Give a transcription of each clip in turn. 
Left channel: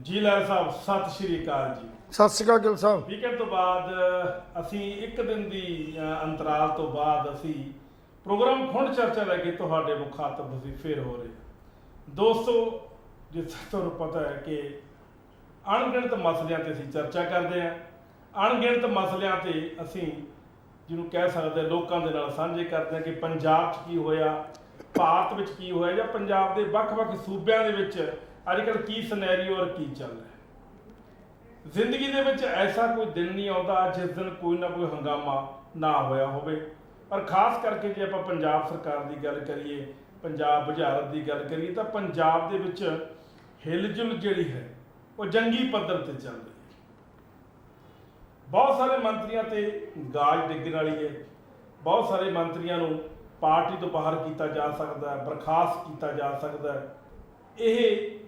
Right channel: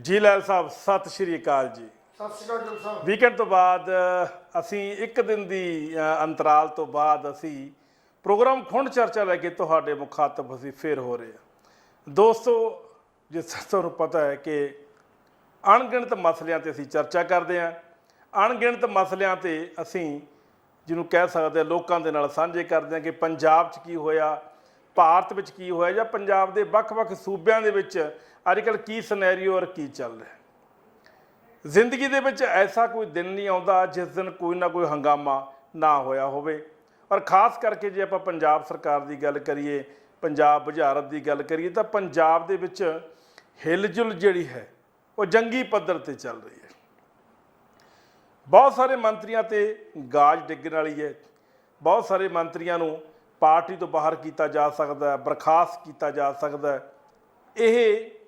जी लैल साहब सत श्री अकाल जी। सत श्री अकाल ਗਿੱਲ ਸਾਹਿਬ। ਵੀਕਐਂਡ ਤੋਂ ਬਾਅਦ ਅਸੀਂ ਇੱਕ ਦਿਨ ਦੀ ਅੰਤਰਾਲ ਤੋਂ ਬਾਅਦ ਅਸੀਂ ਪ੍ਰੋਗਰਾਮ ਖੁੰਡ ਚਰਚਾ ਲੈ ਕੇ ਤੁਹਾਡੇ ਮੁਖਾਤਬ ਅਸੀਂ ਫੇਰ ਹੋ ਰਹੇ ਹਾਂ। ਦੋਸਤੋ, ਜਿਸ ਤੁਹਾਨੂੰ ਪਤਾ ਹੈ ਕਿ ਅਣਗਿਣਤ ਮਸਲਿਆਂ ਤੇ ਅਸੀਂ ਚਰਚਾ ਕਰਦੇ ਹਾਂ। ਅਣਗਿਣਤ ਮਸਲਿਆਂ ਤੇ ਅਸੀਂ ਜਿਹਨੂੰ ਕਹਿ ਸਕਦੇ ਲੋਕਾਂ ਦੇ ਨਾਲ ਸਾਂਝੇ ਕਰਦੇ ਹਾਂ ਕਿ ਪੰਜਾਬ 'ਚ ਕੀ ਹੋਇਆ, ਭਾਰਤ ਵਿੱਚ ਕੀ ਹੋਇਆ, ਜਾਂ ਪੰਜਾਬ ਦੇ ਵੱਖ-ਵੱਖ ਸੂਬਿਆਂ ਦੇ ਵਿੱਚ ਅੱਜ ਕੱਲ੍ਹ ਕੀ ਸਿਨੈਰੀਓ ਔਰ ਕੀ ਚੱਲ ਰਿਹਾ। ਜ਼ਿੰਦਗੀ ਦੇ ਵਿੱਚ ਐਸਾ ਕੋਈ ਦਿਨ ਨਹੀਂ ਆਉਂਦਾ ਜਿਸ ਦਿਨ ਕੋਈ ਨਾ ਕੋਈ ਹੰਗਾਮਾ ਨਾ ਹੋਇਆ ਹੋਵੇ। ਪਰ ਖਾਸ ਕਰਕੇ ਜੇ ਆਪਾਂ ਪੰਜਾਬ ਸਰਕਾਰ ਦੀ ਗੱਲ ਕਰੀਏ, ਪੰਜਾਬ ਬੁਝਾਰਤ ਦੀ ਗੱਲ ਕਰੀਏ, ਤਾਂ ਪੰਜਾਬ ਦੇ ਵਿੱਚ ਹਿਲਜੁਲ ਜਿਹੜੀ ਹੈ ਉਹ ਜੰਗੀ ਪੱਧਰ ਤੇ ਚੱਲ ਰਹੀ ਹੈ। ਬਹੁਤ ਸਾਰੇ ਮੰਤਰੀਆਂ ਤੇ ਗਾਜ ਡਿੱਗਣ ਵਾਲੀ ਹੈ। ਬਹੁਤ ਸਾਰੇ ਮੰਤਰੀਆਂ ਨੂੰ ਪਾਰਟੀ ਤੋਂ ਬਾਹਰ ਕੀਤਾ ਜਾ ਸਕਦਾ, ਬਰਖਾਸਤ ਕੀਤਾ ਜਾ ਸਕਦਾ। ਇਹ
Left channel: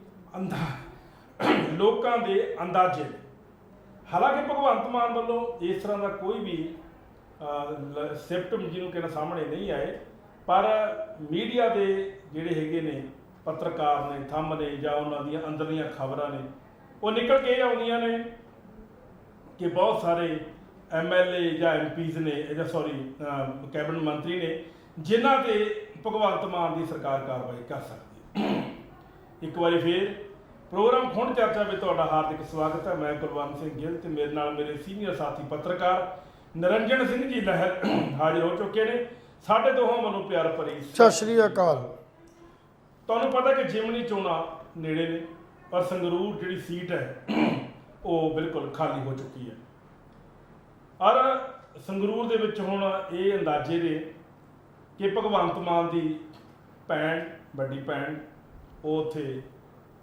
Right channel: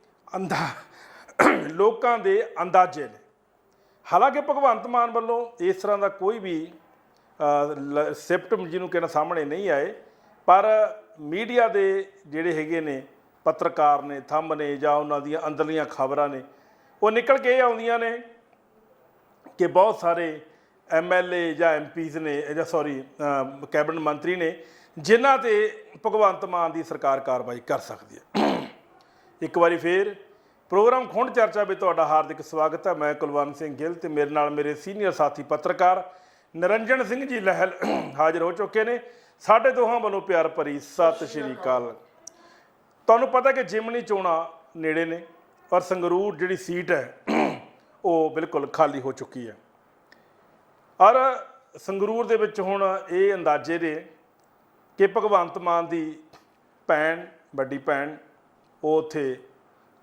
ਲੋਕਾਂ ਦੇ ਅੰਦਾਜ਼ੇ ਨੇ। ਹਾਲਾਂਕਿ ਭਗਵੰਤ ਮਾਨ ਵੱਲੋਂ ਇਸ ਤਰ੍ਹਾਂ ਦਾ ਕੋਈ ਵੀ ਸਿਪਟਮ ਜਿਹਨੂੰ ਕਹਿਣਾ ਸਾਹਮਣੇ ਨਹੀਂ ਆਏ, ਪਰ ਮੀਡੀਆ ਦੇ ਜਿਹੜੇ ਹੈਗੇ ਨੇ ਪੱਤਰਕਾਰ ਨੇ, ਥੰਮ ਨੇ, ਜਾਂ ਉਹਨਾਂ ਦੀਆਂ ਅੰਦਰਲੀਆਂ ਖਬਰਾਂ ਨੇ, ਉਹ ਨਿਕਲ ਕੇ ਇਹ ਆਉਂਦੀਆਂ ਨੇ ਕਿ ਬਹੁਤ ਸਾਰੇ MLA ਜਾਂ MPs ਨੇ, ਜਾਂ ਕੈਬਨਿਟ ਮੰਤਰੀ ਨੇ ਜਿਨ੍ਹਾਂ ਤੇ ਭਗਵੰਤ ਮਾਨ ਦੀ ਸਰਕਾਰ ਕਾਰਵਾਈ ਕਰ ਸਕਦੀ ਹੈ। ਇੱਕ ਵਾਰੀ ਫੇਰ ਪ੍ਰੋਗਰਾਮ ਖੁੰਡ ਚਰਚਾ ਵਿੱਚ ਤੁਹਾਡਾ ਹਾਰਦਿਕ ਸਵਾਗਤ ਹੈ। ਮੈਂ ਕੁਲਵੰਤ ਸਿੰਘ ਗਿੱਲ ਤੇ ਮੇਰੇ ਨਾਲ ਮੇਰੇ ਸੀਨੀਅਰ ਸਾਥੀ ਪੱਤਰਕਾਰ ਨਿਰੰਜਨ ਸਿੰਘ ਜੀ ਲਹਿਲ ਹਾਜ਼ਰ ਹੋ ਚੁੱਕੇ ਨੇ। ਸਾਡੇ ਦੋਹਾਂ ਵੱਲੋਂ ਪਿਆਰ ਭਰੀ ਸਤਿ ਸ਼੍ਰੀ ਅਕਾਲ। ਤੁਹਾਨੂੰ ਪਤਾ ਕਿ ਜਿਮਨੀ ਚੋਣਾਂ ਨੇੜੇ ਨੇ, ਪਰ ਸੰਗਰੂਰ ਜਿਹੜੀ ਸੀਟ ਹੈ ਉਹ ਬਿਲਕੁਲ ਖਾਲੀ ਹੋ ਚੁੱਕੀ ਹੈ। ਔਰ ਸੰਗਰੂਰ ਦੇ ਵਿੱਚ ਹੁਣ ਇਹ ਅੰਦਾਜ਼ੇ ਨੇ ਕਿ ਭਗਵੰਤ ਮਾਨ ਦੀ ਭੈਣ, ਵੱਡੀ ਭੈਣ, ਉਹ ਉੱਥੇ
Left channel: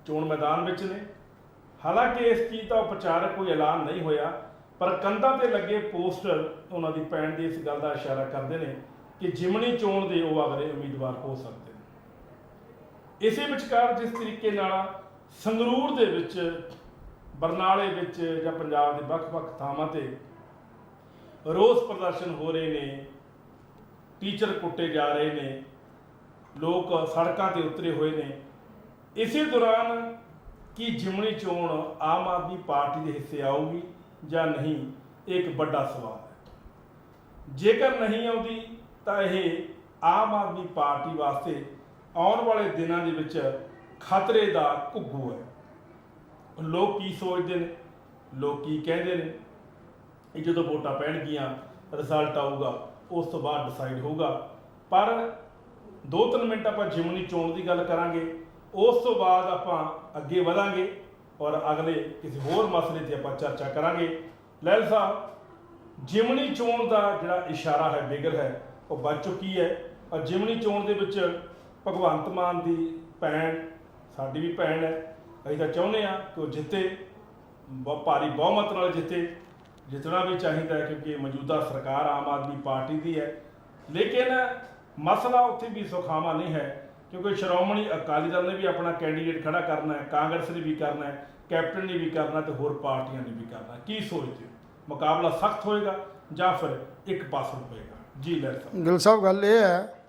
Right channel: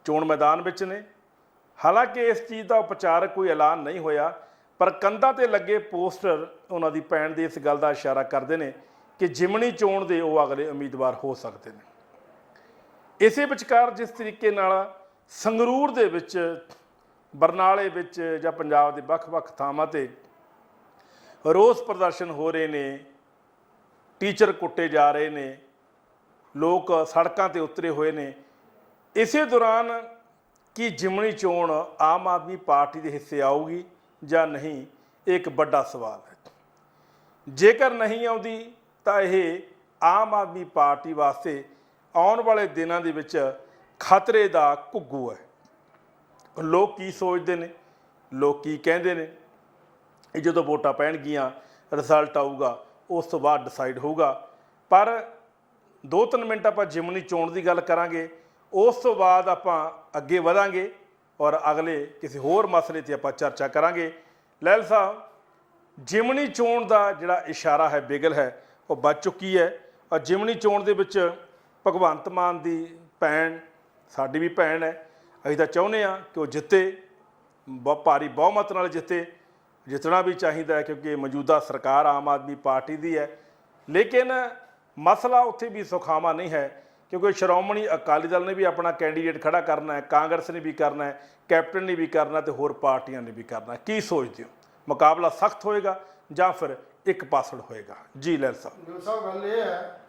ਚੋਣ ਮੈਦਾਨ ਵਿੱਚ ਨੇ। ਹਾਲਾਂਕਿ ਇਸ ਚੀਜ਼ ਦਾ ਉਪਚਾਰਕ ਕੋਈ ਐਲਾਨ ਨਹੀਂ ਹੋਇਆ, ਪਰ ਕੰਧਾਂ ਤੇ ਲੱਗੇ ਪੋਸਟਰ ਉਹਨਾਂ ਦੀ ਭੈਣ ਦੇ ਇਸ ਗੱਲ ਦਾ ਇਸ਼ਾਰਾ ਕਰਦੇ ਨੇ ਕਿ ਜਿਮਣੀ ਚੋਣ ਦੇ ਉਹ ਅਗਲੇ ਉਮੀਦਵਾਰ ਹੋ ਸਕਦੇ ਨੇ। ਇਸੇ ਵਿਚਕਾਰ ਜਿਸ ਤਰੀਕੇ ਨਾਲ ਸੰਗਰੂਰ ਦੇ ਵਿੱਚ, ਬਰਨਾਲੇ ਵਿੱਚ, ਜਾਂ ਪੰਜਾਬ ਦੇ ਵੱਖ-ਵੱਖ ਥਾਵਾਂ ਤੇ ਰੋਸ ਪ੍ਰਦਰਸ਼ਨ ਹੋ ਰਹੇ ਨੇ, ਟੀਚਰ ਕੁੱਟੇ ਜਾ ਰਹੇ ਨੇ, ਲੋਕ ਸੜਕਾਂ ਤੇ ਉਤਰੇ ਹੋਏ ਨੇ, ਇਸੇ ਦੌਰਾਨ ਕੀ ਜਿਮਣੀ ਚੋਣ ਆਮ ਆਦਮੀ ਪਾਰਟੀ ਦੇ ਹਿੱਸੇ ਆਊਗੀ ਜਾਂ ਨਹੀਂ, ਇਹ ਇੱਕ ਵੱਡਾ ਸਵਾਲ ਹੈ। ਜੇਕਰ ਨਹੀਂ ਆਉਂਦੀ ਤਾਂ ਇਹ ਆਮ ਆਦਮੀ ਪਾਰਟੀ ਵਾਸਤੇ ਆਉਣ ਵਾਲੇ ਦਿਨਾਂ ਦੇ ਵਿੱਚ ਖਤਰੇ ਦਾ ਘੁੱਗੂ ਹੈ। ਲੋਕ ਕੀ ਸੋਚਦੇ ਨੇ, ਲੋਕ ਕੀ ਕਹਿੰਦੇ ਨੇ, ਇਹ ਜਦੋਂ ਵੋਟਾਂ ਪੈਣਗੀਆਂ, ਰਿਜ਼ਲਟ ਆਊਗਾ, ਉਸ ਤੋਂ ਬਾਅਦ ਡਿਸਾਈਡ ਹੋਊਗਾ। ਪਰ 2-3 ਮਿੰਟ ਆਪਾਂ ਜਿਮਨੀ ਚੋਣ ਦੀ ਗੱਲ ਕਰਾਂਗੇ, ਉਸ ਤੋਂ ਬਾਅਦ ਆਪਾਂ ਅੱਗੇ ਵਧਾਂਗੇ ਔਰ ਅਗਲੇ ਕਿਸੇ ਹੋਰ ਮਸਲੇ 'ਤੇ ਆਪਾਂ ਚਰਚਾ ਕਰਾਂਗੇ। ਲਹਿਲ ਸਾਹਿਬ, ਜਿਮਨੀ ਚੋਣ ਦਾ ਜਿਹੜਾ ਇਸ਼ਾਰਾ ਹੈ, ਬਿਗਲ ਹੈ, ਉਹ ਵੱਜ ਚੁੱਕੀ ਹੈ। ਔਰ ਜਿਮਨੀ ਚੋਣ ਦੇ ਵਿੱਚ ਭਗਵੰਤ ਮਾਨ ਦੀ ਭੈਣ, ਸਾਡੀ ਵੀ ਭੈਣ ਹੈ, ਅਸੀਂ ਤਾਂ ਚਾਹੁੰਦੇ ਹਾਂ ਕਿ ਉਹ ਜਿੱਤੇ, ਭਾਰੀ ਬਹੁਮਤ ਨਾਲ ਜਿੱਤੇ। ਜਿੱਤਣਾ ਵੀ ਚਾਹੀਦਾ ਹੈ ਕਿਉਂਕਿ ਮੌਜੂਦਾ ਸਰਕਾਰ ਆਮ ਆਦਮੀ ਪਾਰਟੀ ਦੀ ਹੈ। ਲੇਕਿਨ ਮਸਲਾ ਉੱਥੇ ਵੀ ਸੁਖਾਵਾਂ ਨਹੀਂ ਹੈ, ਕਿਉਂਕਿ ਸ਼੍ਰੋਮਣੀ ਅਕਾਲੀ ਦਲ ਨੇ ਵੀ ਆਪਣਾ ਕੈਂਡੀਡੇਟ ਖੜਾ ਕਰਨਾ ਹੈ, ਕਾਂਗਰਸ ਨੇ ਵੀ ਕਰਨਾ ਹੈ, ਕੈਪਟਨ ਨੇ ਵੀ ਕਰਨਾ, ਤੇ ਹੋਰ ਪਾਰਟੀਆਂ ਨੇ ਵੀ ਕਰਨਾ। ਕੀ ਸੋਚਦੇ ਹੋ, ਮੁਕਾਬਲਾ ਸਖਤ ਹੋਏਗਾ ਜਾਂ ਫਿਰ ਇੱਕ ਪਾਸੜ ਹੋਏਗਾ? ਜੀ ਲਹਿਰ ਸਾਹਿਬ। ਗਿੱਲ ਸਾਹਿਬ, ਗੱਲ ਇਹ ਹੈ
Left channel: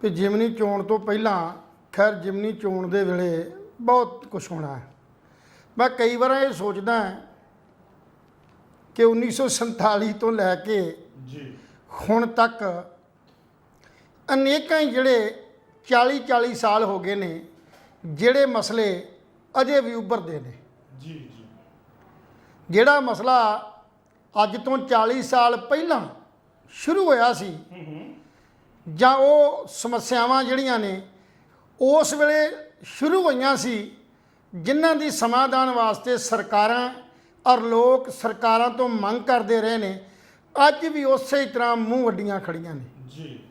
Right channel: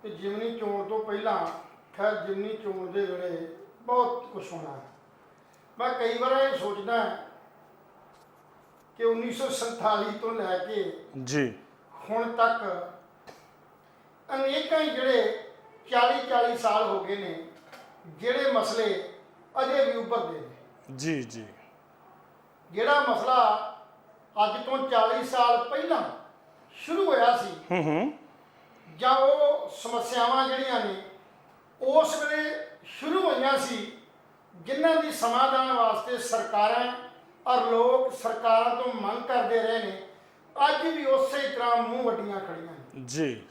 ਕਿ ਜਿਮਨੀ ਚੋਣ ਤੋਂ ਪਹਿਲਾਂ, ਖੈਰ ਜਿਮਨੀ ਚੋਣ ਦੇ ਵੇਲੇ ਬਹੁਤ ਕੁਝ ਹੋਣਾ ਹੈ। ਮੈਂ ਕਈ ਵਾਰ ਇਹ ਸੋਚਦਾ ਕਿ 1947 ਤੋਂ ਲੈ ਕੇ ਜੀ ਹੁਣ ਤੱਕ ਅਨੇਕਾਂ ਹੀ ਜਿਹੜੇ 40 ਸਾਲ ਹੋ ਗਏ ਨੇ, ਜਿਹੜੇ ਮਸਲੇ ਅਜੇ ਵੀ ਉੱਭਰਦੇ ਨੇ। ਜੀ ਜੀ ਜਿਹੜਾ ਮਸਲਾ ਅੱਜ ਤੋਂ 40 ਸਾਲ ਪਹਿਲਾਂ ਸ਼ੁਰੂ ਹੋਇਆ ਸੀ, ਜਾਂ ਉਹ ਸਮੱਸਿਆਵਾਂ ਜਿਹੜੀਆਂ ਨੇ ਉਸ ਵੇਲੇ ਸ਼ੁਰੂ ਹੋਈਆਂ ਸੀ, ਜਿਨ੍ਹਾਂ ਦੀ ਸਮਾਧਾਨ ਵਾਸਤੇ ਸਰਕਾਰਾਂ ਔਰ ਲੋਕ ਸਰਕਾਰਾਂ ਤੋਂ ਮੰਗ ਕਰਦੇ ਰਹੇ ਨੇ, ਅੱਜ ਵੀ ਉਸੇ ਤਰ੍ਹਾਂ ਮੂੰਹ ਵੱਡੀਆਂ ਖੜੀਆਂ ਨੇ। ਜੀ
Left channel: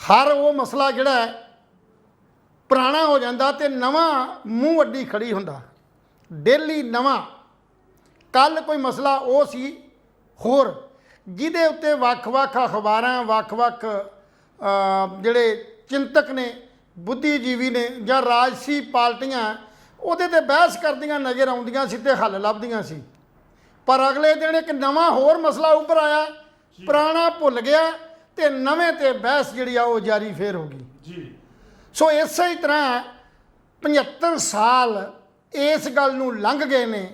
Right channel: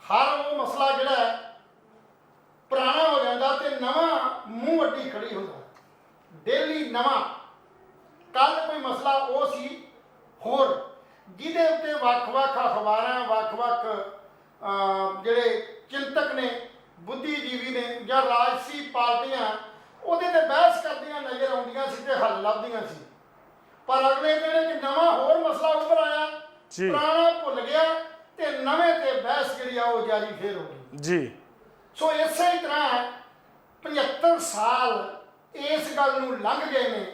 ਹਰ ਉਹ ਮਸਲਾ ਜਿਹੜਾ ਪੁਰਾਣਾ ਹੋ ਜਾਂਦਾ ਤੇ ਨਵਾਂ ਮੂੰਹ ਵੱਡੀ ਖੜੀ ਹੁੰਦਾ, ਡੇਲੀ ਨਵਾਂ। ਕੱਲ ਕੋਈ ਮਸਲਾ ਉਹ ਸੀ ਹੋਰ, ਜਿਹਦੇ ਉੱਤੇ ਵੱਖ-ਵੱਖ ਅਖਬਾਰਾਂ, ਵੱਖ-ਵੱਖ ਜਿਹੜੇ ਚਿੰਤਕ ਨੇ, ਬੁੱਧੀਜੀਵੀ ਨੇ, ਜਾਂ ਰਾਜਸੀ ਪਾਰਟੀਆਂ ਉਹਦੇ ਤੇ ਬਹਿਸ ਕਰਦੀਆਂ ਨਜ਼ਰ ਆਉਂਦੀਆਂ ਸੀ ਤੇ ਹੱਲ ਲੱਭਦੀਆਂ ਸੀ। ਪਰ ਅਗਲੇ ਦਿਨ ਇੱਕ ਨਵਾਂ ਹੋਰ ਮਸਲਾ ਉੱਭਰ ਆਇਆ, ਪੁਰਾਣਾ ਭੁੱਲ ਗਿਆ ਤੇ ਨਵੇਂ ਤੇ ਬਹਿਸ ਜਿਹੜੀ ਆ ਉਹ ਜਾਰੀ ਫੇਰ ਹੋ ਗਈ। ਜੀ ਸੋ ਇਸੇ ਹੀ ਤਰ੍ਹਾਂ 75 ਸਾਲ ਇਸ ਗੱਲ ਨੂੰ ਲੰਘ ਗਏ ਨੇ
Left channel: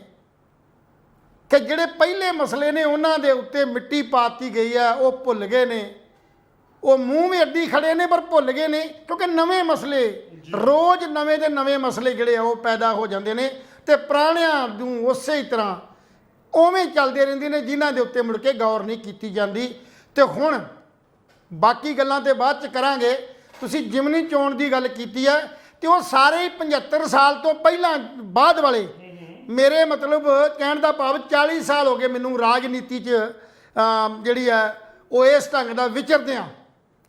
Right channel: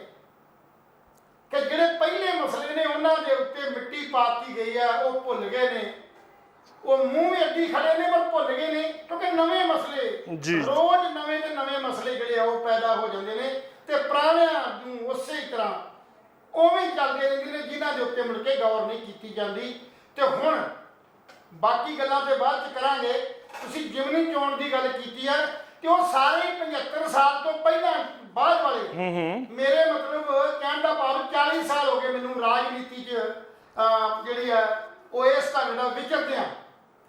ਕਿ ਜਿਹੜੇ ਪਹਿਲੇ ਮਸਲੇ ਨੇ ਉਹਨਾਂ ਦੇ ਉੱਤੇ ਮਿੱਟੀ ਪਾਤੀ ਗਈ ਹੈ, ਉਹ ਭੁੱਲ ਗਏ ਨੇ। ਉਹ ਮੂੰਹ ਵੀ ਅੱਡੀ ਖੜੇ ਨੇ ਪਰ ਭੁੱਲ ਗਏ ਨੇ, ਕਿਉਂਕਿ ਨਵੇਂ ਮਸਲੇ ਰੋਜ਼ ਨਵੇਂ ਦੇ ਨਵੇਂ ਮਸਲੇ ਜਿਹੜੇ ਉਹ ਪੈਦਾ ਹੋ ਜਾਂਦੇ ਨੇ ਤੇ ਪੁਰਾਣਿਆਂ ਨੂੰ ਉਸੇ ਹੀ ਤਰ੍ਹਾਂ ਉਵੇਂ ਹੀ ਚੱਲਦੇ ਰਹਿੰਦੇ ਨੇ, ਜਿਨ੍ਹਾਂ ਦੇ ਉੱਤੇ ਮੁੜ ਕੇ ਗੌਰ ਨਹੀਂ ਕੀਤੀ ਜਾਂਦੀ। ਤੇ ਹੁਣ ਬਾਕੀ ਗੱਲਾਂ ਤੇ ਬਾਅਦ ਚ ਕਰਾਂਗੇ। ਤੁਸੀਂ ਜਿਮਨੀ ਚੋਣ ਦੀ ਗੱਲ ਕੀਤੀ ਹੈ ਤੇ ਉਹ ਸਾਰੇ 75 ਸਾਲ ਤੋਂ ਪਹਿਲਾਂ ਬਾਅਦ ਵਾਲੇ ਮੇਰੇ ਮਤਲਬ ਕਹਿਣ ਦਾ ਭਾਵ 40 ਸਾਲ ਹੋ ਗਏ ਮੈਨੂੰ ਰਾਜਨੀਤੀ 'ਚ ਜਿਹੜੀ ਹੈ ਉਹ ਇਸ ਢੰਗ ਦਾ ਵਿਚਰਦਿਆਂ,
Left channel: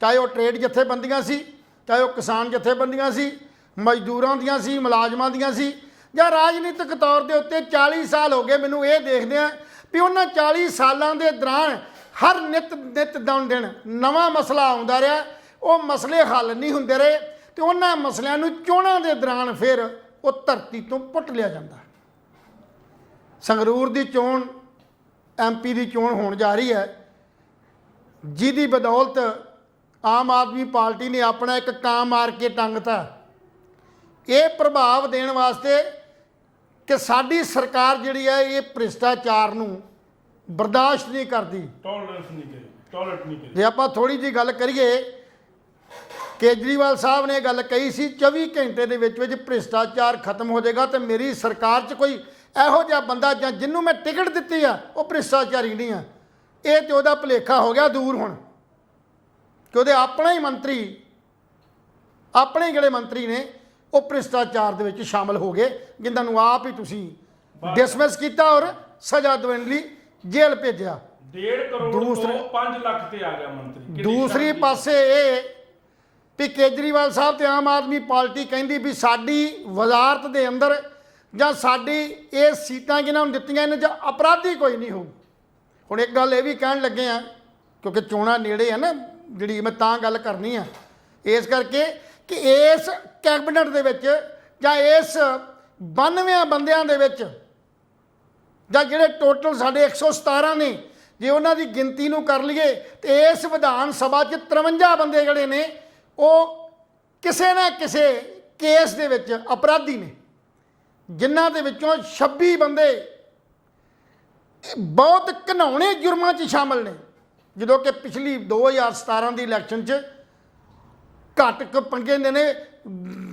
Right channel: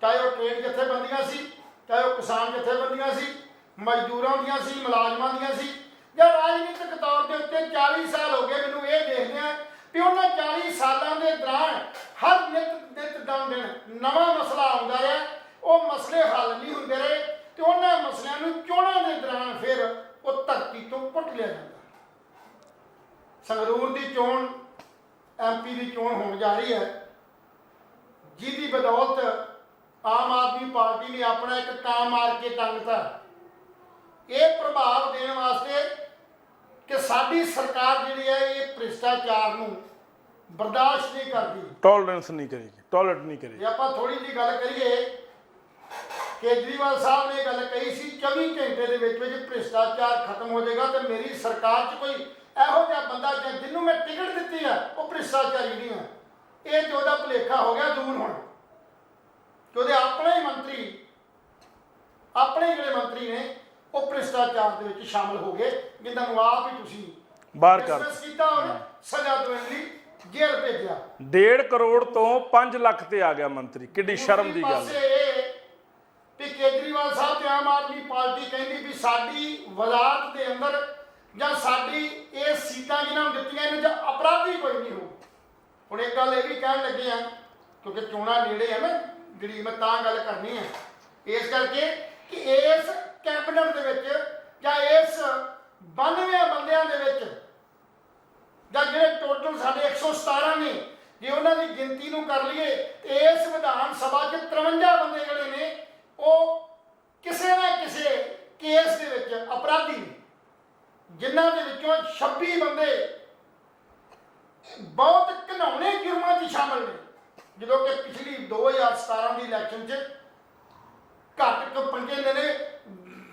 ਚਾਹੇ ਉਹ ਟ੍ਰੇਡ ਜਥੇਬੰਦੀਆਂ ਸੀ, ਚਾਹੇ ਉਹ ਕਿਸਾਨ ਜਥੇਬੰਦੀਆਂ ਸੀ, ਮਜ਼ਦੂਰਾਂ ਦੀਆਂ ਸੀ, ਮੁਲਾਜ਼ਮਾਂ ਦੀਆਂ ਸੀ, ਜਾਂ ਰਾਜਨੀਤਿਕ ਤੌਰ ਦੇ ਉੱਤੇ 40 ਸਾਲ ਹੋ ਗਏ ਮੈਨੂੰ ਇਹ ਦੇਖਦਿਆਂ ਵੀ ਉਹਨਾਂ 40 ਸਾਲਾਂ ਦੇ ਦੌਰਾਨ ਹਰ ਨਿਤ ਦਿਨ ਨਵਾਂ ਮਸਲਾ ਆਉਂਦਾ ਰਿਹਾ। ਉਹ ਮਸਲੇ ਹੱਲ ਨਹੀਂ ਹੁੰਦੇ ਰਹੇ ਤੇ ਉਹਨਾਂ ਮਸਲਿਆਂ ਨੂੰ ਚੋਣਾਂ ਦੇ ਦੌਰਾਨ ਫਿਰ ਉਹ ਧਰਤੀ ਤੋਂ ਪੁੱਟ ਲਿਆ ਜਾਂਦਾ। ਸੰਗਰੂਰ ਦੀ ਚੋਣ MP ਦੀ ਚੋਣ ਹੋਣ ਜਾ ਰਹੀ ਹੈ, ਜਿਹਦੀ ਬਦੌਲਤ ਆਮ ਆਦਮੀ ਪਾਰਟੀ ਨੇ ਆਪਣਾ ਇੱਕ ਕਾਂ ਮਾਰ ਕੇ ਟੰਗਤਾ ਇਹ ਪ੍ਰਭਾਵ ਦੇਣ ਵਾਸਤੇ ਕਿ ਸਾਡੀ ਸਰਕਾਰ ਜਿਹੜੀ ਹੈ ਇਹ ਭ੍ਰਿਸ਼ਟਾਚਾਰ ਨੂੰ ਬਰਦਾਸ਼ਤ ਨਹੀਂ ਕਰਦੀ, ਟੋਲਰੈਂਸ ਨਹੀਂ ਕਰੇਗੀ, ਟੋਲਰੇਟ ਨਹੀਂ ਕਰੇਗੀ। ਜੇ ਆਪਾਂ ਥੋੜੀ ਜਿਹੀ ਗੱਲ ਕਰੀਏ, ਕੇਜਰੀਵਾਲ ਸਾਹਿਬ ਨੇ ਗੱਲ ਕਹੀ ਸੀ 24 ਘੰਟੇ ਦੇ ਵਿੱਚ ਭ੍ਰਿਸ਼ਟਾਚਾਰ ਖਤਮ ਹੋ ਜਾਏਗਾ ਤੇ ਮੇਰੀ ਸਰਕਾਰ 'ਚ ਕੋਈ ਇਹੋ ਜਿਹਾ ਬੰਦਾ ਜਾਂ ਜਿਹਨੂੰ ਮੈਂ ਟਿਕਟ ਦਿੱਤੀ ਆ ਉਹ ਭ੍ਰਿਸ਼ਟਾਚਾਰੀ ਨਹੀਂ ਆ। ਇਹ ਤੇ ਉਹਦਾ ਭੁਲੇਖਾ ਹੋ ਗਿਆ ਦੂਰ ਹੁਣ ਕਿ ਉਹਦੇ ਆਪਣੇ ਹੀ ਮੰਤਰੀ, ਆਪਣੇ ਜਿਹੜੇ ਮੰਤਰੀ ਨੇ ਉਹ ਭ੍ਰਿਸ਼ਟਾਚਾਰ ਦੇ ਵਿੱਚ ਸ਼ਾਮਲ ਹੋ ਗਏ, ਜਿਨ੍ਹਾਂ ਨੂੰ ਆਪ ਹੀ ਤੁਸੀਂ ਡਿਸਮਿਸ ਕੀਤਾ ਔਰ ਸਜ਼ਾ ਦੇਣ ਲਈ ਜੇਲ੍ਹ ਭੇਜਿਆ। 1.5 ਕਰੋੜ ਤੋਂ 5 ਲੱਖ ਤੇ ਆ ਗਿਆ ਮੰਤਰੀ। ਦੂਸਰੀ ਪਾਸੇ ਇਹ ਵੀ ਕੇਜਰੀਵਾਲ ਸਾਹਿਬ ਤੇ ਆਮ ਆਦਮੀ ਪਾਰਟੀ ਕਹਿੰਦੀ ਵੀ ਸਾਡੀ ਵਜ਼ਾਰਤ ਦੇ ਅੰਦਰ ਜਾਂ ਸਾਡੀ ਇਹ ਸੀਟਾਂ ਜਿਹਨਾਂ ਨੂੰ ਦਿੱਤੀਆਂ ਇਹਨਾਂ 'ਚ ਅਪਰਾਧੀ ਕੋਈ ਨਹੀਂ ਹੋਊ। ਹੁਣ ਇੱਕ ਗੱਲ ਇਹ ਵੀ ਕਹਿਣ ਲੱਗੇ ਆ ਕਿਉਂਕਿ ਚੋਣਾਂ ਨੇੜੇ ਆ ਨਾ, ਜਿਹੜੀ ਮੈਂ ਤਾਂ ਗੱਲ ਕਰਨੀ ਆ ਇਸ ਕਰਕੇ ਕਿ ਇਸ ਕੈਬਨਿਟ ਦੇ ਵਿੱਚ ਜਾਂ ਇਸ 92 ਬੰਦਿਆਂ ਦੇ ਵਿੱਚ ਜਾਂ ਜਿਹੜੇ ਟੋਟਲ ਸਾਡੇ 117 ਨੇ, ਜੇ ਉਹਨਾਂ ਦੀ ਗਿਣਤੀ ਨੂੰ ਕਰ ਲਈਏ ਤੇ ਇਸ ਵਿਧਾਨ ਸਭਾ 'ਚ 53 ਬੰਦੇ ਜਿਹੜੇ ਨੇ ਉਹ ਕਿਸੇ ਨਾ ਕਿਸੇ ਕੇਸ ਦੇ ਵਿੱਚ ਅਪਰਾਧੀ ਨੇ, ਜਿਨ੍ਹਾਂ ਦੇ ਵਿੱਚੋਂ 26 ਬੰਦੇ ਬਹੁਤ ਘਿਨਾਉਣੇ ਜੁਰਮਾਂ 'ਚ ਸ਼ਾਮਲ ਨੇ। ਜਦੋਂ ਕਿ ਪਿਛਲੀ 2017 ਦੀ ਇਲੈਕਸ਼ਨ 'ਚ ਘੱਟ ਪੰਗੇ ਨੇ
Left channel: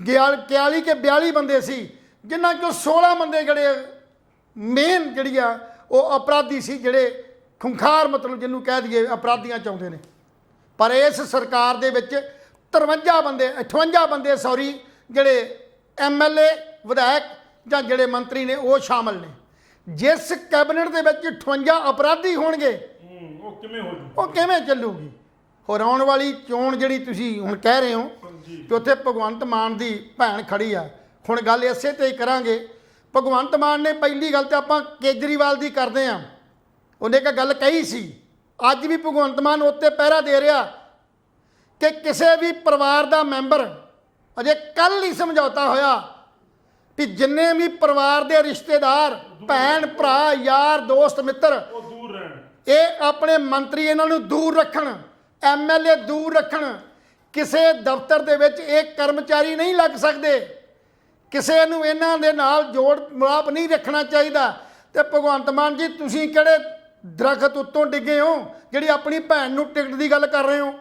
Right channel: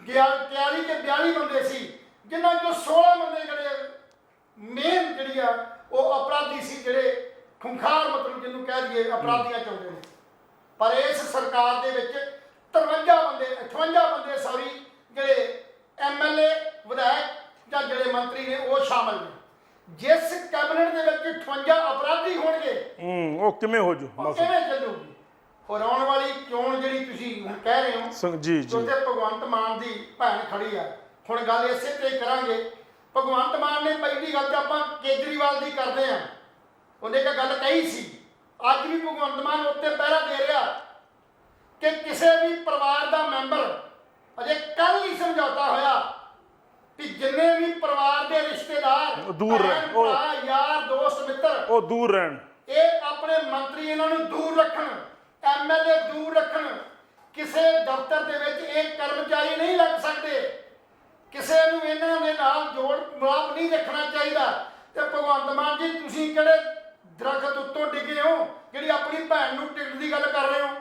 41 ਕੇ 42 ਬੰਦੇ ਸੀ, ਜਿਨ੍ਹਾਂ 'ਚੋਂ 16 ਬੰਦੇ ਜਿਹੜੇ ਮੇਨ ਜਿਹੜੀ ਆ ਉਹ ਅਪਰਾਧੀ ਸੀ, ਜਿਹੜੇ ਖੁੰਖਾਰ ਮਤਲਬ ਜਿਹਨੂੰ ਕਹਿ ਦਈਏ ਅਪਰਾਧੀਆਂ ਚਾਹੁੰਦੇ ਨੇ। ਪਰ ਇਸ ਸਰਕਾਰ ਦੇ ਵਿੱਚ 58 ਬੰਦੇ ਜਿਹੜੇ MLA ਵਿਧਾਇਕ ਜਾਂ ਜਿਹੜੇ ਮੰਤਰੀ ਨੇ ਉਹ ਸ਼ਾਮਲ ਨੇ। ਜਿਸ ਕੈਬਨਿਟ ਦੇ ਵਿੱਚ 58 ਅਪਰਾਧੀ ਹੋਣਗੇ ਉਹ ਕਿਵੇਂ ਹੋ ਜੂ, ਉਹ ਕਿਵੇਂ ਚੱਲੂਗੀ। ਹੋਰ ਆਉਣ ਵਾਲੀ ਚੋਣ ਜਿਹੜੀ ਤੁਸੀਂ ਹੁਣ ਕਹਿ ਰਹੇ ਹੋ ਜੀ ਕਿ ਉੱਥੇ ਭਗਵੰਤ ਮਾਨ ਦੀ ਭੈਣ ਖੜੀ ਆ, ਹੁਣ ਗੱਲ ਇਸੇ ਤੇ ਹੀ ਕਰਾਂਗੇ। ਭਗਵੰਤ ਮਾਨ ਨੇ ਪਹਿਲੀ ਗੱਲ ਤੇ ਆਪਾਂ ਕੇਜਰੀਵਾਲ ਦੀ ਕਰਦੇ ਆ, ਉਹਨੇ ਇੱਕ ਗੱਲ ਕਹੀ ਸੀ, ਅੱਜ ਵੀ ਭਗਵੰਤ ਮਾਨ ਉੱਤੇ ਪਹਿਰਾ ਦੇ ਰਿਹਾ ਕਿ ਕਿਸੇ ਵੀ ਪਰਿਵਾਰ ਦਾ ਮੈਂਬਰ, ਅਜੇ ਕੱਲ ਹੀ ਸਮਝੌਤਾ ਹੋਇਆ ਵੀ ਜਿੰਨੇ ਵੀ ਪਰਿਵਾਰ ਦੇ ਰਿਸ਼ਤੇਦਾਰ, ਭੈਣ ਭਰਾ, ਯਾਰ ਦੋਸਤ ਮਿੱਤਰ ਉਹ ਦੂਰ ਰਹਿਣ, ਇਹ ਆਪਣੇ ਮੰਤਰੀ ਇਹਨਾਂ ਨੂੰ ਦੂਰ ਰੱਖਣ, MLA ਦੂਰ ਰੱਖਣ। ਕਿਸੇ ਦਫ਼ਤਰ ਦੇ ਵਿੱਚ ਇੱਕ ਕਰਮਚਾਰੀ ਨਹੀਂ ਲੱਗ ਸਕਦੇ, ਕਿਸੇ ਨੂੰ ਇਹਨਾਂ ਦੇ ਨਾਲ ਜੋੜ ਮਿਲਾਪ ਨਹੀਂ ਰੱਖਣਾ ਚਾਹੀਦਾ। ਤੇ ਭਗਵੰਤ ਮਾਨ ਜੀ ਤੁਸੀਂ ਕਿਹੜੇ ਦਰਖਤ ਉੱਤੋਂ ਡਿੱਗੇ ਹੋ ਜਿਹੜੀ ਆਪਣੀ ਭੈਣ ਨੂੰ ਟਿਕਟ ਦੀ ਗੱਲ ਕਰ ਰਹੇ ਹੋ?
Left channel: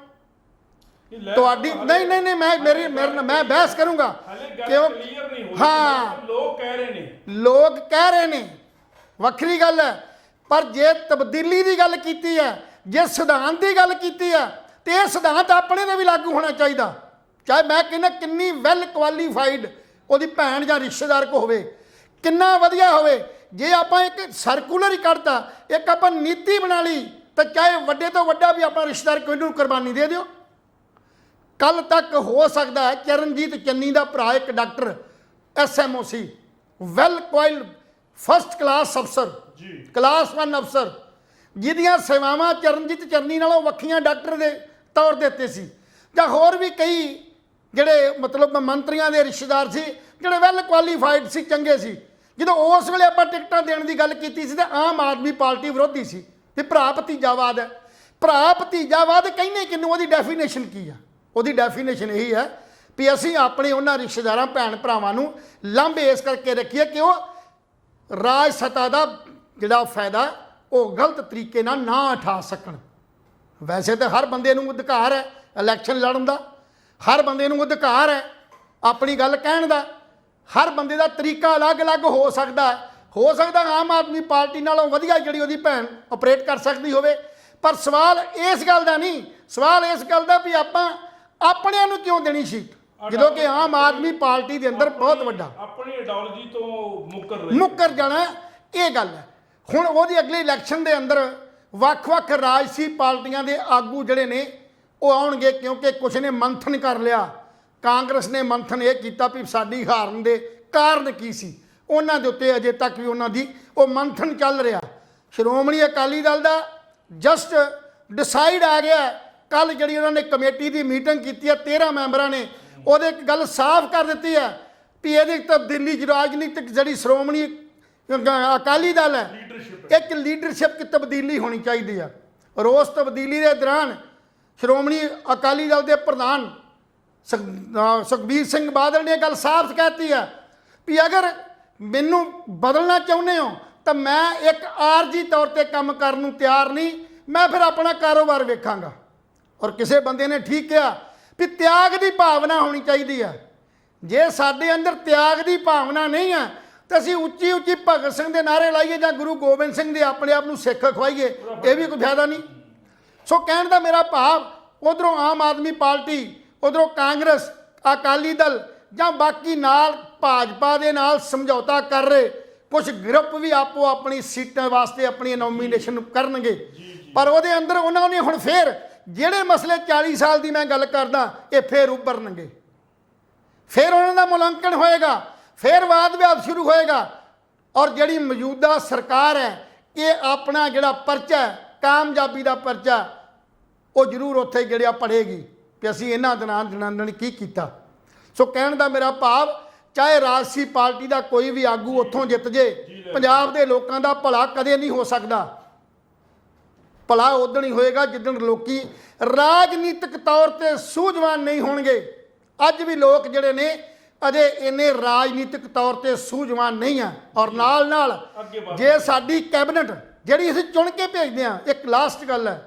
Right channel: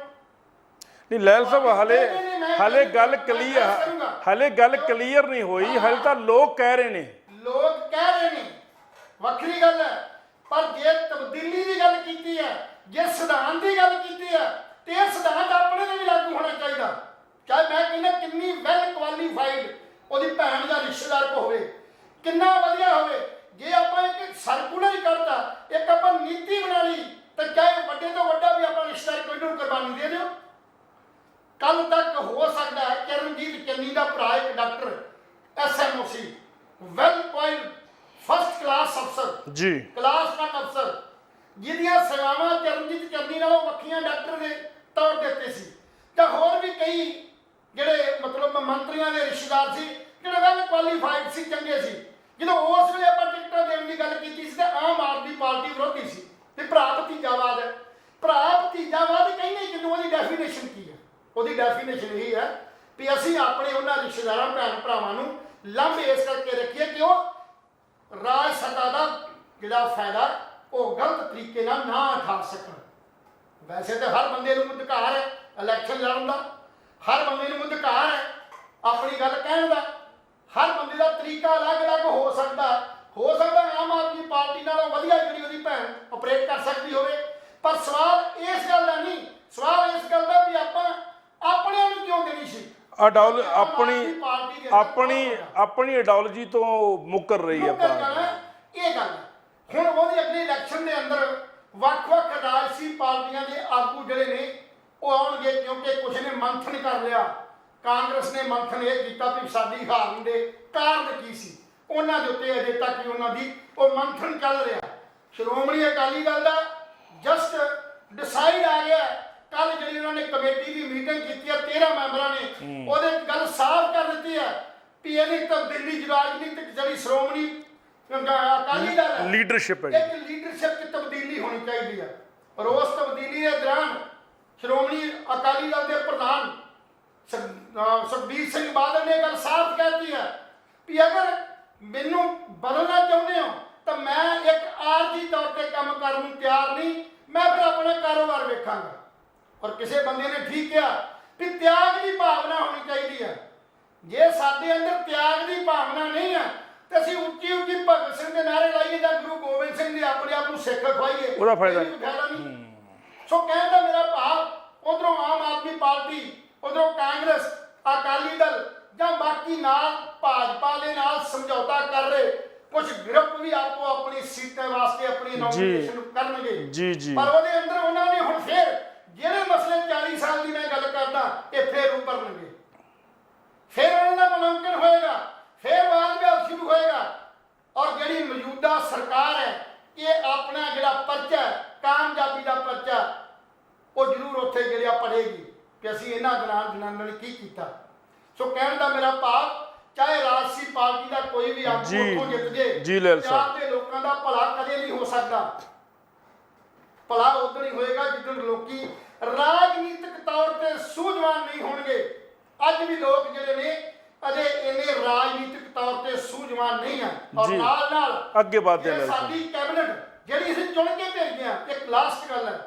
ਨਹੀਂ ਮੈਂ ਬਹਿਸ ਕਰੂੰਗਾ, ਹਾਲੇ ਗੱਲ ਕਲੀਅਰ ਨਹੀਂ ਹੋਈ, ਹਾਲੇ ਤਾਂ ਲੋਕ ਕਹਿ ਰਹੇ ਨੇ, ਵੱਖਰੀ ਗੱਲ ਹੈ। ਪਰ ਜੇ ਤਬਦੀਲੀ ਦੀ ਗੱਲ ਕੀਤੀ ਹੈ, ਜੇ ਸਿਧਾਂਤ ਦੀ ਗੱਲ ਕੀਤੀ ਹੈ ਤੇ ਇਹ ਸਿਧਾਂਤ ਆਪਣੇ ਤੇ ਵੀ ਲਾਗੂ ਹੋਣਾ ਚਾਹੀਦਾ। ਚਾਹੇ ਮੈਂ ਕਹਿੰਦਾ ਕਿੰਨੀ ਵੈਲ ਕੁਆਲੀਫਾਈਡ ਉਹਦੀ ਭੈਣ ਜਾਂ ਰਿਸ਼ਤੇਦਾਰ ਕੋ ਹੋਵੇ, ਕਿੰਨਾ ਵਧੀਆ ਹੋਵੇ, ਜੇ ਆਪਾਂ ਇੱਕ ਸਰਕੂਲਰ ਹੀ ਕੱਢਤਾ, ਇੱਕ ਆਪਾਂ ਨੀਤੀ ਬਣਾ ਲਈ ਤਾਂ ਚਾਹੇ ਵੱਡੇ ਤੋਂ ਵੱਡਾ ਵੀ ਆਪਣਾ ਰਿਸ਼ਤੇਦਾਰ ਕੋਈ ਨੂੰ ਕੁਰਬਾਨੀ ਦੇ ਦਿਓ। ਕੱਲ ਤੱਕ ਹੋ ਸਕਦਾ ਹੈ ਚਰਨਜੀਤ ਚੰਨੀ ਦਾ ਭਰਾ ਇੱਕ ਡਾਕਟਰ SMO ਸੀ, ਵੈਲ ਕੁਆਇਲਡ ਫਸਟ ਕਲਾਸ ਅਫਸਰ ਜੀ, ਕਲਾਸ 1 ਅਫਸਰ, ਜਿਹਦੀਆਂ ਸੇਵਾਵਾਂ ਚਰਨਜੀਤ ਚੰਨੀ ਨਾਲੋਂ ਵੱਖੀਆਂ ਡਾਕਟਰ ਦੇ ਤੌਰ ਦੇ ਉੱਤੇ ਸੀ, ਜਾਂ ਹੋਰ ਵੀ ਕਈ ਜਿਹੜੇ ਮਤਲਬ ਮੰਤਰੀਆਂ ਦੇ ਰਿਸ਼ਤੇਦਾਰ ਸੀ ਜਿਹੜੇ ਵੈਲ ਕੁਆਲੀਫਾਈਡ ਸੀ, ਚੰਗੇ ਸੀ। ਜਦੋਂ ਉਸ ਵੇਲੇ ਆਪਾਂ ਟਿਕਟਾਂ ਦੇਣ ਦੀ ਗੱਲ ਕੀਤੀ ਸੀ ਤਾਂ ਆਮ ਆਦਮੀ ਪਾਰਟੀ ਵਿਰੋਧੀ ਸੀ ਵੀ ਭਰਾ ਭਤੀਜਾਵਾਦ ਹੈ। ਭਰਾ ਭਤੀਜਾਵਾਦ ਕਹਿੰਦੇ ਕਿਹਨੂੰ, ਉਹਦੀ ਡੈਫੀਨੇਸ਼ਨ ਕੀ ਹੈ? ਉਹਦੀ ਡੈਫੀਨੇਸ਼ਨ ਇਹੀ ਹੈ ਵੀ ਅਸੀਂ ਆਪਣੇ ਉਹਨਾਂ ਰਿਸ਼ਤੇਦਾਰਾਂ ਭੈਣ ਭਰਾਵਾਂ ਨੂੰ ਲਾਂਭੇ ਇਸ ਕਰਕੇ ਰੱਖੀਏ ਕਿ ਉਹ ਰਾਜ ਸੱਤਾ ਦਾ ਜਿਹੜਾ ਫਾਇਦਾ ਉਹ ਗਲਤ ਤਰੀਕੇ ਨਾਲ ਨਾ ਉਠਾ ਸਕਣ। ਵੈਸੇ ਤਾਂ ਹਰ ਬੰਦੇ ਨੂੰ ਅਧਿਕਾਰ ਹੈ ਇਲੈਕਸ਼ਨ ਲੜਨ ਦਾ, ਹਰ ਬੰਦੇ ਨੂੰ ਅਧਿਕਾਰ ਹੈ ਆਪਣੀ ਗੱਲ ਕਹਿਣ ਦਾ, ਹਰ ਬੰਦੇ ਦਾ ਤਰੀਕਾ ਅਲੱਗ-ਅਲੱਗ ਹੋ ਸਕਦਾ ਆਮ ਆਦਮੀ ਪਾਰਟੀ ਨਾਲੋਂ ਵਧੀਆ ਜਿਹੜੀ ਉਹਦੀ ਭੈਣ ਆਪਰੇਟ ਕਰ ਸਕਦੀ ਹੋਵੇ। ਪਰ ਸਵਾਲ ਇਸ ਗੱਲ ਦਾ ਨਹੀਂ, ਸਵਾਲ ਇਸ ਗੱਲ ਦਾ ਵੀ ਆਪਾਂ ਆਪਣਿਆਂ ਨੂੰ ਕਿਉਂ ਦੇਣੀ ਸੀ, ਜਦੋਂ ਕਿ ਆਮ ਆਦਮੀ ਪਾਰਟੀ ਦੇ ਅੰਦਰ ਬਹੁਤ ਵੱਡਾ ਆਪਣੀ ਆਈਡੀਓਲੋਜੀ ਤੋਂ ਮੁੱਕਰ ਜਾਣਾ ਇਹ ਗੱਲ ਹੈ। ਹੁਣ ਉਹਦੀ ਅਗਲੀ ਇਲੈਕਸ਼ਨ ਦੇ ਅੰਦਰ ਵੱਖ-ਵੱਖ ਰਾਜਸੀ ਪਾਰਟੀਆਂ ਦੇ ਆਗੂ ਜਿਹੜੇ ਨੇ ਉਹ ਆਉਣਗੇ, ਕਿਉਂਕਿ ਕੁਝ ਨੇ ਮੰਥਨ ਕਰ ਲਿਆ। ਕਾਂਗਰਸ ਨੇ ਮੰਥਨ ਇਹ ਕੀਤਾ ਵੀ ਸਾਡੀ ਹਾਰਨ ਦੇ ਕਾਰਨ ਕੀ ਸੀ, ਉਹਨਾਂ ਦੇ ਉੱਤੇ ਅਜੇ ਤੱਕ ਵੀ ਉਹਨਾਂ ਦੀ ਉਹ ਮੰਥਨ ਚੱਲ ਰਿਹਾ। ਸ਼੍ਰੋਮਣੀ ਅਕਾਲੀ ਦਲ ਦਾ ਜਸਟ ਡਿਸਾਈਡ ਆ ਗਿਆ ਕੱਲ ਜਿਹੜੀ ਉਹਨਾਂ ਨੇ ਕਮੇਟੀ ਦੀ ਮੀਟਿੰਗ ਕੀਤੀ ਹੈ 13 ਮੈਂਬਰਾਂ ਨੇ, ਉਹਦੇ ਇੱਕ ਗੱਲ ਸਾਫ਼ ਕਰ ਦਿੱਤੀ ਹੈ ਵੀ ਇਹਦੀ ਤਬਦੀਲੀ ਰਾਜਨੀਤਿਕ ਜਿਹੜੀ ਸ਼੍ਰੋਮਣੀ ਅਕਾਲੀ ਦਲ ਹੈ ਲੀਡਰਸ਼ਿਪ ਇੱਕ ਲੀਡਰਸ਼ਿਪ ਦੀ ਤਬਦੀਲੀ ਹੋਣੀ ਚਾਹੀਦੀ ਹੈ। ਔਰ ਉਸ ਤਬਦੀਲੀ ਦੇ ਦੌਰਾਨ ਸ਼੍ਰੋਮਣੀ ਅਕਾਲੀ ਦਲ ਦੇ ਪ੍ਰਧਾਨ ਸੁਖਬੀਰ ਸਿੰਘ ਬਾਦਲ ਨੇ ਗੱਲ ਸਾਫ਼ ਕਹਿਤੀ ਹੈ ਵੀ ਅਗਰ ਮੈਨੂੰ ਬਦਲਣਾ ਚਾਹੁੰਦੇ ਹੋ ਤਾਂ ਮੈਂ ਇੱਕ ਆਰਜੀ ਤੌਰ ਤੇ ਕੰਮ ਕਰਨ ਨੂੰ ਤਿਆਰ ਨਹੀਂ, ਮੈਂ ਫਿਰ ਆਪਣਾ ਕਾਰੋਬਾਰ ਵੇਖਾਂਗਾ। ਔਰ ਕਿਸੇ ਬੰਦੇ ਨੇ ਠੀਕ ਕਿਹਾ ਵੀ ਤਿਆਗ ਦੀ ਭਾਵਨਾ ਹੋਣੀ ਚਾਹੀਦੀ ਹੈ। ਜੇ ਸਾਡੇ ਅੰਦਰ ਤਿਆਗ ਦੀ ਭਾਵਨਾ ਨਹੀਂ ਹੈ ਤਾਂ ਅਸੀਂ ਉੱਚੀ ਉੱਚੀ ਭਗਤ ਸਿੰਘ ਦੇ ਨਾਅਰੇ ਲਾਈਏ ਜਾਂ ਗੁਰੂ ਗੋਬਿੰਦ ਸਿੰਘ ਦੇ ਆਪਣੇ ਆਪ ਨੂੰ ਸਿੱਖ ਖਵਾਈਏ, ਇਹ ਵੀ ਕੋਈ ਫਾਇਦਾ ਨਹੀਂ। ਸੋ ਕਹਿਣ ਦਾ ਮੇਰਾ ਭਾਵ ਉਧਰੋਂ ਆਮ ਆਦਮੀ ਪਾਰਟੀ, ਉਧਰੋਂ ਕਾਂਗਰਸ, ਅਕਾਲੀ ਦਲ ਜਾਂ ਬਾਕੀ ਨਾਲ ਭਾਜਪਾ ਦੇ ਨਾਲ ਸਮਝੌਤਾ ਕਰ ਰਹੇ ਕੁਝ ਗਰੁੱਪ ਵੀ ਆਪੋ ਆਪਣੀ ਸੀਟਾਂ ਵਾਸਤੇ ਆਪਣੀ ਨੋਮੀਨੇਸ਼ਨ ਕਰਨਗੇ, ਪਰ ਉਹਦੇ ਅੰਦਰ ਉਹਨਾਂ ਨੇ ਹੁਣ ਫੇਰ ਜਿਹੜੇ ਮਸਲੇ 40 ਸਾਲ ਦੀ ਮੈਂ ਗੱਲ ਕਰਦਾ ਇਹ ਫੇਰ ਉੱਭਰਨਗੇ, ਫਿਰ ਉਹਨਾਂ ਦਾ ਮੁਲਾਂਕਣ ਹੋਏਗਾ, ਫਿਰ ਵਾਦ ਵਿਵਾਦ ਸ਼ੁਰੂ ਹੋਏਗਾ। ਔਰ ਜਿਹੜੀ ਮੌਜੂਦਾ ਸਰਕਾਰ ਹੈ ਇਹ ਆਪਣਾ ਜਿਹੜਾ ਪਰਚਾ ਕਾਮਯਾਬੀ ਦਾ ਪਰਚਾ ਉਹ ਜ਼ਰੂਰ ਉੱਥੇ ਜਿਹੜਾ ਪੜੇਗੀ ਕਿ ਅਸੀਂ ਇਹਨਾਂ ਦਿਨਾਂ ਨੇ ਕੀ ਕੀਤਾ। ਸੋ ਕਹਿਣ ਦਾ ਮੇਰਾ ਭਾਵ ਚਾਹੇ ਰਾਜਸੀ ਪਾਰਟੀ ਦਾ ਕੋਈ ਵੀ ਆਗੂ ਉੱਥੋਂ ਜਿੱਤ ਜੇ, ਪੰਜਾਬ ਦੇ ਲੋਕਾਂ ਦਾ ਭਲਾ ਕਦੇ ਨਹੀਂ ਹੋ ਸਕਦਾ। ਭਲਾ ਉਦੋਂ ਹੀ ਹੋਏਗਾ ਜਿੱਦਣ ਲੋਕੀ ਰਾਜਨੀਤਿਕ ਤੌਰ ਤੇ ਸੂਝਵਾਨ ਨਹੀਂ ਹੋਣਗੇ। ਅੱਜ ਵੀ ਲੋਕ ਜਿਹੜੇ ਨੇ ਅਜੇ ਇੰਨੇ ਰਾਜਨੀਤਿਕ ਤੌਰ ਤੇ ਸੂਝਵਾਨ ਨਹੀਂ ਆ। ਔਰ ਨਾਲ ਨਾਲ ਜੇ ਸਾਡੀ ਕੈਬਨਿਟ ਜਿਹੜੀ ਅਸੀਂ ਚੁਣ ਕੇ ਭੇਜਦੇ ਹਾਂ, ਇੱਕ ਲਾਸਟ ਗੱਲ ਹੈ,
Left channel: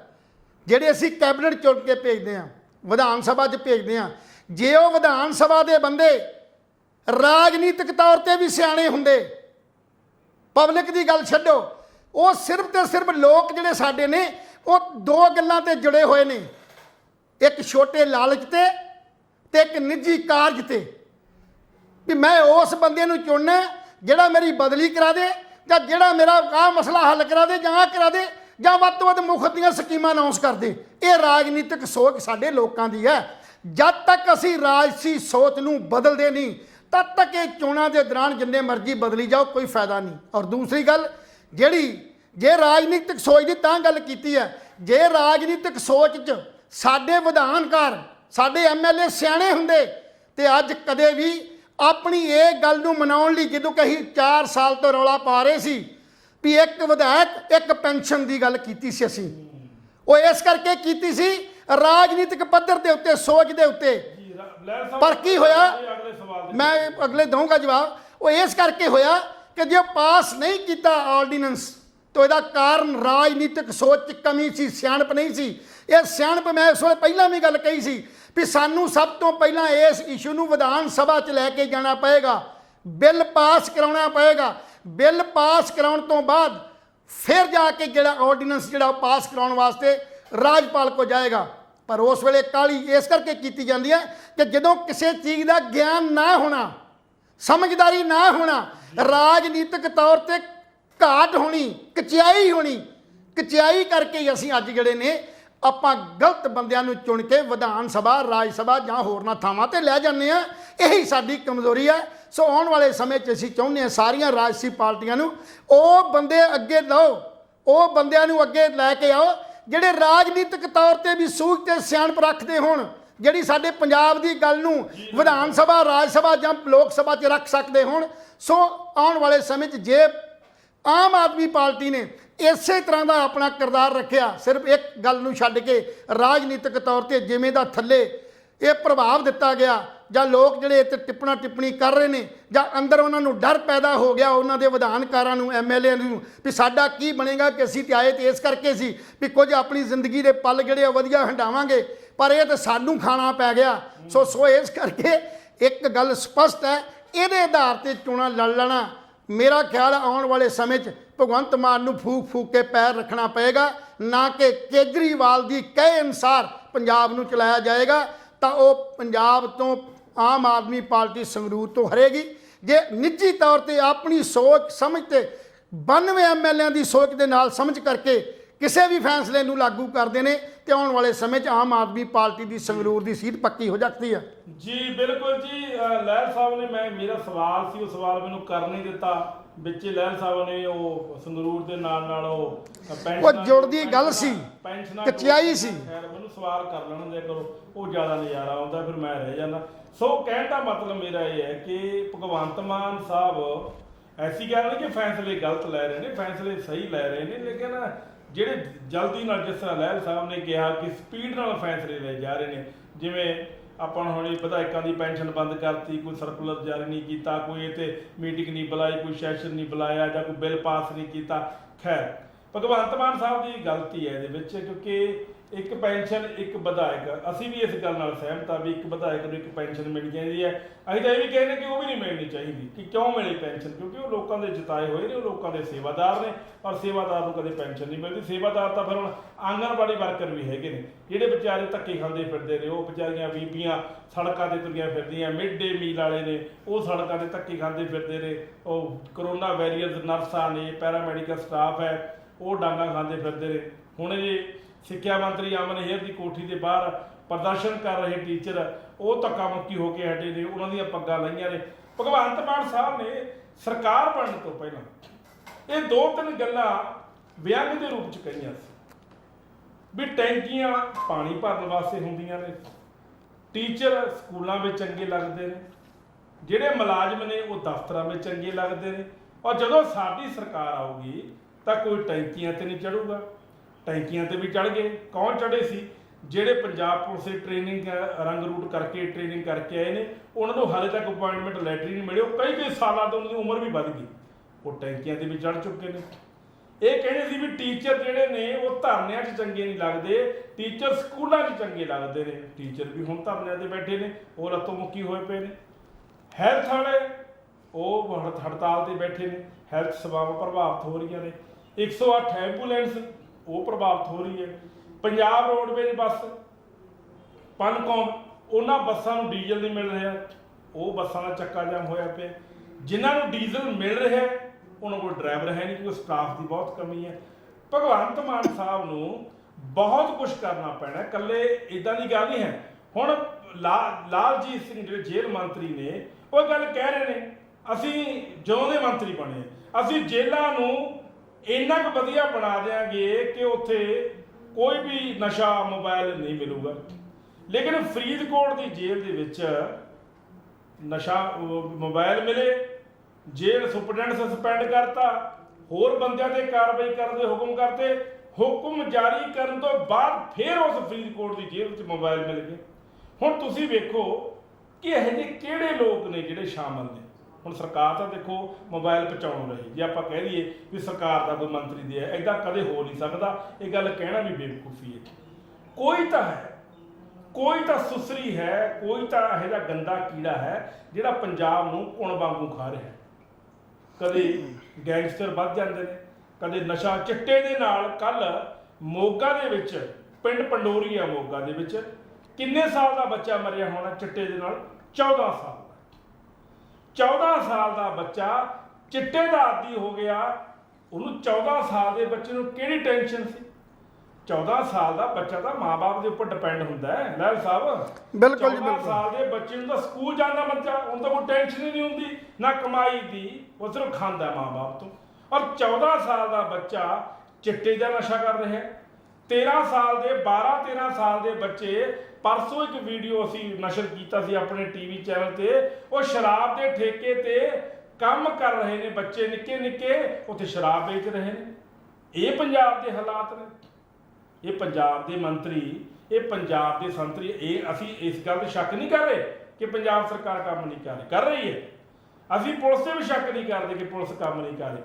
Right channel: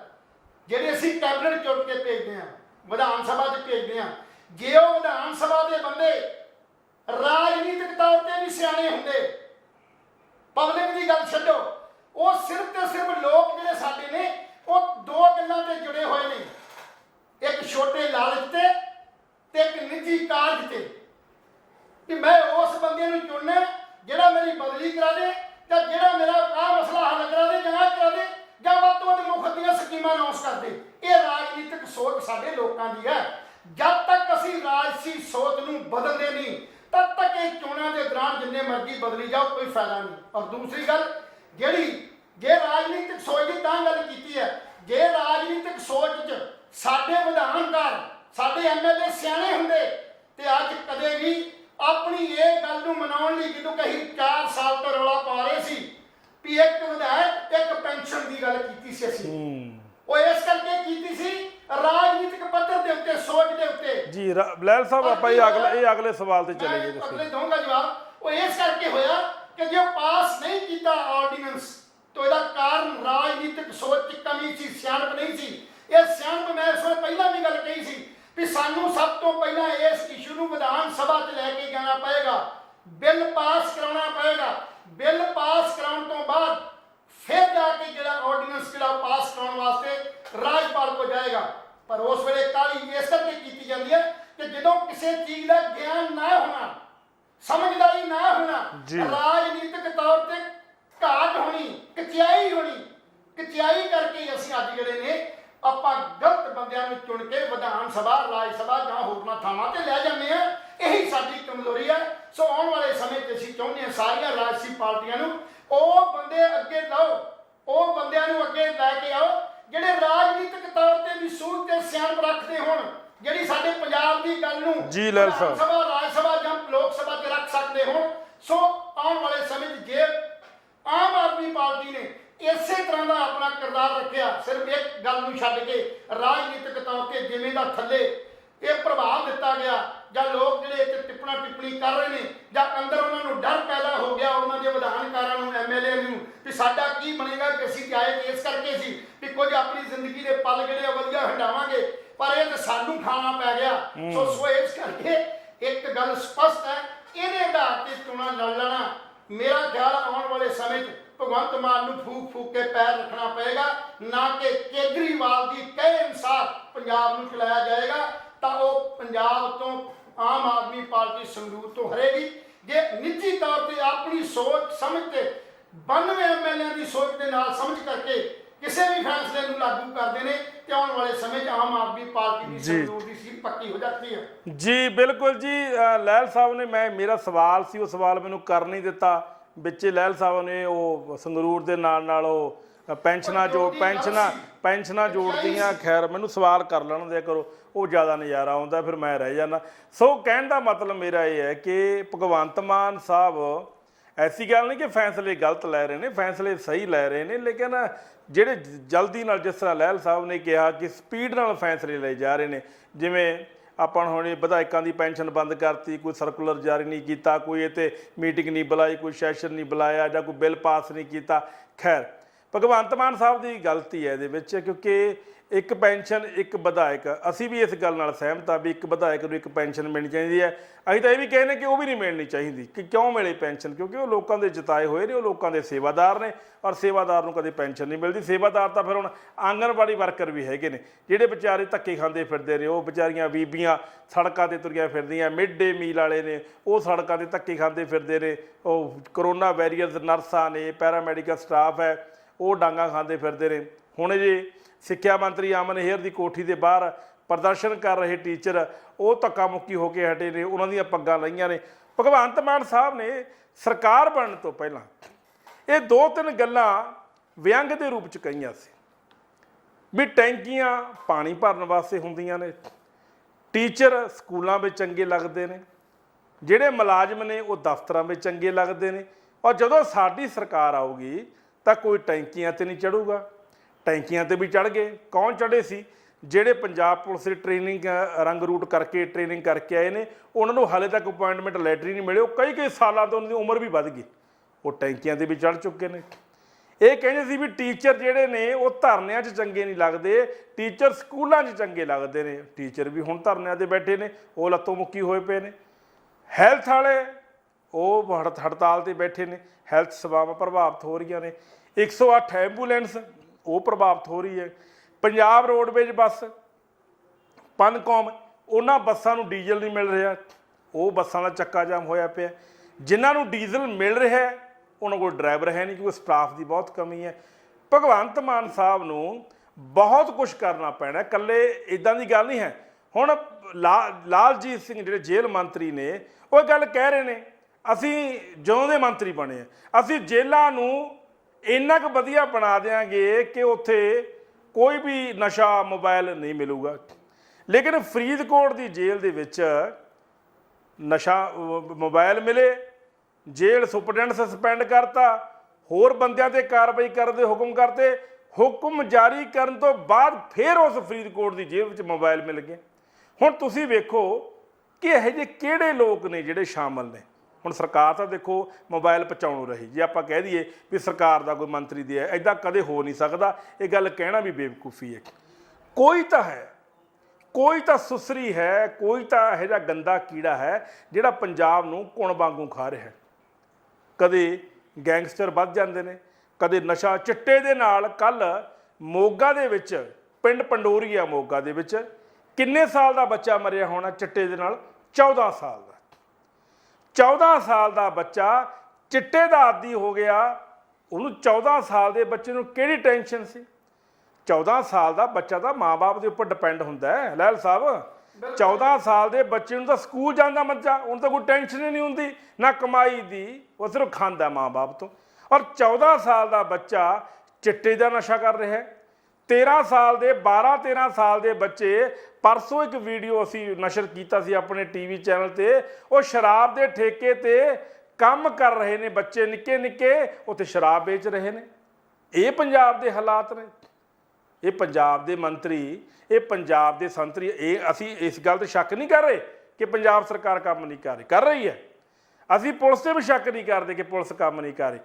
ਜਿਹੜੇ ਅਸੀਂ ਕੈਬਨਿਟ ਚੁਣ ਕੇ ਭੇਜਦੇ ਹਾਂ, ਵਿਧਾਨ ਸਭਾ 'ਚ ਭੇਜਦੇ ਹਾਂ, ਜੇ ਉਹ ਵਿਧਾਨ ਸਭਾ ਦੇ ਬੰਦੇ ਰਾਜਨੀਤਿਕ ਤੌਰ ਤੇ ਵੀ ਸਿਆਣੇ ਹੁੰਦੇ, ਪਬਲਿਕ ਦੀ ਗੱਲ ਛੱਡੋ, ਉਹ ਸਿਰਫ ਤੇ ਸਿਰਫ ਲੋਕ ਜਿਹੜੇ ਸਾਡੇ ਨੇ ਉਹ ਦੋ ਗੱਲਾਂ ਤੇ ਜੁੜੇ ਹੋਏ ਨੇ, ਇੱਕ ਛੋਟੇ ਲਾਲਚ ਤੇ ਇੱਕ ਨਿੱਜੀ ਕਾਰਜ ਤੇ, ਵੀ ਮੈਂ ਉਸ ਬੰਦੇ ਨੂੰ ਚੁਣਨਾ ਜਿਹੜਾ ਮੇਰੀ ਬਦਲੀ ਕਰਾ ਦੇ ਜਾਂ ਜਿਹੜਾ ਮੇਰਾ ਆਹ ਮਸਲਾ ਹੱਲ ਕਰਾ ਦੇ ਜਾਂ ਆਹ ਕਰਾ ਦੇ ਜਾਂ ਵੱਧ ਤੋਂ ਵੱਧ ਮੁਫਤ ਦੀਆਂ ਸਕੀਮਾਂ ਅਨਾਉਂਸ ਕਰ ਦੇ। ਇਹ ਰਾਜਨੀਤਿਕ ਸੋਚ ਸਾਡੇ ਲੋਕਾਂ ਦੀ ਹੈ। ਜਦ ਤੱਕ ਅਸੀਂ ਰਾਜਸੀ ਸੋਚ ਨੂੰ ਬਦਲਦੇ ਨਹੀਂ ਤਦ ਤੱਕ ਇਹ ਚੋਣਾਂ ਦੇ ਦੌਰਾਨ ਜਿੰਨੇ ਮਰਜ਼ੀ ਬਦਲੀ ਜਾਓ ਕੋਈ ਫਾਇਦਾ ਨਹੀਂ। ਔਰ ਦੂਸਰੀ ਗੱਲ ਜਿਹੜੀ ਜੇ ਰਾਜਨੀਤਿਕ ਸੋਚ ਦੀ ਤਾਂ ਗੱਲ ਕੀਤੀ ਹੈ, ਜੇ ਰਾਜਨੀਤਿਕ ਸੋਚ 'ਚ ਸਾਡੇ ਵਿਧਾਨਕਾਰ ਸਾਡੇ ਐਮਐਲਏ ਸਿਆਣੇ ਹੁੰਦੇ ਤੇ ਅੱਜ ਕਦੇ ਵੀ ਆਪਣੀ ਇਹ ਗੱਲ ਨੂੰ ਮਨਾਉਣ ਲਈ ਜਦੋਂ ਕਿ ਅਸੀਂ 4 ਸਾਲ ਤੋਂ ਰੌਲਾ ਪਾ ਰਹੇ ਸੀ ਵੀ ਇੱਕ ਵਿਧਾਇਕ ਇੱਕ ਪੈਨਸ਼ਨ ਦੀ ਗੱਲ ਕੀਤੀ ਸੀ ਅਸੀਂ, ਉਹ ਇਸ ਕਰਕੇ ਕੀਤੀ ਸੀ ਰਾਜਨੀਤਿਕ ਪੱਧਰ ਦੇ ਉੱਤੇ ਸੋਚ ਦੇ ਉੱਤੇ। ਜੀ ਬਲੈਰ ਸਾਹਿਬ ਪਰ ਕੀ ਹੋਇਆ, ਇਹ ਅਗਲੇ ਸਵਾਲ ਤੇ ਮੈਂ ਅਗਲੇ ਦਊਂਗਾ ਜਵਾਬ, ਉਹ ਇਸ ਕਰਕੇ ਹੋਇਆ ਕਿ ਜੇ ਪਾਸ ਨਹੀਂ ਕੀਤਾ ਆਰਡੀਨੈਂਸ ਤਾਂ ਇਹਦਾ ਕਾਰਨ ਰਾਜਨੀਤਿਕ ਸੋਚ 'ਚ ਕਮੀ ਸੀ, ਸਿਆਣਪ ਨਹੀਂ ਸੀ। ਇਹ ਸਿਆਣਪ ਮੈਂ ਇਸ ਵੇਲੇ ਪਹਿਲਾਂ ਵੀ ਗੱਲ ਕਹੀ ਸੀ ਵੀ ਸਾਨੂੰ ਸਭ ਤੋਂ ਪਹਿਲਾਂ ਇਸ ਇਸ਼ੂ ਨੂੰ ਵਿਧਾਨ ਸਭਾ 'ਚ ਲੈ ਕੇ ਜਾਣਾ ਪਏਗਾ, ਬਿੱਲ ਪਾਸ ਕਰਾਉਣਾ ਪਏਗਾ, ਬਿੱਲ ਪਾਸ ਕਰਾਉਣ ਤੋਂ ਬਾਅਦ ਫਿਰ ਜਾ ਕੇ ਜਿਹੜਾ ਆਰਡੀਨੈਂਸ ਜਿਹੜਾ ਪਾਸ ਕਰਾਉਣ ਵਾਸਤੇ ਰਾਜਪਾਲ ਕੋ ਜਾਏਗਾ। ਪਰ ਉਸ ਵੇਲੇ ਕਾਹਲੀ ਇਸ ਕਰਕੇ ਕੀਤੀ ਜਾਂਦੀ ਹੈ ਕਿ ਜਦੋਂ ਕਿਸੇ ਚੀਜ਼ ਦਾ ਗਿਆਨ ਨਾ ਹੋਣਾ, ਸਮਝਦਾਰੀ ਨਾ ਹੋਣਾ, ਰਾਜਨੀਤਿਕ ਤੌਰ ਤੇ ਘਾਟ ਹੋਣੀ, ਕਚਿਆਈ ਹੋਣੀ, ਕਚਿਆਈ ਕਰਕੇ ਹੀ ਅਸੀਂ ਅੱਜ ਜਿਹੜੇ ਨੇ ਆਪਾਂ ਗਲਤ ਬੰਦਿਆਂ ਨੂੰ ਚੁਣ ਕੇ ਵਿਧਾਨ ਸਭਾ, ਰਾਜ ਸਭਾ ਜਾਂ ਹੋਰਨਾਂ ਥਾਵਾਂ ਤੇ ਲੈ ਜਾਂਦੇ ਆ। ਇਹੀ ਸਾਡੀ ਕਮਜ਼ੋਰੀ ਹੈ। ਸੋ ਆਉਣ ਵਾਲੇ ਸਮੇਂ 'ਚ ਅਸੀਂ ਚਾਹੁੰਦੇ ਹਾਂ ਸਾਰੀਆਂ ਰਾਜਸੀ ਪਾਰਟੀਆਂ ਨੂੰ ਉਹ ਬੰਦੇ ਅੱਗੇ ਲਾਓ, ਉਹ ਬੰਦਿਆਂ ਨੂੰ ਅੱਗੇ ਲੈ ਕੇ ਆਓ ਜਿਹੜੇ ਰਾਜਨੀਤਿਕ ਤੌਰ ਤੇ ਵੀ ਸੂਝ ਤੇ ਸਿਆਣਪ ਰੱਖਦੇ ਹੋਣ, ਜਿਹੜੀ ਸਾਡੇ ਪੰਜਾਬ ਦੀ ਗੱਲ ਨੂੰ ਵਿਧਾਨ ਸਭਾ, ਰਾਜ ਸਭਾ ਜਾਂ ਲੋਕ ਸਭਾ 'ਚ ਰੱਖ ਸਕਦੇ ਹੋਣ। ਸੋ ਆਉਣ ਵਾਲੇ ਸਮੇਂ 'ਚ ਜੇ ਆਮ ਆਦਮੀ ਪਾਰਟੀ ਨੇ ਇਸੇ ਤਰ੍ਹਾਂ ਦਾ ਆਪਣਾ ਕਿਰਦਾਰ ਰੱਖਿਆ, ਸਿਰਫ ਇੱਕ ਗੱਲ ਨੂੰ ਛੱਡ ਕੇ ਰਾਜਨੀਤਿਕ ਤੌਰ ਤੇ ਜਿਵੇਂ ਦਾ ਥੱਲੇ ਇਹ ਪ੍ਰਭਾਵ ਦਿੱਤਾ ਗਿਆ ਜਾਂ ਲੋਕ ਜਿਹੜੇ ਇੱਥੇ ਟਿੱਪਣਾ ਟਿੱਪਣੀ ਕਰ ਰਹੇ ਨੇ ਜਾਂ ਅੰਦਰ ਉਹਨਾਂ ਨੂੰ ਡਰ ਪੈਦਾ ਹੋ ਗਿਆ ਉਹਨਾਂ ਦੇ ਵਿਧਾਨਕਾਰਾਂ ਨੂੰ ਐਮਐਲਏ ਨੂੰ ਵੀ ਸਾਡਾ ਕੀ ਬਣੇਗਾ ਕਿ ਅਸੀਂ ਤੇ ਆਏ ਤੇ ਇਸ ਕਰਕੇ ਸੀ ਵੀ ਕੁਝ ਆਪਣੀ ਜ਼ਿੰਦਗੀ ਦੇ ਪਲ ਜਿਹੜੇ ਆ ਵਧੀਆ ਹੰਡਾਵਾਂਗੇ ਪਰ ਇਹ ਤੇ ਸਾਨੂੰ ਖਾਣਾ ਪੈ ਗਿਆ ਸੋ ਇਸ ਕਰਕੇ ਇੱਕ ਗੱਲ ਸਪਸ਼ਟ ਹੈ ਇਹਦੇ ਆਧਾਰ ਤੇ ਚੋਣਾਂ ਲੜ ਲੈਣਾ ਮੇਰਾ ਖਿਆਲ ਆਉਣ ਵਾਲੇ ਸਮੇਂ 'ਚ ਭਗਵੰਤ ਮਾਨ ਨੂੰ ਫੂਕ ਫੂਕ ਕੇ ਪੈਰ ਰੱਖਣਾ ਪਏਗਾ ਨਾ ਕਿ ਕੇਜਰੀਵਾਲ ਦੀ ਕਹੇ ਅਨੁਸਾਰ ਪੰਜਾਬ ਨੂੰ ਚਲਾਇਆ ਜਾਏਗਾ ਤਾਂ ਉਹ ਪੰਜਾਬ ਤੋਂ ਆਮ ਆਦਮੀ ਪਾਰਟੀ ਸੰਗਰੂਰ ਤੋਂ ਹਰੇਗੀ ਜੇ ਨਿੱਜੀ ਤੌਰ ਤੇ ਆਪਣੀ ਸੋਚ ਸਮਝ ਤੇ 92 ਐਮਐਲਏਆਂ ਦੀ ਸੋਚ ਦੇ ਨਾਲ ਸਮਝ ਕਰਕੇ ਕਿਸੇ ਵੀ ਫੈਸਲੇ ਨੂੰ ਲਾਗੂ ਕਰਦੇ ਨੇ ਤੇ ਆਉਣ ਵਾਲੇ ਸਮੇਂ 'ਚ ਆਮ ਆਦਮੀ ਪਾਰਟੀ ਦੀ ਸੰਗਰੂਰ ਦੀ ਸੀਟ ਪੱਕੀ ਹੋ ਜਾਂਦੀ ਹੈ ਜੀ ਬਿਲਕੁਲ ਜੀ ਲਹਿਲ ਸਾਹਿਬ ਨੇ ਮੇਰਾ ਸਵਾਲ ਸੀ ਉਹ ਸਵਾਲ ਮੈਨੂੰ ਕਰ ਨਹੀਂ ਦਿੱਤਾ ਵਿੱਚੇ ਲਹਿਲ ਸਾਹਿਬ ਨੇ ਉਹ ਸੰਗਰੂਰ ਦੇ ਨਾਲ ਉਹ ਪੈਨਸ਼ਨਾਂ ਜੋੜਦੀਆਂ ਖੈਰ ਮੈਨੂੰ ਸਵਾਲ ਕਰ ਲੈਣ ਦਿਆ ਕਰੋ ਉਹ ਜ਼ਿਆਦਾ ਨਜ਼ਾਰਾ ਆਉਂਦਾ ਫਿਰ ਮੈਂ ਰਹਿ ਜਾਂਦਾ ਸੋ ਕਹਿਣ ਦਾ ਮਤਲਬ ਮੇਰਾ ਇਹ ਹੈ ਕਿ ਭਗਵੰਤ ਮਾਨ ਸਾਹਿਬ ਐਸੀ ਗੱਲ ਨਹੀਂ ਕਿ ਫੈਸਲੇ ਗਲਤ ਲੈ ਰਹੇ ਨੇ ਫੈਸਲੇ ਸਹੀ ਲੈ ਰਹੇ ਨੇ ਲੇਕਿਨ ਜਿਹੜੇ ਜਲਦੀ ਨਾਲ ਜਿਸ ਤਰ੍ਹਾਂ ਲਹਿਲ ਸਾਹਿਬ ਨੇ ਕਿਹਾ ਕਿ ਸਪੀਡ ਨਾਲ ਫੈਸਲੇ ਲਏ ਜਾ ਰਹੇ ਨੇ ਜਿਵੇਂ ਆਪਾਂ ਨੂੰ ਹੁਣ ਵਿਧਾਇਕਾਂ ਦੀ ਪੈਨਸ਼ਨ ਬੰਦ ਕਰਤੀ ਕੋਈ ਸਰਕੂਲਰ ਜਾਰੀ ਨਹੀਂ ਕੀਤਾ ਕੋਈ ਇੱਥੇ ਮੀਟਿੰਗ ਨਹੀਂ ਬੁਲਾਈ ਕੋਈ ਸੈਸ਼ਨ ਨਹੀਂ ਬੁਲਾਇਆ ਜਾਂ ਕੋਈ ਬਿੱਲ ਪਾਸ ਨਹੀਂ ਕੀਤਾ ਖੈਰ ਭਗਵੰਤ ਮਾਨ ਸਾਹਿਬ ਦੀ ਗਲਤੀ ਹੈ ਇਹਦੇ ਵਿੱਚ ਕਿਉਂਕਿ ਇੱਕ ਪੈਨਸ਼ਨ ਇੱਕ ਵਿਧਾਇਕ ਅਸੀਂ ਵੀ ਇਸ ਗੱਲ ਨਾਲ ਸਹਿਮਤ ਹਾਂ ਵੀ ਇੱਕ ਵਿਧਾਇਕ ਨੂੰ ਇੱਕ ਪੈਨਸ਼ਨ ਮਿਲਣੀ ਚਾਹੀਦੀ ਹੈ ਅਸੀਂ ਤਾਂ ਇਹ ਵੀ ਕਹਿੰਦੇ ਕਿ ਉਹ ਵੀ ਨਹੀਂ ਮਿਲਣੀ ਚਾਹੀਦੀ ਕਿ ਕਿਉਂ ਮਿਲੇ ਪੈਨਸ਼ਨ ਕਿਉਂਕਿ ਉਹ ਲੋਕਾਂ ਦੇ ਜਿਤਾਏ ਹੋਏ ਨੇ ਉਹ ਲੋਕਾਂ ਦੇ ਸੇਵਾਦਾਰ ਨੇ ਔਰ ਸੇਵਾਦਾਰ ਨੂੰ ਕਦੇ ਪੈਨਸ਼ਨ ਨਹੀਂ ਮਿਲਦੀ ਸੇਵਾਦਾਰ ਤਾਂ ਫਿਰ ਹੁਣ ਆਂਗਣਵਾੜੀ ਵਰਕਰ ਵੀ ਹੈਗੇ ਨੇ ਜਿਹੜੇ ਵਿਚਾਰੇ ਧੱਕੇ ਖਾਂਦੇ ਫਿਰਦੇ ਨੇ ਉਹ ਵਿਚਾਰੀਆਂ ਬੀਬੀਆਂ ਸੜਕਾਂ 'ਤੇ ਤੁਰੀਆਂ ਫਿਰਦੀਆਂ ਮਿਡ ਡੇ ਮੀਲ ਵਾਲੇ ਨੇ ਉਹ ਸੜਕਾਂ 'ਤੇ ਧੱਕੇ ਖਾਂਦੇ ਫਿਰਦੇ ਨੇ ਉਹ ਕਰੋਨਾ ਵੈਰੀਅਰਸ ਨਰਸਾਂ ਨੇ ਪੈਰਾਮੈਡੀਕਲ ਸਟਾਫ ਹੈ ਉਹ ਡਾਂਗਾ ਖਾਂਦੇ ਫਿਰਦੇ ਨੇ ਹੁਣ ਜੇ ਸਿੱਖਿਆ ਮੰਤਰੀ ਅਮਨ ਹੇਅਰ ਦੀ ਕੋਠੀ ਦੇ ਬਾਹਰ ਪ੍ਰਦਰਸ਼ਨ ਕਰ ਰਹੇ ਟੀਚਰ ਉਹ ਧੱਕਾ ਮੁੱਕੀ ਹੋ ਕੇ ਹਟੇ ਨੇ ਉਹਨਾਂ ਦੀਆਂ ਪੱਗਾਂ ਲਾਈਆਂ ਨੇ ਭਗਵੰਤ ਮਾਨ ਸਾਹਿਬ ਨੇ ਸਰਕਾਰ ਬਣਨ ਤੋਂ ਪਹਿਲਾਂ ਇਹ 2-3 ਗੱਲਾਂ ਵਿਅੰਗ ਦੇ ਰੂਪ 'ਚ ਕਹੀਆਂ ਸੀ ਵੀ ਟੈਂਕੀਆਂ ਪਾਣੀ ਭਰਨ ਵਾਸਤੇ ਹੁੰਦੀਆਂ ਨੇ ਟੀਚਰ ਸਕੂਲਾਂ ਵਿੱਚ ਚੰਗੇ ਲੱਗਦੇ ਨੇ ਜਿਹੜੇ ਮੁਲਾਜ਼ਮ ਨੇ ਉਹ ਦਫ਼ਤਰਾਂ ਵਿੱਚ ਚੰਗੇ ਲੱਗਦੇ ਨੇ ਔਰ ਜਦੋਂ ਸਾਡੀ ਸਰਕਾਰ ਆਊਗੀ ਤਾਂ ਕੋਈ ਟੈਂਕੀਆਂ ਤੇ ਨਹੀਂ ਚੜੂਗਾ ਟੈਂਕੀਆਂ ਤੇ ਵੀ ਚੜ੍ਹ ਗਏ ਕੌਣ ਚੜ੍ਹੇ ਸੀ ਜਿਹੜੇ ਪੰਜਾਬ ਪੁਲਿਸ ਦੀ ਟ੍ਰੇਨਿੰਗ ਰੰਗ ਰੂਟ ਕਰਕੇ ਟ੍ਰੇਨਿੰਗ ਕਰਕੇ ਆਏ ਨੇ ਉਹਨਾਂ ਨੂੰ ਹਾਲੇ ਤੱਕ ਅਪਾਇੰਟਮੈਂਟ ਲੈਟਰ ਹੀ ਨਹੀਂ ਮਿਲੇ ਉਹ ਕਈ ਸਾਲਾਂ ਤੋਂ ਉਹਨਾਂ ਦੀ ਉਮਰ ਵੀ ਵੱਧ ਗਈ ਉਹ ਟੈਂਕੀਆਂ ਤੇ ਵੀ ਚੜ੍ਹ ਚੁੱਕੇ ਨੇ ਇਹ ਕਹਿੰਦੇ ਸੀ ਵੀ ਟੀਚਰ ਜਿਹੜੇ ਨੇ ਉਹ ਧਰਨਿਆਂ 'ਚ ਚੰਗੇ ਨਹੀਂ ਲੱਗਦੇ ਟੀਚਰ ਸਕੂਲਾਂ 'ਚ ਚੰਗੇ ਲੱਗਦੇ ਨੇ ਟੀਚਰ ਵੀ ਹੁਣ ਧਰਨਿਆਂ 'ਤੇ ਬੈਠੇ ਨੇ ਉਹ ਲੱਤੋਂ ਮੁੱਕੀ ਹੋਏ ਪਏ ਨੇ ਹੈਲਥ ਵਾਲੇ ਉਹ ਹੜਤਾਲ 'ਤੇ ਬੈਠੇ ਨੇ ਹੈਲਥ ਸੇਵਾਵਾਂ ਪ੍ਰਭਾਵਿਤ ਹੋ ਰਹੀਆਂ ਨੇ 108 ਐਂਬੂਲੈਂਸ ਉਹ ਪ੍ਰਭਾਵਿਤ ਹੋ ਰਹੀ ਹੈ ਪੰਜਾਬ ਰੋਡਵੇਜ਼ ਬੱਸ ਪਨਕੌਮ ਉਹਨਾਂ ਬੱਸਾਂ ਨੂੰ ਡੀਜ਼ਲ ਨਹੀਂ ਮਿਲ ਰਿਹਾ ਉਹ ਬੱਸਾਂ ਦਾ ਚੱਕਾ ਜਾਮ ਹੋਇਆ ਪਿਆ ਜਿਨ੍ਹਾਂ ਨੂੰ ਡੀਜ਼ਲ ਮਿਲ ਰਿਹਾ ਉਹਨਾਂ ਕੋਲ ਡਰਾਈਵਰ ਹੈ ਨਹੀਂ ਕਿਉਂਕਿ ਸਟਾਫ ਦੀ ਬਹੁਤ ਕਮੀ ਹੈ ਭਗਵੰਤ ਮਾਨ ਸਾਹਿਬ ਨੂੰ ਬਹੁਤ ਕੁਝ ਕਰਨਾ ਪੈਣਾ ਇਕੱਲੇ ਇੱਦਾਂ ਦੀ ਗੱਲ ਨਹੀਂ ਹੈ ਹੁਣ ਲਾਲਜੀਤ ਸਿੰਘ ਜਿਹੜੇ ਜੇਲ੍ਹ ਮੰਤਰੀ ਨੇ ਉਹ ਗੱਲ ਕਹਿ ਰਹੇ ਨੇ ਅਸੀਂ ਜਦੋਂ ਦੇ ਮੰਤਰੀ ਬਣੇ ਅਸੀਂ ਜੇਲ੍ਹਾਂ ਨੂੰ ਇੰਨਾ ਕੁ ਵਧੀਆ ਬਣਾ ਦਿਆਂਗੇ ਕਿ ਉੱਥੇ ਕੋਈ ਵੀ ਨਸ਼ਾ ਮੋਬਾਈਲ ਨਹੀਂ ਮਿਲੂਗਾ ਲੇਕਿਨ ਫਰੀਦਕੋਟ ਦੀ ਜੇਲ੍ਹ ਦੇ ਵਿੱਚ ਨਸ਼ਾ ਮੋਬਾਈਲ ਮਿਲੇ ਜੇਲ੍ਹ ਸੁਪਰਡੈਂਟ ਸਸਪੈਂਡ ਕਰਤਾ ਹੋਰ ਬੰਦਿਆਂ ਤੇ ਕਾਰਵਾਈ ਕਰਨ ਦੇ ਹੁਕਮ ਕਰਤੇ ਹੁਕਮ ਜਾਰੀ ਕਰਨ ਤੋਂ ਬਾਅਦ ਫਿਰ ਉਸ ਫਰੀਦਕੋਟ ਦੀ ਜੇਲ੍ਹ ਵਿੱਚ ਮੋਬਾਈਲ ਮਿਲ ਗਏ ਹੁਣ ਤੁਸੀਂ ਵੇਖੋ ਕਿ ਇਹੋ ਜਿਹੇ ਕਿਹੜੇ ਲੋਕ ਨੇ ਜਿਹੜੇ ਸ਼ਾਮਲ ਨੇ ਹੁਣ ਸਰਕਾਰ ਤਾਂ ਦੇਖੋ ਮੋਬਾਈਲ ਪਹੁੰਚਾਉਣ ਰਹੀ ਜੇ ਆਪਾਂ ਕਹਿ ਦਈਏ ਵੀ ਸਰਕਾਰ ਦਾ ਕੋਈ ਮੰਤਰੀ ਦੇ ਹੈ ਇੱਦਾਂ ਕਦੇ ਹੋ ਨਹੀਂ ਸਕਦਾ ਇਹ ਗੱਲ ਕਹਿਣਾ ਵੀ ਬੇਵਕੂਫੀ ਹੈ ਕੋਈ ਤਾਂ ਸੁਸਰੀ ਹੈ ਕੋਈ ਤਾਂ ਇਹੋ ਜਿਹਾ ਗੰਦਾ ਕੀੜਾ ਹੈ ਜਿਹੜਾ ਪੰਜਾਬ ਨੂੰ ਕੁਣ ਵਾਂਗੂ ਖਾ ਰਿਹਾ ਕਦੇ ਗੈਂਗਸਟਰ ਵੱਧ ਜਾਂਦੇ ਨੇ ਕਦੇ ਨਸ਼ਾ ਚਿੱਟੇ ਦੇ ਨਾਲ ਕੱਲ ਮੋਗਾ ਦੇ ਵਿੱਚ ਪਿੰਡ ਪੰਡੋਰੀਆ ਮੋਗਾ ਦੇ ਵਿੱਚ ਕਿੰਨੇ ਸਾਲ ਦਾ ਬੱਚਾ ਮਰਿਆ ਹੋਣਾ ਚਿੱਟੇ ਦੇ ਨਾਲ 14 ਸਾਲ ਦਾ 14 ਸਾਲ ਦਾ ਬੱਚਾ ਚਿੱਟੇ ਦਾ ਆਦੀ ਹੋ ਗਿਆ ਉਹਨੂੰ 14 ਸਾਲ ਦੇ ਬੱਚੇ ਨੂੰ ਕਿਹੜੀ ਟੈਨਸ਼ਨ ਸੀ 14 ਸਾਲ ਦਾ ਬੱਚਾ ਤਾਂ ਮਾਂ-ਬਾਪ ਦੇ ਉੱਪਰ ਡਿਪੈਂਡ ਹੁੰਦਾ ਹੈ ਲਹਿਲ ਸਾਹਿਬ 14 ਸਾਲ ਦੇ ਬੱਚੇ ਨੂੰ ਤਾਂ ਸਕੂਲ ਜਾਂਦਾ ਬੱਚਾ ਉਹਨੂੰ ਤਾਂ ਕੋਈ ਟੈਨਸ਼ਨ ਹੀ ਨਹੀਂ ਹੁੰਦੀ ਨਾ ਕਮਾਈ ਦੀ ਉਹ ਸਿਰਫ ਖਾਂਦਾ ਮਾਂ-ਬਾਪ ਤੋਂ ਔਰ 14 ਸਾਲ ਦਾ ਬੱਚਾ ਚਿੱਟੇ ਦਾ ਨਸ਼ਾ ਕਰ ਰਿਹਾ ਹੈ 13 ਸਾਲ ਦੇ 12-13 ਸਾਲ ਦੇ ਬੱਚੇ ਪਰਸੋਂ ਇੱਕ ਵੀਡੀਓ ਅਸੀਂ ਨਸ਼ਰ ਕੀਤਾ ਸੀ ਆਪਣੇ ਟੀਵੀ ਚੈਨਲ ਤੇ ਉਹ ਸ਼ਰਾਬ ਦੇ ਠੇਕੇ ਤੇ ਕੰਮ ਕਰ ਰਹੇ ਨੇ ਬੱਚੇ ਨਿੱਕੇ ਨਿੱਕੇ ਉੱਥੇ ਸ਼ਰਾਬ ਵੇਚ ਰਹੇ ਨੇ ਇਹ ਪੰਜਾਬ ਦੇ ਹਾਲਾਤ ਨੇ ਇਹ ਪੰਜਾਬ ਦੇ ਮੰਤਰੀ, ਇਹ ਪੰਜਾਬ ਦੇ ਸੰਤਰੀ, ਇਹ ਅਸੀਂ ਇਸ ਗੱਲ ਤੇ ਸ਼ੱਕ ਨਹੀਂ ਕਰ ਰਹੇ ਕਿ ਪੰਜਾਬ ਸਰਕਾਰ ਕੰਮ ਨਹੀਂ ਕਰ ਰਹੀ ਹੈ। ਅਸੀਂ ਪੁਲਿਸ ਤੇ ਵੀ ਸ਼ੱਕ ਨਹੀਂ ਕਰਦੇ ਕਿ ਪੁਲਿਸ ਕੰਮ ਨਹੀਂ ਕਰ ਰਹੀ।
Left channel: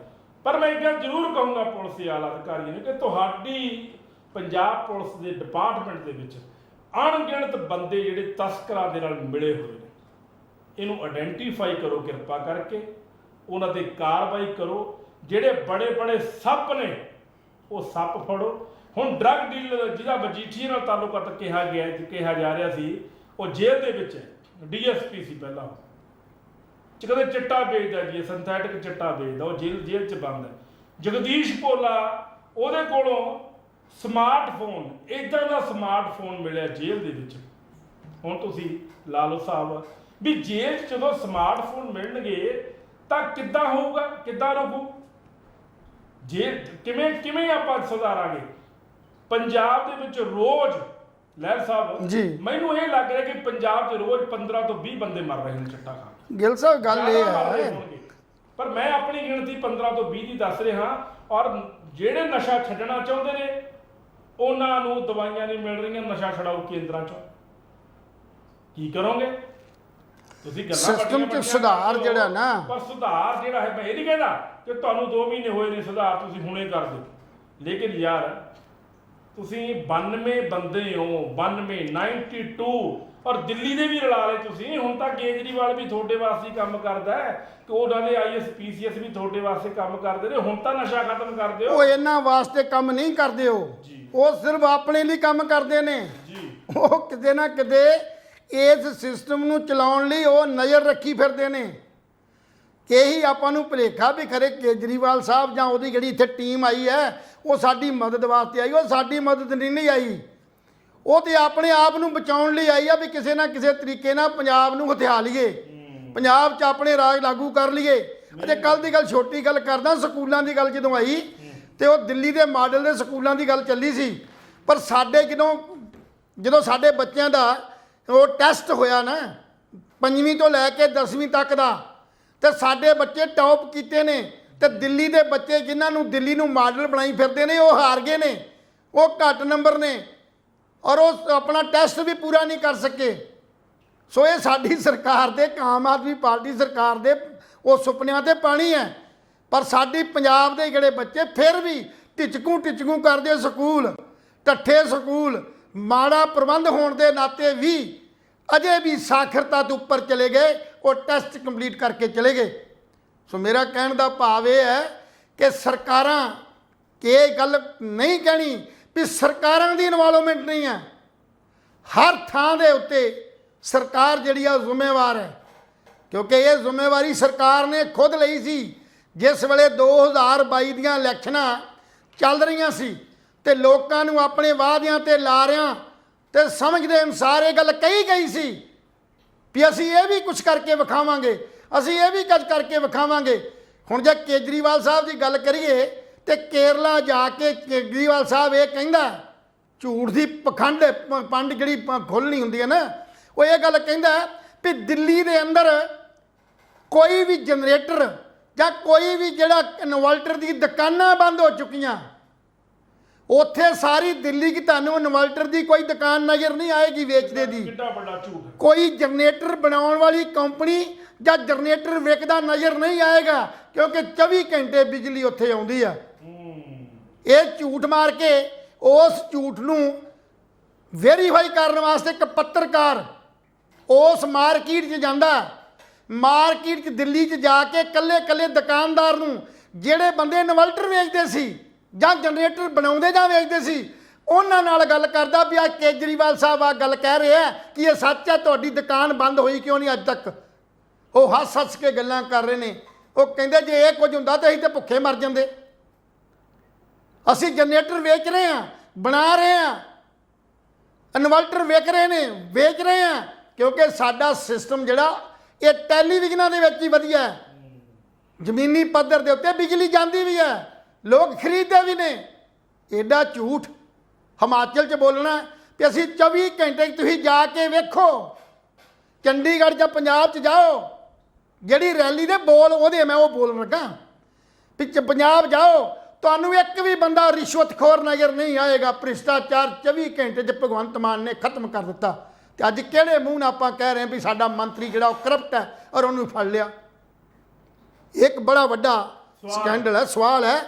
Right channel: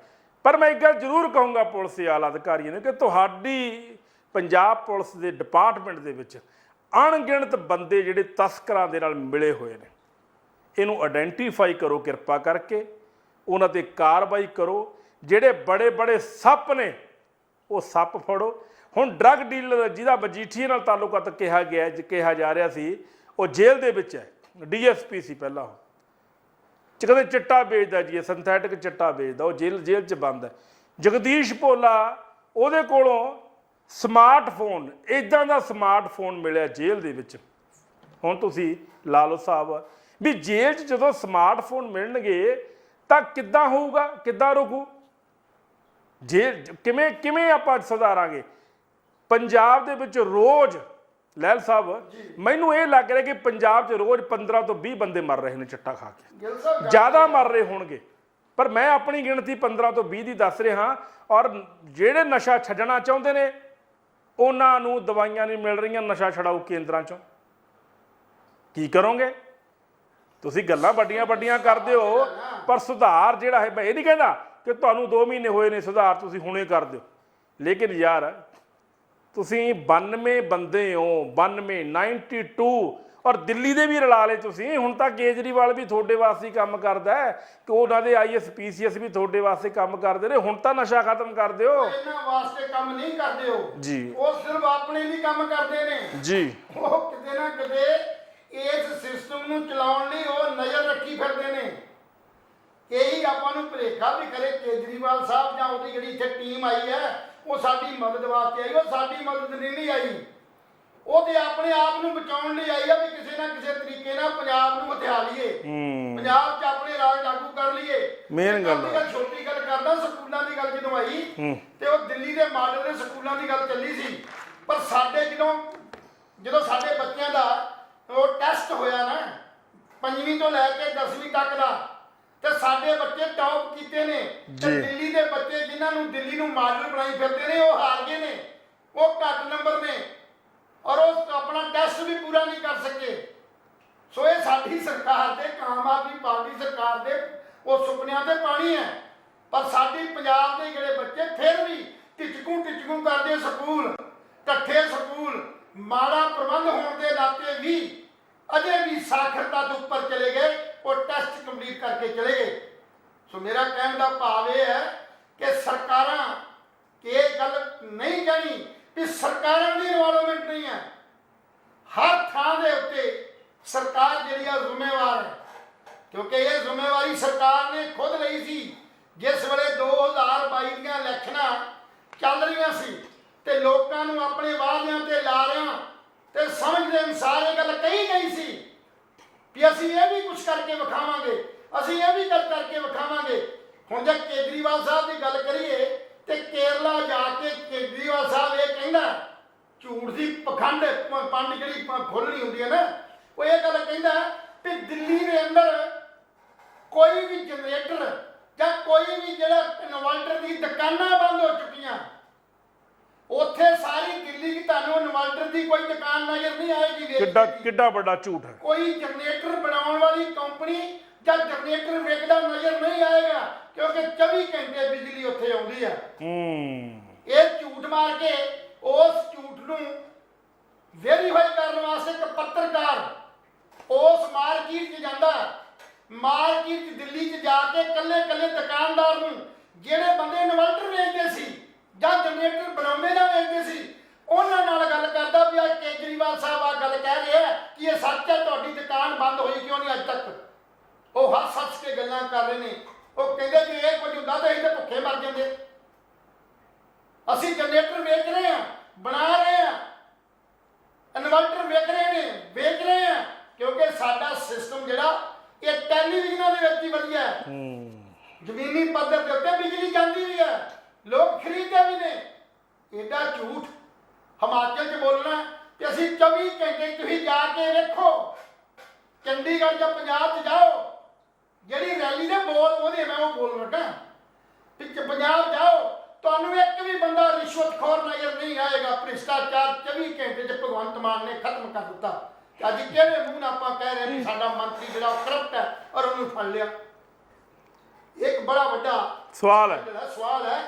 ਪਰ ਮੈਂ ਇੱਕ ਗੱਲ ਜ਼ਰੂਰ ਕਹੂੰਗਾ ਪੁਲਿਸ ਦੇ ਆਲਾ ਅਧਿਕਾਰੀਆਂ ਨੂੰ ਕਿ ਤੁਹਾਡੀ ਪੰਜਾਬ ਪੁਲਿਸ ਦੇ ਡਿਪਾਰਟਮੈਂਟ ਦੇ ਵਿੱਚ ਅਣਗਿਣਤ ਬੰਦੇ ਜਿਹੜੇ ਤਸਕਰਾਂ ਦੇ ਨਾਲ ਮਿਲੇ ਹੋਏ ਨੇ, ਇਹਨੂੰ ਆਇਡੈਂਟੀਫਾਈ ਕਰੋ ਕਿਰਪਾ ਕਰਕੇ, ਉਹਨਾਂ ਤੇ ਕਾਰਵਾਈ ਕਰੋ। ਜਿਹੜੇ ਬੜੇ ਬੜੇ ਸੱਪ ਨੇ ਉਹ ਸੱਪ ਫੜੋ। ਹੁਣ ਡਰੱਗ ਡੀਲਰ ਜਿਹਦਾ ਮਜੀਠੀਏ ਨਾਲ ਤਾਲੁਕਾਤ ਕਿਹਾ ਜਾ ਰਿਹਾ ਸੀ, ਉਹ ਜੇਲ੍ਹ ਦੇ ਵਿੱਚ ਹੈ, ਡੀਐਸਪੀ ਸੀ ਪਹਿਲਾਂ, ਕਹਿੰਦੇ ਚਿੱਟਾ ਵੇਚਦਾ ਜੀ, ਇਹ ਸਿੰਥੈਟਿਕ ਚਿੱਟਾ ਵੇਚਦਾ, ਉਹ ਜੇਲ੍ਹ 'ਚ ਬੰਦ ਹੈ। ਜਗਦੀਸ਼ ਭੋਲਾ, ਉਹਦੇ ਕੋਲੋਂ ਸਮਾਰਟਫੋਨ, ਇੱਦਾਂ ਦਾ ਸਮਾਰਟਫੋਨ ਮਿਲਿਆ ਜੇਲ੍ਹ ਦੇ ਵਿੱਚ। ਹੁਣ ਤੁਸੀਂ ਲਾ ਲਓ ਸਾਹਿਬ ਵੀ ਜੇਲ੍ਹ 'ਚ ਜਦੋਂ ਸਮਾਰਟਫੋਨ ਮਿਲਣਗੇ ਤਾਂ ਕਿੱਦਾਂ ਹੋਊਗਾ, ਕਿੱਦਾਂ ਰੁਕੂ ਜੇਲ੍ਹ? ਕਿਵੇਂ ਆਪਾਂ ਸੁਧਾਰਾਂਗੇ? ਪੰਜਾਬ ਦੇ ਵਿੱਚ ਰੋਜ਼ ਲਹਿਲ ਸਾਹਿਬ ਜੀ, ਮੈਨੂੰ ਇਹ ਲੱਗ ਰਿਹਾ ਕਿ ਪੰਜਾਬ 'ਚ ਰੋਜ਼ 15 ਤੋਂ 20 ਬੰਦੇ ਮਰ ਰਹੇ ਨੇ ਚਿੱਟਾ ਖਾ ਕੇ। ਗਿੱਲ ਸਾਹਿਬ ਗੱਲ ਜ਼ਿਆਦਾ ਮਰ ਰਹੇ ਹੋਣਗੇ, ਪਰ ਮੈਂ ਆਪਣੀ ਗਿਣਤੀ 15 ਤੋਂ 20 ਦੀ ਦੱਸ ਰਿਹਾ। ਔਰ ਜਿਹੜੇ ਨਸ਼ਾ ਛੱਡਣਾ ਚਾਹੁੰਦੇ ਨੇ ਉਹਨਾਂ ਨੂੰ ਦਵਾਈਆਂ ਨਹੀਂ ਮਿਲ ਰਹੀਆਂ ਨਸ਼ਾ ਛਡਾਊ ਕੇਂਦਰਾਂ 'ਚੋਂ। ਕੀ ਕਰੋਗੇ ਤੁਸੀਂ? ਗੱਲਾਂ ਵੱਡੀਆਂ ਕਰਦੇ ਹੋ, ਪਰ ਸੁਧਾਰ ਜਿਹੜਾ ਹੈ, ਮੈਂ ਇਹ ਨਹੀਂ ਕਹਿੰਦਾ ਕਿ ਤੁਹਾਨੂੰ 2 ਮਹੀਨੇ ਹੋਏ ਨੇ ਸੁਧਾਰ ਤੁਸੀਂ ਹੁਣੇ ਕਰ ਦਿਓ, ਲੇਕਿਨ ਯਾਰ ਤੁਸੀਂ 92 ਬੰਦੇ ਹੋ, 92 ਔਰ ਦਿੱਲੀ ਦੇ ਵੀ ਰਲਾ ਲਏ ਤੁਸੀਂ। ਹੁਣ ਤਾਂ ਕੇਜਰੀਵਾਲ ਵੀ ਤੁਹਾਡੇ ਵਾਸਤੇ ਕੰਮ ਕਰਦਾ ਹੈ ਕਿ ਉਹਨਾਂ ਦੇ IAS PCS ਵੀ ਤੁਹਾਡੇ ਵਾਸਤੇ ਕੰਮ ਕਰਦੇ ਨੇ। ਹੁਣ ਤਾਂ ਨਸ਼ਾ ਖਤਮ ਕਰ ਦਿਓ। ਉਹ ਇਹਨਾਂ ਵਾਸਤੇ ਕੰਮ ਨਹੀਂ ਕਰਦੇ ਜੀ, ਉਹ ਸਿਰਫ ਆਪਣੇ ਲਈ ਕੰਮ ਕਰਦੇ ਨੇ ਜੀ। ਉਹ ਕਿਤੇ ਨਾ ਕਿਤੇ ਇਸ ਸਿਸਟਮ ਨੂੰ ਚਲਾਉਣ ਲਈ ਉਹ ਨਜ਼ਰ ਰੱਖੀ ਫਿਰਦੇ ਨੇ। ਇਹੀ ਆਪਾਂ ਨੂੰ ਭੁਲੇਖਾ ਵੀ ਖਰੇ ਕੇਜਰੀਵਾਲ ਸਾਹਿਬ ਜਾਂ ਉਹਦੀ ਜਿਹੜੀ ਇੱਥੇ ਟੀਮ ਆਈ ਹੈ ਉਹ ਸਾਡੀ ਮਦਦ ਵਾਸਤੇ ਆਈ। ਉਹ ਸਾਡੀ ਮਦਦ ਨਹੀਂ ਆਈ, ਉਹ ਤੇ ਆਪਣੇ ਆਪ ਨੂੰ ਬਚਾਉਣ ਲਈ ਆਈ ਆ ਵੀ ਕਿਸੇ ਨਾ ਕਿਸੇ ਤਰੀਕੇ ਨਾਲ ਪੰਜਾਬ ਨੂੰ ਹਥਿਆ ਲਈਏ, ਪੰਜਾਬ 'ਚ ਆਪਣੇ ਰਾਜ ਲਾਗੂ ਕਰ ਲਈਏ। ਤੇ ਕੱਲ ਦੀ ਗੱਲ, ਛੋਟੀ ਗੱਲ ਕਰਦਾ, ਸਕੂਲਾਂ ਦੀ ਗੱਲ ਜਦੋਂ ਆਈ ਤੇ ਉਹ ਦਿੱਲੀ ਦੇ ਮਾਡਲ ਦੇ ਸਕੂਲਾਂ ਦੀ ਗੱਲ ਚੱਲੀ ਸੀ। ਪਰ ਸਾਡੇ ਜਦੋਂ ਸਾਡੇ ਬੱਚਿਆਂ ਦਾ ਉਹ ਟੈਸਟ ਹੋਇਆ ਨਾ 5ਵੀਂ ਤੋਂ ਲੈ ਕੇ 10ਵੀਂ ਤੱਕ ਦਾ, ਤੇ ਸਾਡੇ ਬੱਚੇ ਟੌਪ ਕੀਤੇ ਨੇ। ਤੇ ਦਿੱਲੀ ਦੇ ਬੱਚੇ ਜਿਨ੍ਹਾਂ ਨੂੰ ਦਿੱਲੀ ਨੂੰ ਮਾਡਲ ਬਣਾਈ ਫਿਰਦੇ ਨੇ ਉਹ ਹਾਰ ਗਏ ਨੇ, ਉਹ ਘੱਟ ਨੰਬਰ ਨੇ, ਔਰ ਉਹ ਆਪਣਾ ਟੈਸਟ ਵੀ ਪੂਰਾ ਨਹੀਂ ਕਰ ਸਕੇ। ਸੋ ਇਹ ਸਾਡੀ ਸਰਕਾਰ ਦੇ, ਆਮ ਆਦਮੀ ਪਾਰਟੀ ਸਰਕਾਰ ਦੇ ਉਹ ਸੁਪਨਿਆਂ ਤੇ ਪਾਣੀ ਹੈ। ਪਰ ਸਾਡੀ ਪੰਜਾਬ ਦੇ ਜਿਹੜੇ ਬੱਚੇ ਫਿਰ ਵੀ ਟਿਚਕੂ ਕਰਦੇ ਸਕੂਲ, ਟੱਠੇ ਸਕੂਲ, ਮਾੜਾ ਪ੍ਰਬੰਧ ਹੋਣ ਦੇ ਨਾਤੇ ਵੀ ਅਜੇ ਵੀ ਸਾਖਰਤਾ ਤੋਂ ਉੱਪਰ ਚਲੇ ਗਏ, ਉਹ ਟੈਸਟ ਕੰਪਲੀਟ ਕਰਕੇ ਚਲੇ ਗਏ। ਸੋ ਮੇਰਾ ਕਹਿਣ ਦਾ ਭਾਵ ਇਹ ਹੈ ਕਿ ਸਰਕਾਰਾਂ, ਕਿ ਇਹ ਗੱਲ ਨਹੀਂ ਕਹਿਣੀ ਵੀ ਸਰਕਾਰਾਂ ਦੀ ਇਨਵੋਲਵਮੈਂਟ ਨਹੀਂ ਹੈ। ਹਰ ਥਾਂ ਦੇ ਉੱਤੇ ਸਰਕਾਰ ਜਿਹੜੀ ਆ ਜ਼ਿੰਮੇਵਾਰ ਹੈ, ਕਿਉਂਕਿ ਇਹ ਜ਼ਿੰਮੇਵਾਰੀ ਸਰਕਾਰ ਨੇ ਖੁਦ ਲਈ ਸੀ। ਜਿਸ ਵੇਲੇ 2022 ਦੀਆਂ ਇਲੈਕਸ਼ਨਾਂ ਚੱਲ ਰਹੀਆਂ ਸੀ ਤੇ ਲੋਕਾਂ ਨੂੰ ਆਪਣੇ ਵਾਅਦਿਆਂ ਤੇ ਲਾਰਿਆਂ ਤੇ ਸਮਝਦੇ ਅਨੁਸਾਰ ਇਹ ਗੱਲ ਕਹੀ ਗਈ ਸੀ ਵੀ ਅਸੀਂ ਇਹ ਵੀ ਕੁਝ ਕਰਕੇ ਵਿਖਾਵਾਂਗੇ, ਅਸੀਂ ਇਹ ਵੀ ਕੁਝ ਕਰਕੇ ਵਿਖਾਵਾਂਗੇ। ਹੁਣ ਜੇ ਕੇਜਰੀਵਾਲ ਸਾਹਿਬ ਦੀ ਗੱਲ ਕਰੀਏ ਤੇ ਕੇਰਲਾ ਜਾ ਕੇ ਕੇਜਰੀਵਾਲ ਸਾਹਿਬ ਇਹ ਕਹਿੰਦਾ, ਝੂਠ ਦੀ ਪੰਡ ਜਿਹੜੀ ਖੋਲ੍ਹਣੀ ਹੁੰਦੀ ਹੈ ਨਾ, ਉਹ ਇਹ ਗੱਲ ਕਹਿੰਦਾ ਵੀ ਦਿੱਲੀ ਦੇ ਅੰਦਰ ਕੋਈ ਵੀ ਜਨਰੇਟਰ ਜਾਂ ਕੋਈ ਵੀ ਜਿਹੜਾ ਇਨਵਰਟਰ ਦੀ ਦੁਕਾਨਾਂ ਬੰਦ ਹੋ ਚੁੱਕੀਆਂ। ਉੱਥੇ ਸਾਰੀ ਦਿੱਲੀ 'ਚ ਤੁਹਾਨੂੰ ਇਨਵਰਟਰ ਦੀ ਕੋਈ ਦੁਕਾਨ ਨਜ਼ਰ ਨਹੀਂ ਆਏਗੀ ਵੇਚਦੇ ਦੀ। ਕਿੱਡਾ ਵੱਡਾ ਝੂਠ ਹੈ। ਕੋਈ ਜਨਰੇਟਰ ਬਣਾਉਣ ਵਾਲੀ ਕੰਪਨੀ ਜਾਂ ਜਨਰੇਟਰ ਵਿਕਦਾ ਨਜ਼ਰ ਨਹੀਂ ਆਏਗਾ, ਕਿਉਂਕਿ 24 ਘੰਟੇ ਬਿਜਲੀ ਉੱਥੇ ਆਉਂਦੀ ਆ। ਇਹ ਝੂਠ ਮਾਰ ਕੇ ਉਸ ਝੂਠ ਨੂੰ ਵੈਰੀਫਾਈ ਕਰਨ ਵਾਸਤੇ ਇੱਕ ਪੱਤਰਕਾਰ ਉਸ ਮਾਰਕੀਟ 'ਚ ਜਾਂਦਾ। ਮਾਰਕੀਟ 'ਚ ਦਿੱਲੀ 'ਚ ਜਾ ਕੇ ਕੱਲੇ ਦੁਕਾਨਦਾਰ ਨੂੰ, ਜਿਹੜੇ ਬੰਦੇ ਇਨਵਰਟਰ ਵੇਚਦੇ ਸੀ ਜਾਂ ਜਨਰੇਟਰ ਬਣਾਉਂਦੇ ਜਾਂ ਵੇਚਦੇ ਸੀ, ਉਹਨਾਂ ਨਾਲ ਗੱਲ ਕਰਦਾ ਵੀ ਅੱਜ ਕੇਜਰੀਵਾਲ ਸਾਹਿਬ ਆ ਗੱਲ ਕਹਿ ਰਹੇ ਆ ਕਿ ਇਹ ਸੱਚ ਹੈ, ਤੁਹਾਡੀ ਦੁਕਾਨ ਬੰਦ ਹੋਈ ਕਿਉਂ ਨਹੀਂ ਅੱਜ ਤੱਕ। ਉਹ ਹੱਸ ਕੇ ਗੱਲਾਂ ਕਰ ਰਹੇ ਨੇ। ਉਹ ਕਹਿੰਦੇ ਜੇ ਇਹ ਕੁਝ ਹੁੰਦਾ ਤਾਂ ਅਸੀਂ ਤਾਂ ਭੁੱਖੇ ਮਰ ਜਾਂਦੇ। ਅਸੀਂ ਜਨਰੇਟਰ ਵੇਚ ਰਹੇ ਹਾਂ, ਬਣਾ ਰਹੇ ਹਾਂ, ਇਨਵਰਟਰ ਵੇਚ ਰਹੇ ਹਾਂ, ਕਿਉਂਕਿ ਸਾਡਾ ਸਿਸਟਮ ਜਿਹੜਾ ਇਹ ਟੈਲੀਵਿਜ਼ਨਾਂ ਦੇ ਵਿੱਚ ਹੀ ਵਧੀਆ ਹੈ। ਜ਼ਮੀਨੀ ਪੱਧਰ ਦੇ ਉੱਤੇ ਬਿਜਲੀ ਜਾਂਦੀ ਵੀ ਹੈ, ਲੋਕ ਖਰੀਦਦੇ ਵੀ ਨੇ। ਐਡਾ ਝੂਠ ਹਿਮਾਚਲ 'ਚ ਬੋਲਣਾ ਕਿ ਅਸੀਂ 24 ਘੰਟੇ ਤੁਸੀਂ ਜਾ ਕੇ ਵੇਖੋ, ਚੰਡੀਗੜ੍ਹ ਜਾਂ ਪੰਜਾਬ 'ਚ ਜਾਓ, ਜਿਹੜੀ ਰੈਲੀ ਦੇ ਬੋਲ ਉਹਦੇ ਮੈਂ ਉਹ ਬੋਲ ਲੱਗਾ, ਪਿੱਛੇ ਪੰਜਾਬ ਜਾਓ, ਤੁਹਾਨੂੰ ਇੱਕ ਵੀ ਬੰਦਾ ਰਿਸ਼ਵਤਖੋਰ ਨਜ਼ਰ ਨਹੀਂ ਆਏਗਾ। ਭ੍ਰਿਸ਼ਟਾਚਾਰ 24 ਘੰਟੇ 'ਚ ਭਗਵੰਤ ਮਾਨ ਨੇ ਖਤਮ ਕਰ ਦਿੱਤਾ। ਤੇ ਅੱਜ ਕਿਹੜੇ ਮੂੰਹ ਨਾਲ ਆਪਾਂ ਕਹਿ ਰਹੇ ਵੀ ਸਾਡਾ ਮੰਤਰੀ ਜਿਹੜਾ ਉਹ ਕਰਪਟ ਹੈ ਔਰ ਉਹਨੂੰ ਫੜ ਲਿਆ? ਇੱਕ ਬੜਾ ਵੱਡਾ ਸਕੈਂਡਲ ਹੈ, ਸਵਾਲ ਹੈ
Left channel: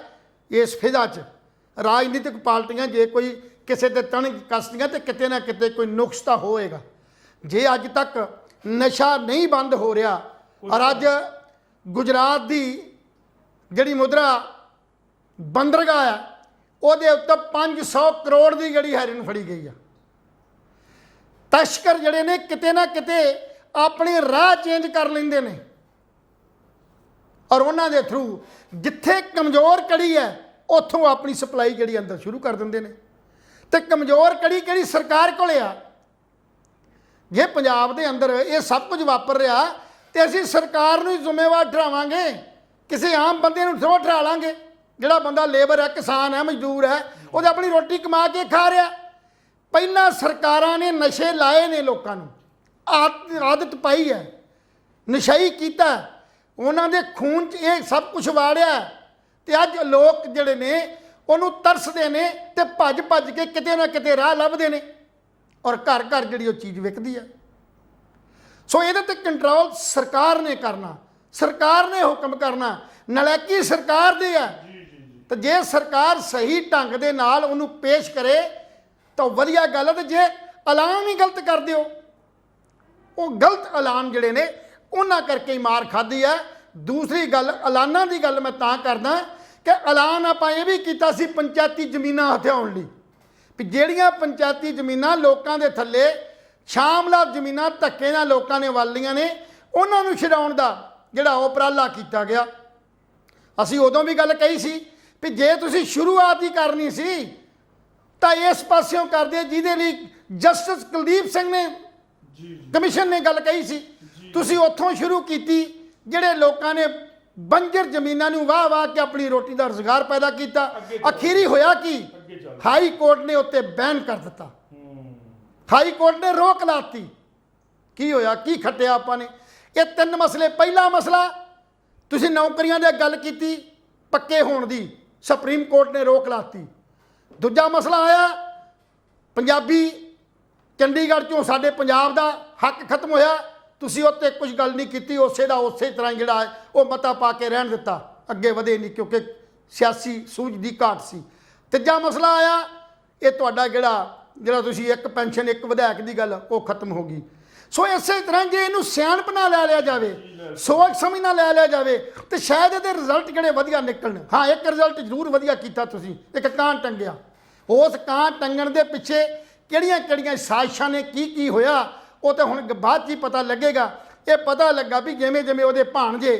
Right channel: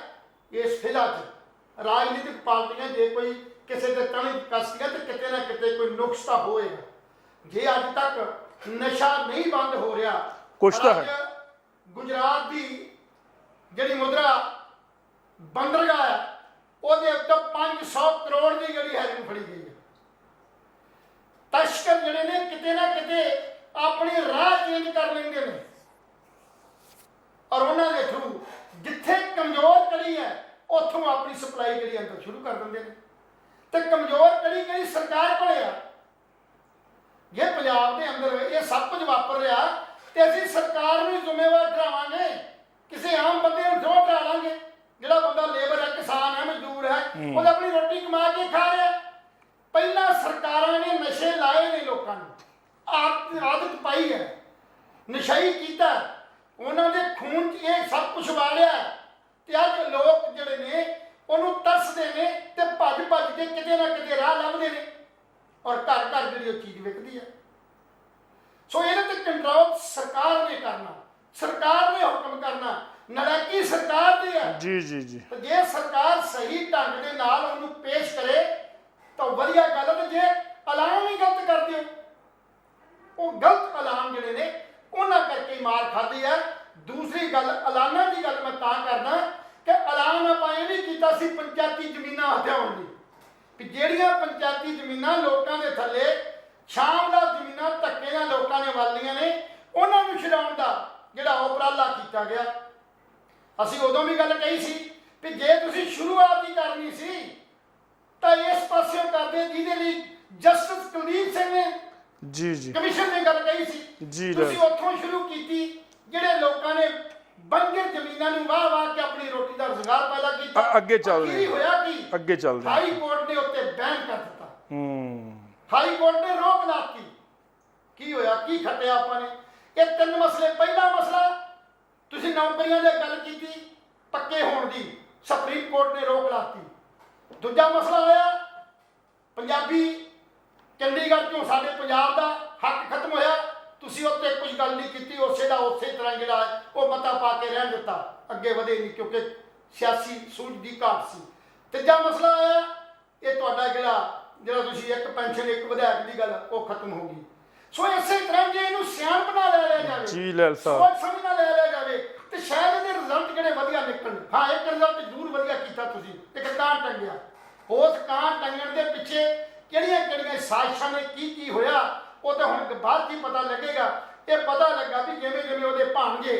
ਇਸ ਫਿਜ਼ਾ 'ਚ। ਰਾਜਨੀਤਿਕ ਪਾਰਟੀਆਂ ਜੇ ਕੋਈ ਕਿਸੇ ਤੇ ਤਣਕ ਕੱਸਦੀਆਂ ਤੇ ਕਿਤੇ ਨਾ ਕਿਤੇ ਕੋਈ ਨੁਕਸ ਤਾਂ ਹੋਏਗਾ। ਜੇ ਅੱਜ ਤੱਕ ਨਸ਼ਾ ਨਹੀਂ ਬੰਦ ਹੋ ਰਿਹਾ, ਔਰ ਅੱਜ ਗੁਜਰਾਤ ਦੀ ਜਿਹੜੀ ਮੁਦਰਾ ਬੰਦਰਗਾਹ ਹੈ ਉਹਦੇ ਉੱਤੇ 500 ਕਰੋੜ ਦੀ ਜਿਹੜੀ ਹੈਰੋਇਨ ਫੜੀ ਗਈ ਹੈ। ਤਸਕਰ ਜਿਹੜੇ ਨੇ ਕਿਤੇ ਨਾ ਕਿਤੇ ਆਪਣੀ ਰਾਹ ਚੇਂਜ ਕਰ ਲੈਂਦੇ ਨੇ ਔਰ ਉਹਨਾਂ ਦੇ ਥਰੂ ਜਿੱਥੇ ਕਮਜ਼ੋਰ ਕੜੀ ਹੈ ਉੱਥੋਂ ਆਪਣੀ ਸਪਲਾਈ ਜਿਹੜੀ ਅੰਦਰ ਸ਼ੁਰੂ ਕਰ ਦਿੰਦੇ ਨੇ। ਤੇ ਕਮਜ਼ੋਰ ਕੜੀ ਕਿਹੜੀ ਸਰਕਾਰ ਕੋਲੇ ਆ। ਜੇ ਪੰਜਾਬ ਦੇ ਅੰਦਰ ਇਹ ਸਭ ਕੁਝ ਵਾਪਰ ਰਿਹਾ ਤੇ ਅਸੀਂ ਸਰਕਾਰ ਨੂੰ ਹੀ ਜ਼ਿੰਮੇਵਾਰ ਠਹਿਰਾਵਾਂਗੇ, ਕਿਸੇ ਆਮ ਬੰਦੇ ਨੂੰ ਥੋੜ੍ਹਾ ਠਹਿਰਾ ਲਾਂਗੇ। ਜਿਹੜਾ ਬੰਦਾ ਲੇਬਰ ਹੈ, ਕਿਸਾਨ ਹੈ, ਮਜ਼ਦੂਰ ਹੈ, ਉਹਦੇ ਆਪਣੀ ਰੋਟੀ ਕਮਾ ਕੇ ਖਾ ਰਿਹਾ। ਪਹਿਲਾਂ ਸਰਕਾਰਾਂ ਨੇ ਨਸ਼ੇ ਲਾਏ ਨੇ, ਲੋਕਾਂ ਨੂੰ ਆਦਤ ਪਾਈ ਹੈ, ਨਸ਼ਈ ਕੀਤਾ, ਉਹਨਾਂ ਦੇ ਖੂਨ 'ਚ ਇਹ ਸਭ ਕੁਝ ਵਾੜਿਆ ਤੇ ਅੱਜ ਲੋਕ ਜਿਹੜੇ ਨੇ ਉਹਨੂੰ ਤਰਸਦੇ ਨੇ ਤੇ ਭੱਜ ਭੱਜ ਕੇ ਕਿਤੇ ਨਾ ਕਿਤੇ ਰਾਹ ਲੱਭਦੇ ਨੇ ਔਰ ਘਰ ਘਰ ਜਿਹੜੀ ਉਹ ਚੀਜ਼ ਵਿਕਦੀ ਹੈ। ਸੋ ਇਹਦੇ ਤੇ ਕੰਟਰੋਲ ਸਰਕਾਰ ਨੇ ਕਰਨਾ, ਸਰਕਾਰ ਨੇ ਹੁਕਮ ਕਰਨਾ। ਨਲਾਇਕੀ ਸਰਕਾਰ ਦੀ ਹੈ। ਜੀ ਜੀ ਜੀ। ਤੇ ਜੇ ਸਰਕਾਰ ਸਹੀ ਢੰਗ ਦੇ ਨਾਲ ਉਹਨੂੰ ਪੇਸ਼ ਕਰੇ ਤਾਂ ਵਧੀਆ ਗੱਲ ਹੈ। ਤੇ ਜੇ ਐਲਾਨ ਹੀ ਗਲਤ ਕਰ ਦਿਓ, ਉਹ ਗਲਤ ਐਲਾਨ ਜਿਹੜੇ ਨੇ ਉਹਨਾਂ ਕਰਕੇ ਹੀ ਮਾਰ ਖਾਧੀ ਹੈ। ਦੂਸਰੀ ਗੱਲ, ਐਲਾਨਾਂ ਦੀ ਗੱਲ ਮੈਂ ਤਾਂ ਕਰਦਾ ਕਿ ਐਲਾਨ ਆਪਾਂ ਇਹ ਵੀ ਕੀਤਾ ਸੀ ਪੰਚਾਇਤੀ ਜ਼ਮੀਨਾਂ ਹਥਿਆਉਣ ਲਈ, ਵੀ ਜਿਹੜੀਆਂ ਪੰਚਾਇਤੀ ਜ਼ਮੀਨਾਂ ਲੋਕਾਂ ਦੇ ਥੱਲੇ ਸ਼ਾਮਲਾਤ ਜ਼ਮੀਨਾਂ ਧੱਕੇ ਨਾਲ ਲੋਕਾਂ ਨੇ ਵਾਲੀਆਂ ਨੇ, ਉਹਨਾਂ ਨੂੰ ਛਡਾਉਣ ਦਾ ਜਿਹੜਾ ਉਪਰਾਲਾ ਕੀਤਾ ਗਿਆ। ਅਸੀਂ ਉਦੋਂ ਵੀ ਗੱਲ ਕਹੀ ਸੀ ਵੀ ਜੇ ਤੁਸੀਂ ਸ਼ੁਰੂਆਤ ਹੀ ਕਰਨੀ ਸੀ ਤਾਂ ਇਸ ਪਾਸਿਓਂ ਕਰਦੇ ਜਿਹਦੇ ਲਈ ਜਸਟਿਸ ਕੁਲਦੀਪ ਸਿੰਘ ਨੇ ਜੀ ਜੀ ਕਮਿਸ਼ਨ ਨੇ ਗੱਲ ਕਹੀ ਸੀ। ਤੁਸੀਂ ਉੱਥੋਂ ਸ਼ੁਰੂ ਕੀਤੀ, ਜਿਹੜੇ ਲੋਕਾਂ ਨੇ ਬੰਜਰ ਜ਼ਮੀਨਾਂ ਨੂੰ ਵਾਹ ਵਾਹ ਕੇ ਆਪਣੀ ਰੋਟੀ ਦਾ ਰੁਜ਼ਗਾਰ ਪੈਦਾ ਕੀਤਾ। ਅਖੀਰੀ ਹੋਇਆ ਕੀ? ਅੱਗੇ ਚੱਲ ਹਾਈ ਕੋਰਟ ਨੇ ਉੱਤੇ ਬੈਨ ਕਰ ਦਿੱਤਾ। ਹਾਈ ਕੋਰਟ ਨੇ ਰੋਕ ਲਾਤੀ। ਕੀ ਹੋਇਆ, ਕੀ ਖੱਟਿਆ ਆਪਾਂ ਨੇ? ਇਹ ਤਿੰਨ ਮਸਲੇ। ਪਹਿਲਾ ਮਸਲਾ, ਤੁਸੀਂ ਨੌਕਰੀਆਂ ਦੀ ਗੱਲ ਕੀਤੀ ਪੱਕੇ ਹੋਣ ਦੀ, ਸੁਪਰੀਮ ਕੋਰਟ ਨੇ ਰੋਕ ਲਾਤੀ। ਦੂਜਾ ਮਸਲਾ ਆਇਆ ਪੰਜਾਬੀ, ਚੰਡੀਗੜ੍ਹ ਚੋਂ ਸਾਡੇ ਪੰਜਾਬ ਦਾ ਹੱਕ ਖਤਮ ਹੋਇਆ, ਤੁਸੀਂ ਉੱਤੇ ਕੁਝ ਗੱਲ ਨਹੀਂ ਕੀਤੀ, ਉਸੇ ਦਾ ਉਸੇ ਤਰ੍ਹਾਂ ਜਿਹੜਾ ਹੈ ਉਹ ਮਤਾ ਪਾ ਕੇ ਰਹਿਣ ਦਿੱਤਾ, ਅੱਗੇ ਵਧੇ ਨਹੀਂ ਕਿਉਂਕਿ ਸਿਆਸੀ ਸੂਝ ਦੀ ਘਾਟ ਸੀ। ਤੀਜਾ ਮਸਲਾ ਆਇਆ ਇਹ ਤੁਹਾਡਾ ਜਿਹੜਾ ਤੁਸੀਂ ਇੱਕ ਪੈਨਸ਼ਨ ਇੱਕ ਵਿਧਾਇਕ ਦੀ ਗੱਲ ਉਹ ਖਤਮ ਹੋ ਗਈ। ਸੋ ਇਸੇ ਤਰ੍ਹਾਂ ਜੇ ਇਹਨੂੰ ਸਿਆਣਪ ਨਾਲ ਲੈ ਲਿਆ ਜਾਵੇ, ਸੋਚ ਸਮਝ ਨਾਲ ਲੈ ਲਿਆ ਜਾਵੇ ਤੇ ਸ਼ਾਇਦ ਇਹਦੇ ਰਿਜ਼ਲਟ ਕਿਹੜੇ ਵਧੀਆ ਨਿਕਲਣ। ਹਾਂ, ਇੱਕ ਰਿਜ਼ਲਟ ਜ਼ਰੂਰ ਵਧੀਆ ਕੀਤਾ ਤੁਸੀਂ, ਇੱਕ ਕਾਂ ਟੰਗਿਆ। ਉਸ ਕਾਂ ਟੰਗਣ ਦੇ ਪਿੱਛੇ ਕਿਹੜੀਆਂ ਕਿਹੜੀਆਂ ਸਾਜ਼ਿਸ਼ਾਂ ਨੇ, ਕੀ ਕੀ ਹੋਇਆ, ਉਹ ਤਾਂ ਹੁਣ ਬਾਅਦ 'ਚ ਹੀ ਪਤਾ ਲੱਗੇਗਾ। ਇਹ ਪਤਾ ਲੱਗਾ ਵੀ ਜਿਵੇਂ ਜਿਵੇਂ ਉਹਦੇ ਭਾਣਜੇ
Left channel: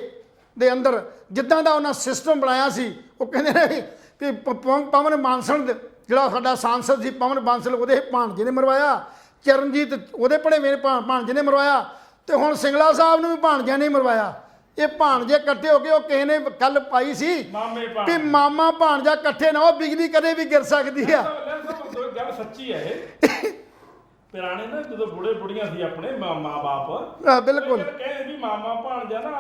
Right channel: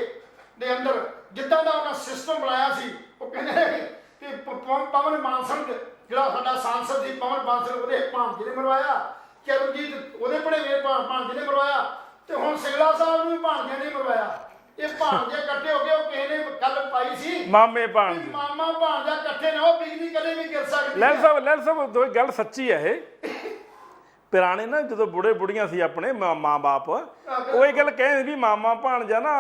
ਦੇ ਅੰਦਰ ਜਿੱਦਾਂ ਦਾ ਉਹਨਾਂ ਸਿਸਟਮ ਬਣਾਇਆ ਸੀ, ਉਹ ਕਹਿੰਦੇ ਨੇ ਕਿ ਪਵਨ ਬਾਂਸਲ ਜਿਹੜਾ ਸਾਡਾ ਸਾਂਸਦ ਸੀ, ਪਵਨ ਬਾਂਸਲ, ਉਹਦੇ ਭਾਣਜੇ ਨੇ ਮਰਵਾਇਆ, ਚਰਨਜੀਤ ਉਹਦੇ ਭਣੇਵੇਂ ਭਾਣਜੇ ਨੇ ਮਰਵਾਇਆ, ਤੇ ਹੁਣ ਸਿੰਗਲਾ ਸਾਹਿਬ ਨੂੰ ਵੀ ਭਾਣਜੇ ਨੇ ਮਰਵਾਇਆ। ਇਹ ਭਾਣਜੇ ਇਕੱਠੇ ਹੋ ਕੇ, ਉਹ ਕਿਸੇ ਨੇ ਗੱਲ ਪਾਈ ਸੀ ਮਾਮੇ ਕਿ ਮਾਮਾ ਭਾਣਜਾ ਇਕੱਠੇ ਨਾ ਹੋ, ਬਿਜਲੀ ਕਦੇ ਵੀ ਗਿਰ ਸਕਦੀ ਹੈ। ਲੈ ਸਾਹਿਬ ਗੱਲ ਸੱਚੀ ਹੈ ਇਹ। ਪੁਰਾਣੇ ਨਾ ਜਦੋਂ ਬੁੜੇ ਬੁੜੀਆਂ ਸੀ ਆਪਣੇ ਮਾਂ ਬਾਪ, ਉਹ ਇਹ ਗੱਲ ਕਹਿੰਦੇ ਵੀ ਮਾਮਾ ਭਾਣਜਾ ਨਾ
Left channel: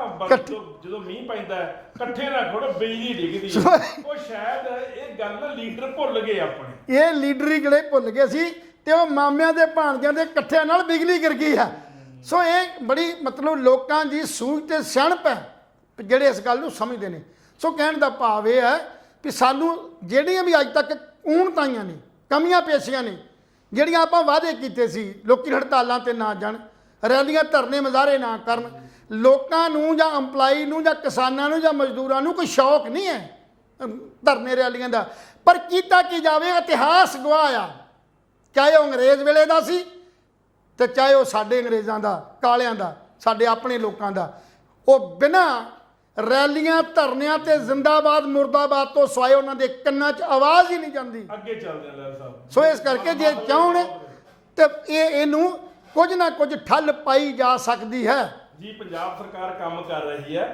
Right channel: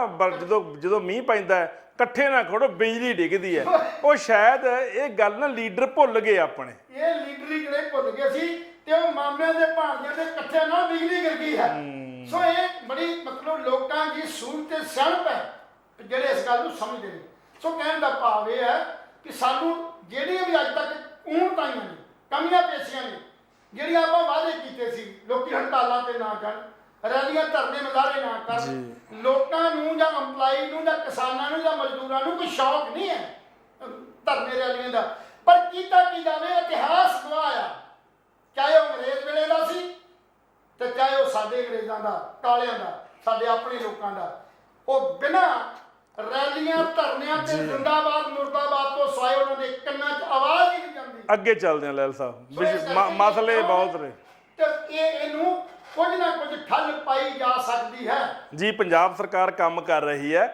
ਜਦੋਂ ਮੀਂਹ ਪੈਂਦਾ ਇਕੱਠੇ ਨਾ ਖੜੋ, ਬਿਜਲੀ ਡਿੱਗਦੀ ਹੈ। ਉਹ ਸ਼ਾਇਦ ਇਹ ਗੱਲ ਨਾ ਲੀਡਰ ਭੁੱਲ ਗਏ ਆਪਣੇ, ਇਹ ਲੀਡਰ ਜਿਹੜੇ ਭੁੱਲ ਗਏ ਸੀ ਤੇ ਉਹ ਮਾਮਿਆਂ ਦੇ ਭਾਣਜਿਆਂ ਦੇ ਇਕੱਠਿਆਂ ਨਾਲ ਬਿਜਲੀ ਗਿਰ ਗਈ ਹੈ। ਸੋ ਇਹ ਬੜੀ ਮਤਲਬ ਲੋਕਾਂ ਦੀ ਸੂਝ ਤੇ ਸਿਆਣਪ ਹੈ ਜਿਹੜੇ ਇਸ ਗੱਲ ਨੂੰ ਸਮਝਦੇ ਨੇ। ਸੋ ਕਹਿਣ ਦਾ ਭਾਵ ਇਹ ਹੈ ਵੀ ਸਾਨੂੰ ਜਿਹੜੀਆਂ ਵੀ ਅੱਜ ਤੱਕ ਊਣਤਾਈਆਂ ਨੇ, ਕਮੀਆਂ ਪੇਸ਼ੀਆਂ ਨੇ, ਜਿਹੜੀਆਂ ਆਪਾਂ ਵਾਅਦੇ ਕੀਤੇ ਸੀ, ਲੋਕੀ ਹੜਤਾਲਾਂ ਤੇ ਨਾ ਜਾਣ, ਰੈਲੀਆਂ ਧਰਨੇ ਮੁਜ਼ਾਹਰੇ ਨਾ ਕਰਨ, ਲੋਕਾਂ ਨੂੰ ਜਾਂ EMPLOYE ਨੂੰ ਜਾਂ ਕਿਸਾਨਾਂ ਨੂੰ ਜਾਂ ਮਜ਼ਦੂਰਾਂ ਨੂੰ ਕੋਈ ਸ਼ੌਕ ਨਹੀਂ ਹੈ ਧਰਨੇ ਰੈਲੀਆਂ ਦਾ, ਪਰ ਕੀਤਾ ਕੀ ਜਾਵੇ, ਇਤਿਹਾਸ ਗਵਾਹ ਆ, ਚਾਹੇ ਉਹ ਅੰਗਰੇਜ਼ ਵੇਲੇ ਦਾ ਸੀ ਤੇ ਚਾਹੇ ਉਹ ਸਾਡੇ ਅੰਗਰੇਜ਼ਾਂ ਦਾ, ਕਾਲਿਆਂ ਦਾ, ਸਾਡੇ ਆਪਣੇ ਲੋਕਾਂ ਦਾ, ਉਹ ਬਿਨਾਂ ਰੈਲੀਆਂ ਧਰਨਿਆਂ ਤੇ ਜ਼ਿੰਦਾਬਾਦ ਮੁਰਦਾਬਾਦ ਤੋਂ ਸਿਵਾਏ ਉਹਨਾਂ ਦੇ ਕੰਨਾਂ 'ਚ ਆਵਾਜ਼ ਹੀ ਨਹੀਂ ਜਾਂਦੀ। ਅੱਗੇ ਚੱਲਦੇ ਆ ਲੈਲ ਸਾਹਿਬ। ਸੋ ਇਸ ਕਰਕੇ ਜੇ ਚਾਹੁੰਦੇ ਤੇ ਇਹਨੂੰ ਕੁਝ ਨਾ ਕੁਝ ਠੱਲ ਪਾਈ ਜਾ ਸਕਦੀ ਹੈ। ਜੀ ਪੰਜਾਬ ਸਰਕਾਰ ਕੰਮ ਕਰ ਰਹੀ ਹੈ।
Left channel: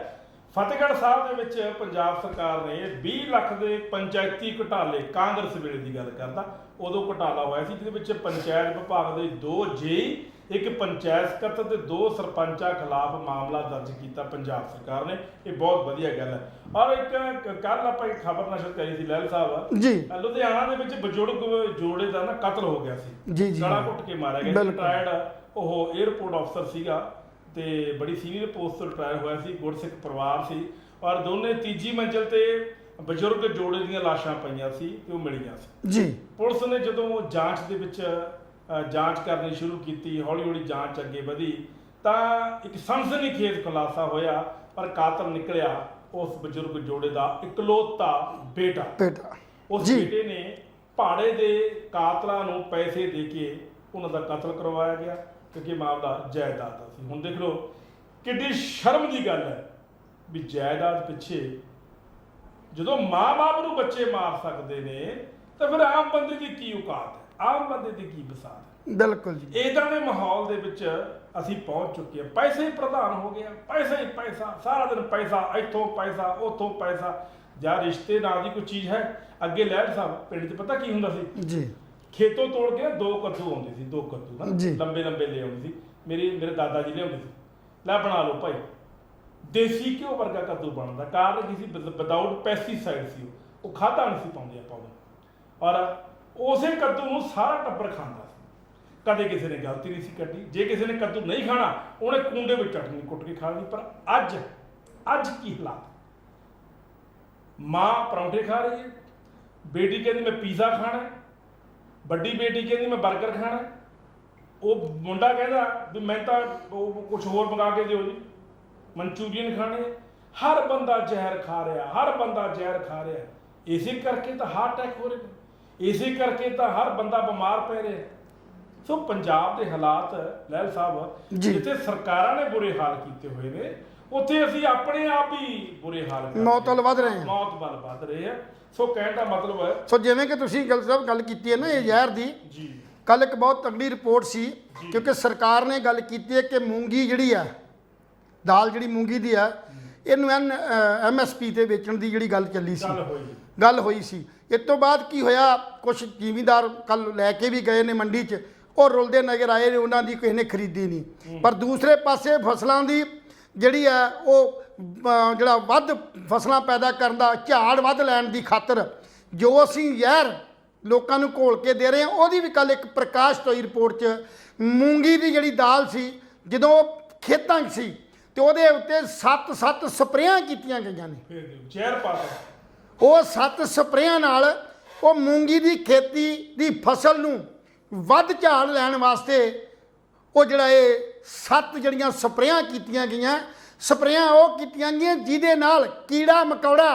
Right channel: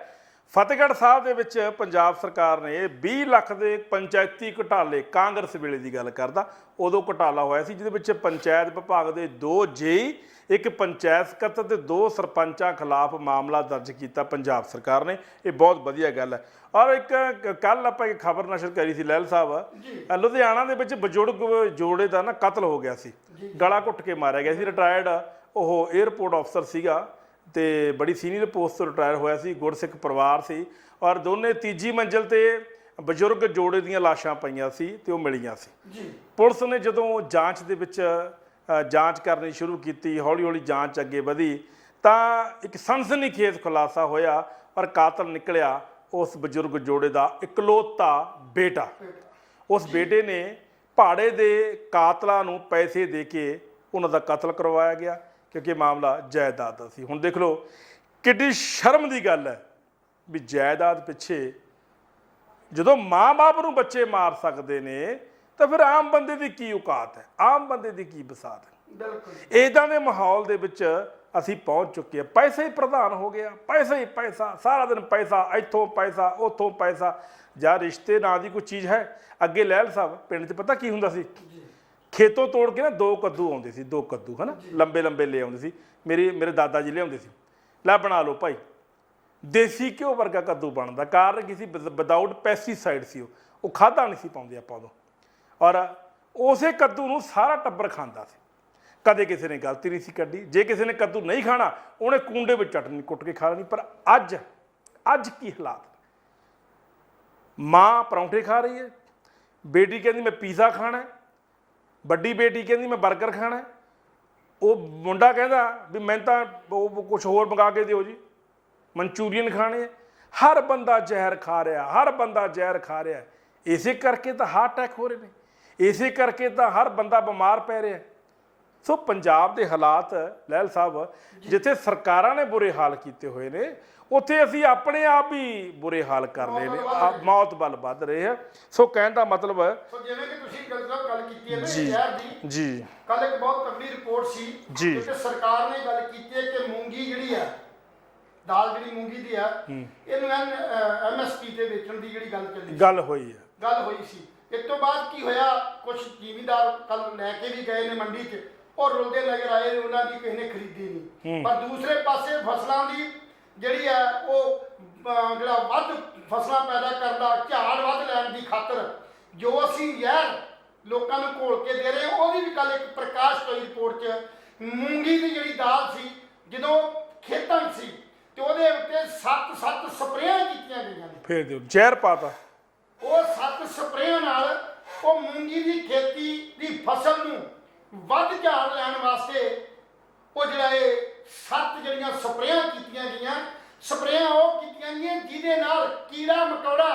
ਫਤਿਹਗੜ੍ਹ ਸਾਹਿਬ ਦੇ ਵਿੱਚ ਪੰਜਾਬ ਸਰਕਾਰ ਨੇ 20 ਲੱਖ ਦੇ ਪੰਚਾਇਤੀ ਘੁਟਾਲੇ, ਕਾਂਗਰਸ ਵੇਲੇ ਦੀ ਗੱਲ ਕਰਦਾ, ਉਦੋਂ ਘੁਟਾਲਾ ਹੋਇਆ ਸੀ ਜਿਹਦੇ ਵਿੱਚ ਪੰਚਾਇਤ ਵਿਭਾਗ ਦੇ 2 ਜੇਈ, ਇੱਕ ਪੰਚਾਇਤ ਸਕੱਤਰ ਤੇ 2 ਸਰਪੰਚਾਂ ਖਿਲਾਫ ਮਾਮਲਾ ਦਰਜ ਕੀਤਾ ਪੰਜਾਬ ਸਰਕਾਰ ਨੇ। ਇਹ ਬਹੁਤ ਵਧੀਆ ਗੱਲ ਹੈ। ਔਰ ਇੱਕ ਕੱਲ ਆਪਾਂ ਇੱਕ ਖਬਰ ਨਸ਼ਰ ਕਰੀ ਸੀ ਲਹਿਲ ਸਾਹਿਬ ਜੀ, ਲੁਧਿਆਣਾ ਦੇ ਵਿੱਚ ਬਜ਼ੁਰਗ ਜੋੜੇ ਦਾ ਨਾ ਕਤਲ ਹੋ ਗਿਆ ਸੀ, ਜੀ ਜੀ, ਗਲਾ ਘੁੱਟ ਕੇ ਮਾਰਿਆ ਗਿਆ ਸੀ। ਰਿਟਾਇਰਡ ਉਹ 에ਅਰਪੋਰਟ ਅਫਸਰ ਸੀਗਾ ਤੇ ਬੜੀ ਸੀਨੀਅਰ ਪੋਸਟ ਤੋਂ ਰਿਟਾਇਰ ਹੋਇਆ ਸੀ, ਗੁਰਸਿੱਖ ਪਰਿਵਾਰ ਸੀ ਔਰ ਦੋਨੇ ਤੀਜੀ ਮੰਜ਼ਿਲ ਤੇ ਬਜ਼ੁਰਗ ਜੋੜੇ ਦੀਆਂ ਲਾਸ਼ਾਂ ਪਈਆਂ ਸੀ ਤੇ ਉਹ ਮਿਲੀਆਂ ਸੀ ਜੀ। ਪੁਲਿਸ ਨੇ ਜਦੋਂ ਜਾਂਚ ਦੇ ਵਿੱਚ ਜਾਂਚ ਕਰਨੀ ਸ਼ੁਰੂ ਕੀਤੀ, ਹੌਲੀ ਹੌਲੀ ਜਾਂਚ ਅੱਗੇ ਵਧੀ ਤਾਂ ਇੱਕ ਸਨਸਨੀਖੇਜ਼ ਖੁਲਾਸਾ ਹੋਇਆ ਔਰ ਕਾਤਲ ਨਿਕਲਿਆ ਉਸ ਬਜ਼ੁਰਗ ਜੋੜੇ ਦਾ ਇਕਲੌਤਾ ਬੇਟਾ। ਉਸ ਬੇਟੇ ਨੇ ਭਾੜੇ ਦੇ ਕਾਤਲਾਂ ਨੂੰ ਪੈਸੇ ਦੇ ਕੇ ਉਹਨਾਂ ਦਾ ਕਤਲ ਕਰਵਾਇਆ ਗਿਆ ਕਿਉਂਕਿ ਮਾਮਲਾ ਜਾਇਦਾਦ ਦਾ ਸੀ। ਹੁਣ ਦੇਖ ਲਓ ਕਿੱਡੀ ਸ਼ਰਮ ਦੀ ਗੱਲ ਹੈ ਵੀ ਜਾਇਦਾਦ ਪਿੱਛੇ ਜਦੋਂ ਮਾਂ-ਬਾਪ ਨੂੰ ਬੱਚੇ ਮਾਰ ਸਕਦੇ ਨੇ ਤਾਂ ਫਿਰ ਆਮ ਬੰਦੇ ਦੀ ਕੀ ਔਕਾਤ ਹੈ, ਆਮ ਬੰਦੇ ਦੀ ਕੀ ਬਸਾਤ ਹੈ। ਬਿਲਕੁਲ ਇਦਾਂ ਦੇ ਮਾਹੌਲ ਦੇ ਵਿੱਚ ਅਸੀਂ ਪਹੁੰਚ ਚੁੱਕੇ ਹਾਂ। ਪੈਸਾ ਹੀ ਪ੍ਰਧਾਨ ਹੋ ਗਿਆ, ਪੈਸਾ ਹੀ ਪੈਸਾ, ਸਾਰਾ ਦਿਨ ਪੈਸਾ, ਇੱਥੋਂ ਪੈਸਾ ਉੱਥੋਂ ਪੈਸਾ। ਜਾਂ ਰਿਸ਼ਤੇ ਨਾਂ ਦੀ ਕੋਈ ਚੀਜ਼ ਹੈ। ਅੱਗੇ ਲਹਿਲ ਸਾਹਿਬ ਪਿੰਡ 'ਚ ਪਤਾ ਕੀ ਹੁੰਦਾ ਸੀ ਜੀ, ਖੇਤੋਂ ਤੋੜ ਕੇ ਨਾ 2 ਕੱਦੂ ਆਉਂਦੇ ਸੀ, 2 ਕੱਦੂ ਹਨਾ ਲੰਬੇ ਲੰਬੇ ਲੈ ਆਉਂਦੇ ਸੀ। ਮੇਰੇ ਦਾਦਾ ਜੀ ਲਿਆਉਂਦੇ ਸੀ, ਲੈ ਬਣਾ ਲਓ ਭਾਈ। ਦੇਸੀ ਘਿਓ ਵਰਗਾ ਕੱਦੂ ਬਣਦਾ, ਕਾਰਨ ਕੀ ਸੀ, ਵਿਦਾਊਟ ਪੈਸਟੀਸਾਈਡ ਸੀ। ਉਹ ਖਾਧਾ ਨਹੀਂ ਸੀ ਪਾਉਂਦੇ ਆਪਾਂ ਉਦੋਂ ਔਰ ਉਸੇ ਕੱਦੂ ਨੂੰ ਸਾਰਾ ਟੱਬਰ ਖਾਂਦਾ ਸੀ। ਕਦੇ ਕਿਸੇ ਨੇ ਗਲਤੀ ਨਹੀਂ ਸੀ ਕੱਢੀ। ਜੇ ਕਿਸੇ ਨੇ ਕੱਦੂ ਨਹੀਂ ਖਾਣਾ ਉਹਨੇ ਕੂੰਡੇ ਵਿੱਚ ਚਟਨੀ ਕੁੱਟ ਕੇ ਖਾ ਲੈਣੀ। ਪਰ ਅੱਜ ਕੀ ਹਾਲਾਤ, ਮਾਂ ਪਰੌਂਠੇ ਖਾ ਰਹੀ ਹੈ, ਬੇਟੀ ਕਹਿੰਦੀ ਮੈਂ ਪੀਜ਼ਾ ਖਾਣਾ, ਵੱਡੀ ਬੇਟੀ ਕਹਿੰਦੀ ਮੈਂ 버ਗਰ ਖਾਣਾ, ਉਹ ਮੁੰਡਾ ਕਹਿੰਦਾ ਵੀ ਮੈਂ ਤਾਂ ਉਹ ਕੁਝ ਹੋਰ ਮੰਗਾ ਕੇ ਦਿਓ ਜੀ, ਮਨਚੂਰੀਅਨ ਖਾਣੇ। ਹਰ ਬੰਦਾ ਜ਼ਹਿਰ ਖਾ ਰਿਹਾ, ਹਰ ਬੰਦਾ ਜ਼ਹਿਰ ਖਾ ਰਿਹਾ। ਇਸੇ ਕਰਕੇ ਤਾਂ ਹਾਰਟ ਅਟੈਕ ਹੋ ਰਹੇ ਨੇ, ਇਸੇ ਕਰਕੇ ਤਾਂ ਹਰ ਬੰਦਾ ਬਿਮਾਰ ਪੈ ਰਿਹਾ। ਸੋ ਪੰਜਾਬ ਦੇ ਹਾਲਾਤ ਲਹਿਲ ਸਾਹਿਬ, ਜਿੱਥੇ ਸਰਕਾਰਾਂ ਨੇ ਬੁਰੇ ਹਾਲ ਕੀਤੇ ਹੋਏ ਨੇ ਉੱਥੇ ਅਸੀਂ ਆਪਣੇ ਆਪ ਹੀ ਬੁਰੇ ਹਾਲ ਕਰ ਰਹੇ ਹਾਂ, ਮੌਤ ਵੱਲ ਵੱਧ ਰਹੇ ਆ। ਸੋ ਕਹਿਣ ਦਾ ਮਤਲਬ ਹੈ, ਸੋ ਜਿਵੇਂ ਕਿ ਤੁਸੀਂ ਗੱਲ ਕੀਤੀ ਹੈ ਨਾ ਇਹ ਜ਼ਹਿਰ ਦੀ, ਜੀ ਕੱਲ ਇੱਕ ਬਹੁਤ ਤਕੜੀ ਰਿਪੋਰਟ ਸੀ ਕਿਉਂਕਿ ਸਰਕਾਰ ਨੇ ਗੱਲ ਕੀਤੀ ਹੈ ਕਿ ਮੂੰਗੀ ਜਿਹੜੀ ਆ, ਦਾਲ ਜਿਹੜੀ ਮੂੰਗੀ ਦੀ ਆ, ਇਹਨੂੰ MSP ਤੇ ਵੇਚਣ ਦੀ ਜਿਹੜੀ ਗੱਲ ਚੱਲੀ ਸੀ, ਗੱਲ ਹੋਈ ਸੀ। ਇਸ ਤੋਂ ਬਾਅਦ ਕੀ ਹੋਇਆ, ਕੁਝ ਜ਼ਿਮੀਂਦਾਰ ਕੱਲ ਲੈ ਕੇ ਵੀ ਗਏ ਨੇ ਮੰਡੀ 'ਚ, ਉਹ ਰੁਲਦੇ ਨਜ਼ਰ ਆਏ ਨੇ, ਉਹਨਾਂ ਦੀ ਕਿਸੇ ਨੇ ਖਰੀਦੀ ਨਹੀਂ। ਪਰ ਦੂਸਰੇ ਪਾਸੇ ਫਸਲਾਂ ਦੀ ਜਿਹੜੀ ਆ ਉਹ ਜਿਹੜਾ ਵੱਧ ਫਸਲਾਂ ਪੈਦਾ ਕਰਨ ਦਾ, ਝਾੜ ਵੱਧ ਲੈਣ ਦੀ ਖਾਤਰ ਜੋ ਅਸੀਂ ਜ਼ਹਿਰ ਲੋਕਾਂ ਨੂੰ ਘੋਲ ਕੇ ਦੇ ਰਹੇ ਹਾਂ, ਉਹਦੀ ਵੀ ਕੱਲ ਇੱਕ ਪ੍ਰਕਾਸ਼ਿਤ ਹੋਈ ਰਿਪੋਰਟ 'ਚ। ਮੂੰਗੀ ਦੀ ਜਿਹੜੀ ਦਾਲ ਸੀ ਜਦੋਂ ਖੇਤਾਂ 'ਚ ਸੀ ਤੇ ਉਹਦੇ ਉੱਤੇ 7 ਸਪਰੇਆਂ ਕੀਤੀਆਂ ਗਈਆਂ ਨੇ, ਫੇਰ ਦਿਓ ਜ਼ਹਿਰ ਪਾਤਾ। ਉਹ 7 ਸਪਰੇਆਂ ਨਾਲ ਉਹ ਮੂੰਗੀ ਦੀ ਖੇਤੀ ਦੀ ਫਸਲ ਨੂੰ ਵੱਧ ਝਾੜ ਲੈਣ ਵਾਸਤੇ ਉਹ ਜਿਹੜਾ ਇਹ 7 ਜਿਹੜੀਆਂ ਸਪਰੇਆਂ ਕੀਤੀਆਂ ਗਈਆਂ, ਸਪਰੇਆਂ ਉਹ ਕੀਤੀਆਂ ਗਈਆਂ ਜਿਹਦੇ ਨਾਲ ਕੀੜਾ ਮਕੌੜਾ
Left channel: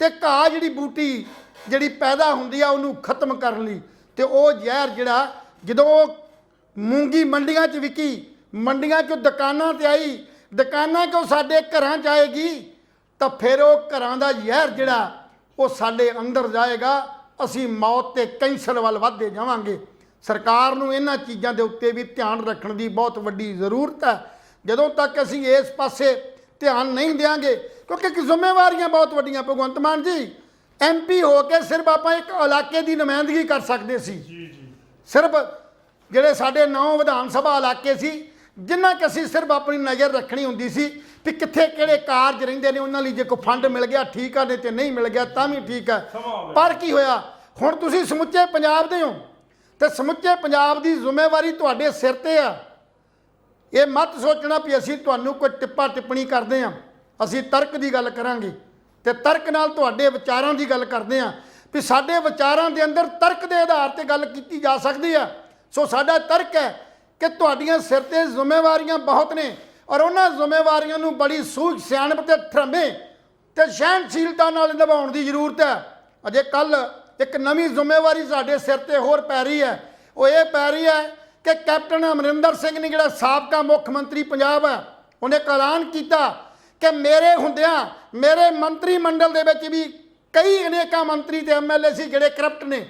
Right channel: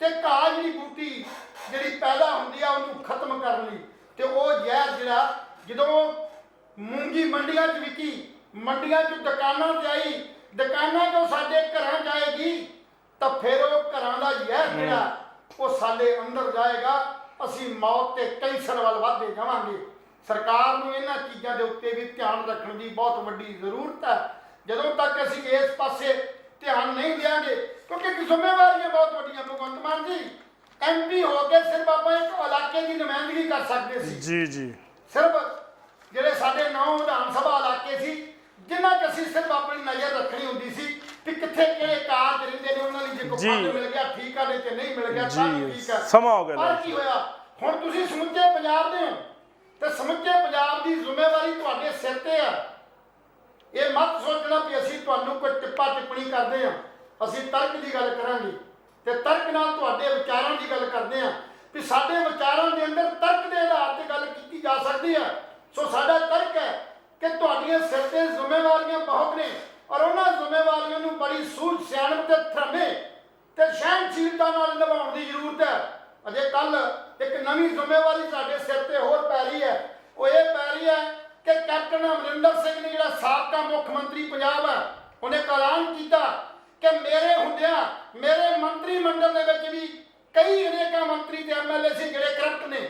ਤੇ ਘਾਹ ਜਿਹੜੀ ਬੂਟੀ ਜਿਹੜੀ ਪੈਦਾ ਹੁੰਦੀ ਆ ਉਹਨੂੰ ਖਤਮ ਕਰਨ ਲਈ। ਤੇ ਉਹ ਜ਼ਹਿਰ ਜਿਹੜਾ ਜਦੋਂ ਮੂੰਗੀ ਮੰਡੀਆਂ 'ਚ ਵਿਕੀ, ਮੰਡੀਆਂ 'ਚੋਂ ਦੁਕਾਨਾਂ ਤੇ ਆਈ, ਦੁਕਾਨਾਂ 'ਚੋਂ ਸਾਡੇ ਘਰਾਂ 'ਚ ਆਏਗੀ, ਤਾਂ ਫਿਰ ਉਹ ਘਰਾਂ ਦਾ ਜ਼ਹਿਰ ਜਿਹੜਾ ਉਹ ਸਾਡੇ ਅੰਦਰ ਜਾਏਗਾ। ਅਸੀਂ ਮੌਤ ਤੇ ਕੈਂਸਰ ਵੱਲ ਵੱਧਦੇ ਜਾਵਾਂਗੇ। ਸਰਕਾਰ ਨੂੰ ਇਹਨਾਂ ਚੀਜ਼ਾਂ ਦੇ ਉੱਤੇ ਵੀ ਧਿਆਨ ਰੱਖਣ ਦੀ ਬਹੁਤ ਵੱਡੀ ਜ਼ਰੂਰਤ ਹੈ। ਜਦੋਂ ਤੱਕ ਅਸੀਂ ਇਸ ਪਾਸੇ ਧਿਆਨ ਨਹੀਂ ਦੇਵਾਂਗੇ, ਕਿਉਂਕਿ ਜ਼ਿੰਮੇਵਾਰੀਆਂ ਬਹੁਤ ਵੱਡੀਆਂ। ਭਗਵੰਤ ਮਾਨ ਜੀ MP ਹੋ ਕੇ ਸਿਰਫ ਆਪਾਂ ਇੱਕ ਇਲਾਕੇ ਦੀ ਨੁਮਾਇੰਦਗੀ ਕਰ ਸਕਦੇ ਸੀ, ਜੀ ਸਿਰਫ ਜਿਹੜੇ ਸਾਡੇ 9 ਵਿਧਾਨ ਸਭਾ ਇਲਾਕੇ ਸੀ, ਜਿੰਨਾ ਕਿ ਅਸੀਂ ਸਿਰਫ ਆਪਣੀ ਨਜ਼ਰ ਰੱਖਣੀ ਹੁੰਦੀ ਸੀ ਕਿ ਕਿੱਥੇ ਕਿਹੜੇ ਕਾਰਜ ਰਹਿੰਦੇ ਨੇ, ਉਹਨਾਂ ਲਈ ਜੇ ਕੋਈ ਫੰਡ ਮਿਲ ਗਿਆ ਠੀਕ ਆ, ਨਹੀਂ ਤੇ ਨਹੀਂ ਮਿਲ ਗਿਆ ਤਾਂ ਵੀ ਠੀਕ ਆ। ਪਰ ਕੀ ਹੋਇਆ, ਹੁਣ ਤੁਸੀਂ ਸਮੁੱਚੇ ਪੰਜਾਬ ਦੇ ਹੋ ਤੇ ਸਮੁੱਚੇ ਪੰਜਾਬ ਦੀ ਜ਼ਿੰਮੇਵਾਰੀ ਤੁਹਾਡੇ ਸਿਰ ਤੇ ਆ। ਇਹ ਮਤ ਸੋਚਣਾ ਵੀ ਅਸੀਂ ਤੁਹਾਨੂੰ ਕੋਈ ਟਿੱਪਾ ਟਿੱਪਣੀ ਕਰਦੇ ਹਾਂ। ਅਸੀਂ ਤਰਕ ਦੀ ਗੱਲ ਕਰਾਂਗੇ ਤੇ ਤਰਕ ਨਾਲ ਤੁਹਾਡੇ ਵਿਚਾਰਾਂ ਦੀ ਗੱਲ ਕਰਦੇ ਹਾਂ ਵੀ ਸਾਡੇ ਵਿਚਾਰਾਂ ਦੇ ਅੰਦਰ ਤਰਕ ਦੇ ਆਧਾਰ ਤੇ ਗੱਲ ਕੀਤੀ ਜਾ ਸਕਦੀ ਆ। ਸੋ ਸਾਡਾ ਤਰਕ ਹੈ ਕਿ ਤੁਹਾਡੀਆਂ ਸਿਰ ਤੇ ਜ਼ਿੰਮੇਵਾਰੀਆਂ ਬਹੁਤ ਨੇ ਔਰ ਉਹਨਾਂ ਜ਼ਿੰਮੇਵਾਰੀਆਂ ਨੂੰ ਬੜੀ ਸੂਝ ਸਿਆਣਪ ਤੇ ਥਰਮੇ ਤੇ ਸਹਿਣਸ਼ੀਲਤਾ ਨਾਲ ਨਿਭਾਉਣ ਦੀ ਜ਼ਰੂਰਤ ਹੈ। ਅਜੇ ਕੱਲ ਇੱਕ ਨਵੀਂ ਜ਼ਿੰਮੇਵਾਰੀ ਸਾਡੇ ਸਿਰ ਤੇ ਹੋਰ ਪੈ ਰਹੀ ਹੈ। ਉਹ ਇਹ ਪੈ ਰਹੀ ਹੈ ਕਿ ਕੈਪਟਨ ਅਮਰਿੰਦਰ ਸਿੰਘ ਨੇ, ਜਿਹੜਾ ਸਾਬਕਾ ਮੁੱਖ ਮੰਤਰੀ ਪੰਜਾਬ ਹੈ, ਉਹਨੇ ਐਲਾਨ ਕੀਤਾ ਕਿ ਮੇਰੇ ਹੁੰਦਿਆਂ ਮੇਰੇ ਮੰਤਰੀ ਮੰਡਲ ਦੇ ਵਿੱਚ ਵੀ ਕਈ ਅਨੇਕਾਂ ਮੰਤਰੀ ਤੇ MLA ਸੀ ਜਿਹੜੇ ਕਰਪਟ ਨੇ,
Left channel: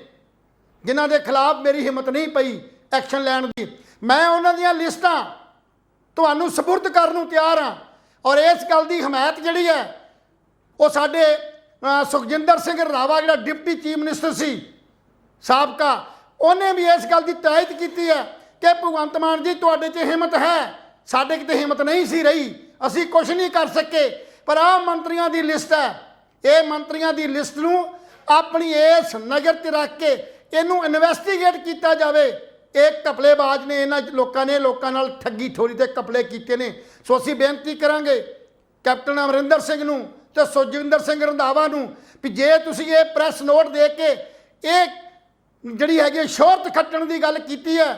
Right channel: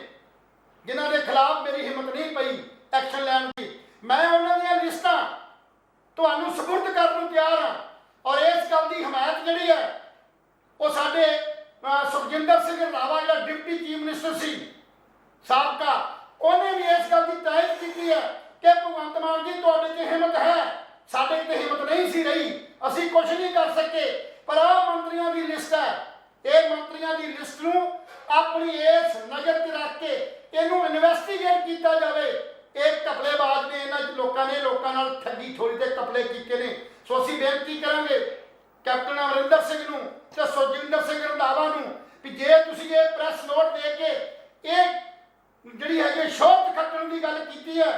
ਜਿਨ੍ਹਾਂ ਦੇ ਖਿਲਾਫ ਮੇਰੀ ਹਿੰਮਤ ਨਹੀਂ ਪਈ ਐਕਸ਼ਨ ਲੈਣ ਦੀ। ਮੈਂ ਉਹਨਾਂ ਦੀਆਂ ਲਿਸਟਾਂ ਤੁਹਾਨੂੰ ਸਪੁਰਦ ਕਰਨ ਨੂੰ ਤਿਆਰ ਹਾਂ। ਔਰ ਇਸ ਗੱਲ ਦੀ ਹਮਾਇਤ ਜਿਹੜੀ ਹੈ ਉਹ ਸਾਡੇ ਸੁਖਜਿੰਦਰ ਸਿੰਘ ਰੰਧਾਵਾ, ਜਿਹੜਾ ਡਿਪਟੀ ਚੀਫ ਮਿਨਿਸਟਰ ਸੀ ਸਾਬਕਾ, ਉਹਨੇ ਵੀ ਇਸ ਗੱਲ ਦੀ ਤਾਇਦ ਕੀਤੀ ਹੈ ਕਿ ਭਗਵੰਤ ਮਾਨ ਜੀ ਤੁਹਾਡੇ 'ਚ ਹਿੰਮਤ ਹੈ, ਸਾਡੇ 'ਚ ਹਿੰਮਤ ਨਹੀਂ ਸੀ ਰਹੀ, ਅਸੀਂ ਕੁਝ ਨਹੀਂ ਕਰ ਸਕੇ। ਪਰ ਆਹ ਮੰਤਰੀਆਂ ਦੀ ਲਿਸਟ ਹੈ, ਇਹ ਮੰਤਰੀਆਂ ਦੀ ਲਿਸਟ ਨੂੰ ਆਪਣੀ ਇਸ ਨਜ਼ਰ 'ਤੇ ਰੱਖ ਕੇ ਇਹਨੂੰ ਇਨਵੈਸਟੀਗੇਟ ਕੀਤਾ ਜਾਵੇ। ਇਹ ਘਪਲੇਬਾਜ਼ ਨੇ, ਇਹਨਾਂ ਲੋਕਾਂ ਨੇ ਲੋਕਾਂ ਨਾਲ ਠੱਗੀ ਠੋਰੀ ਤੇ ਘਪਲੇ ਕੀਤੇ ਨੇ। ਸੋ ਅਸੀਂ ਬੇਨਤੀ ਕਰਾਂਗੇ ਕੈਪਟਨ ਅਮਰਿੰਦਰ ਸਿੰਘ ਨੂੰ ਤੇ ਸੁਖਜਿੰਦਰ ਸਿੰਘ ਰੰਧਾਵਾ ਨੂੰ ਵੀ ਜੇ ਤੁਸੀਂ ਇਹ ਪ੍ਰੈਸ ਨੋਟ ਦੇ ਕੇ ਇਹ ਜਿਹੜੀ ਹੈਗੀ ਸ਼ੋਹਰਤ ਖੱਟਣ ਦੀ ਗੱਲ ਕੀਤੀ ਹੈ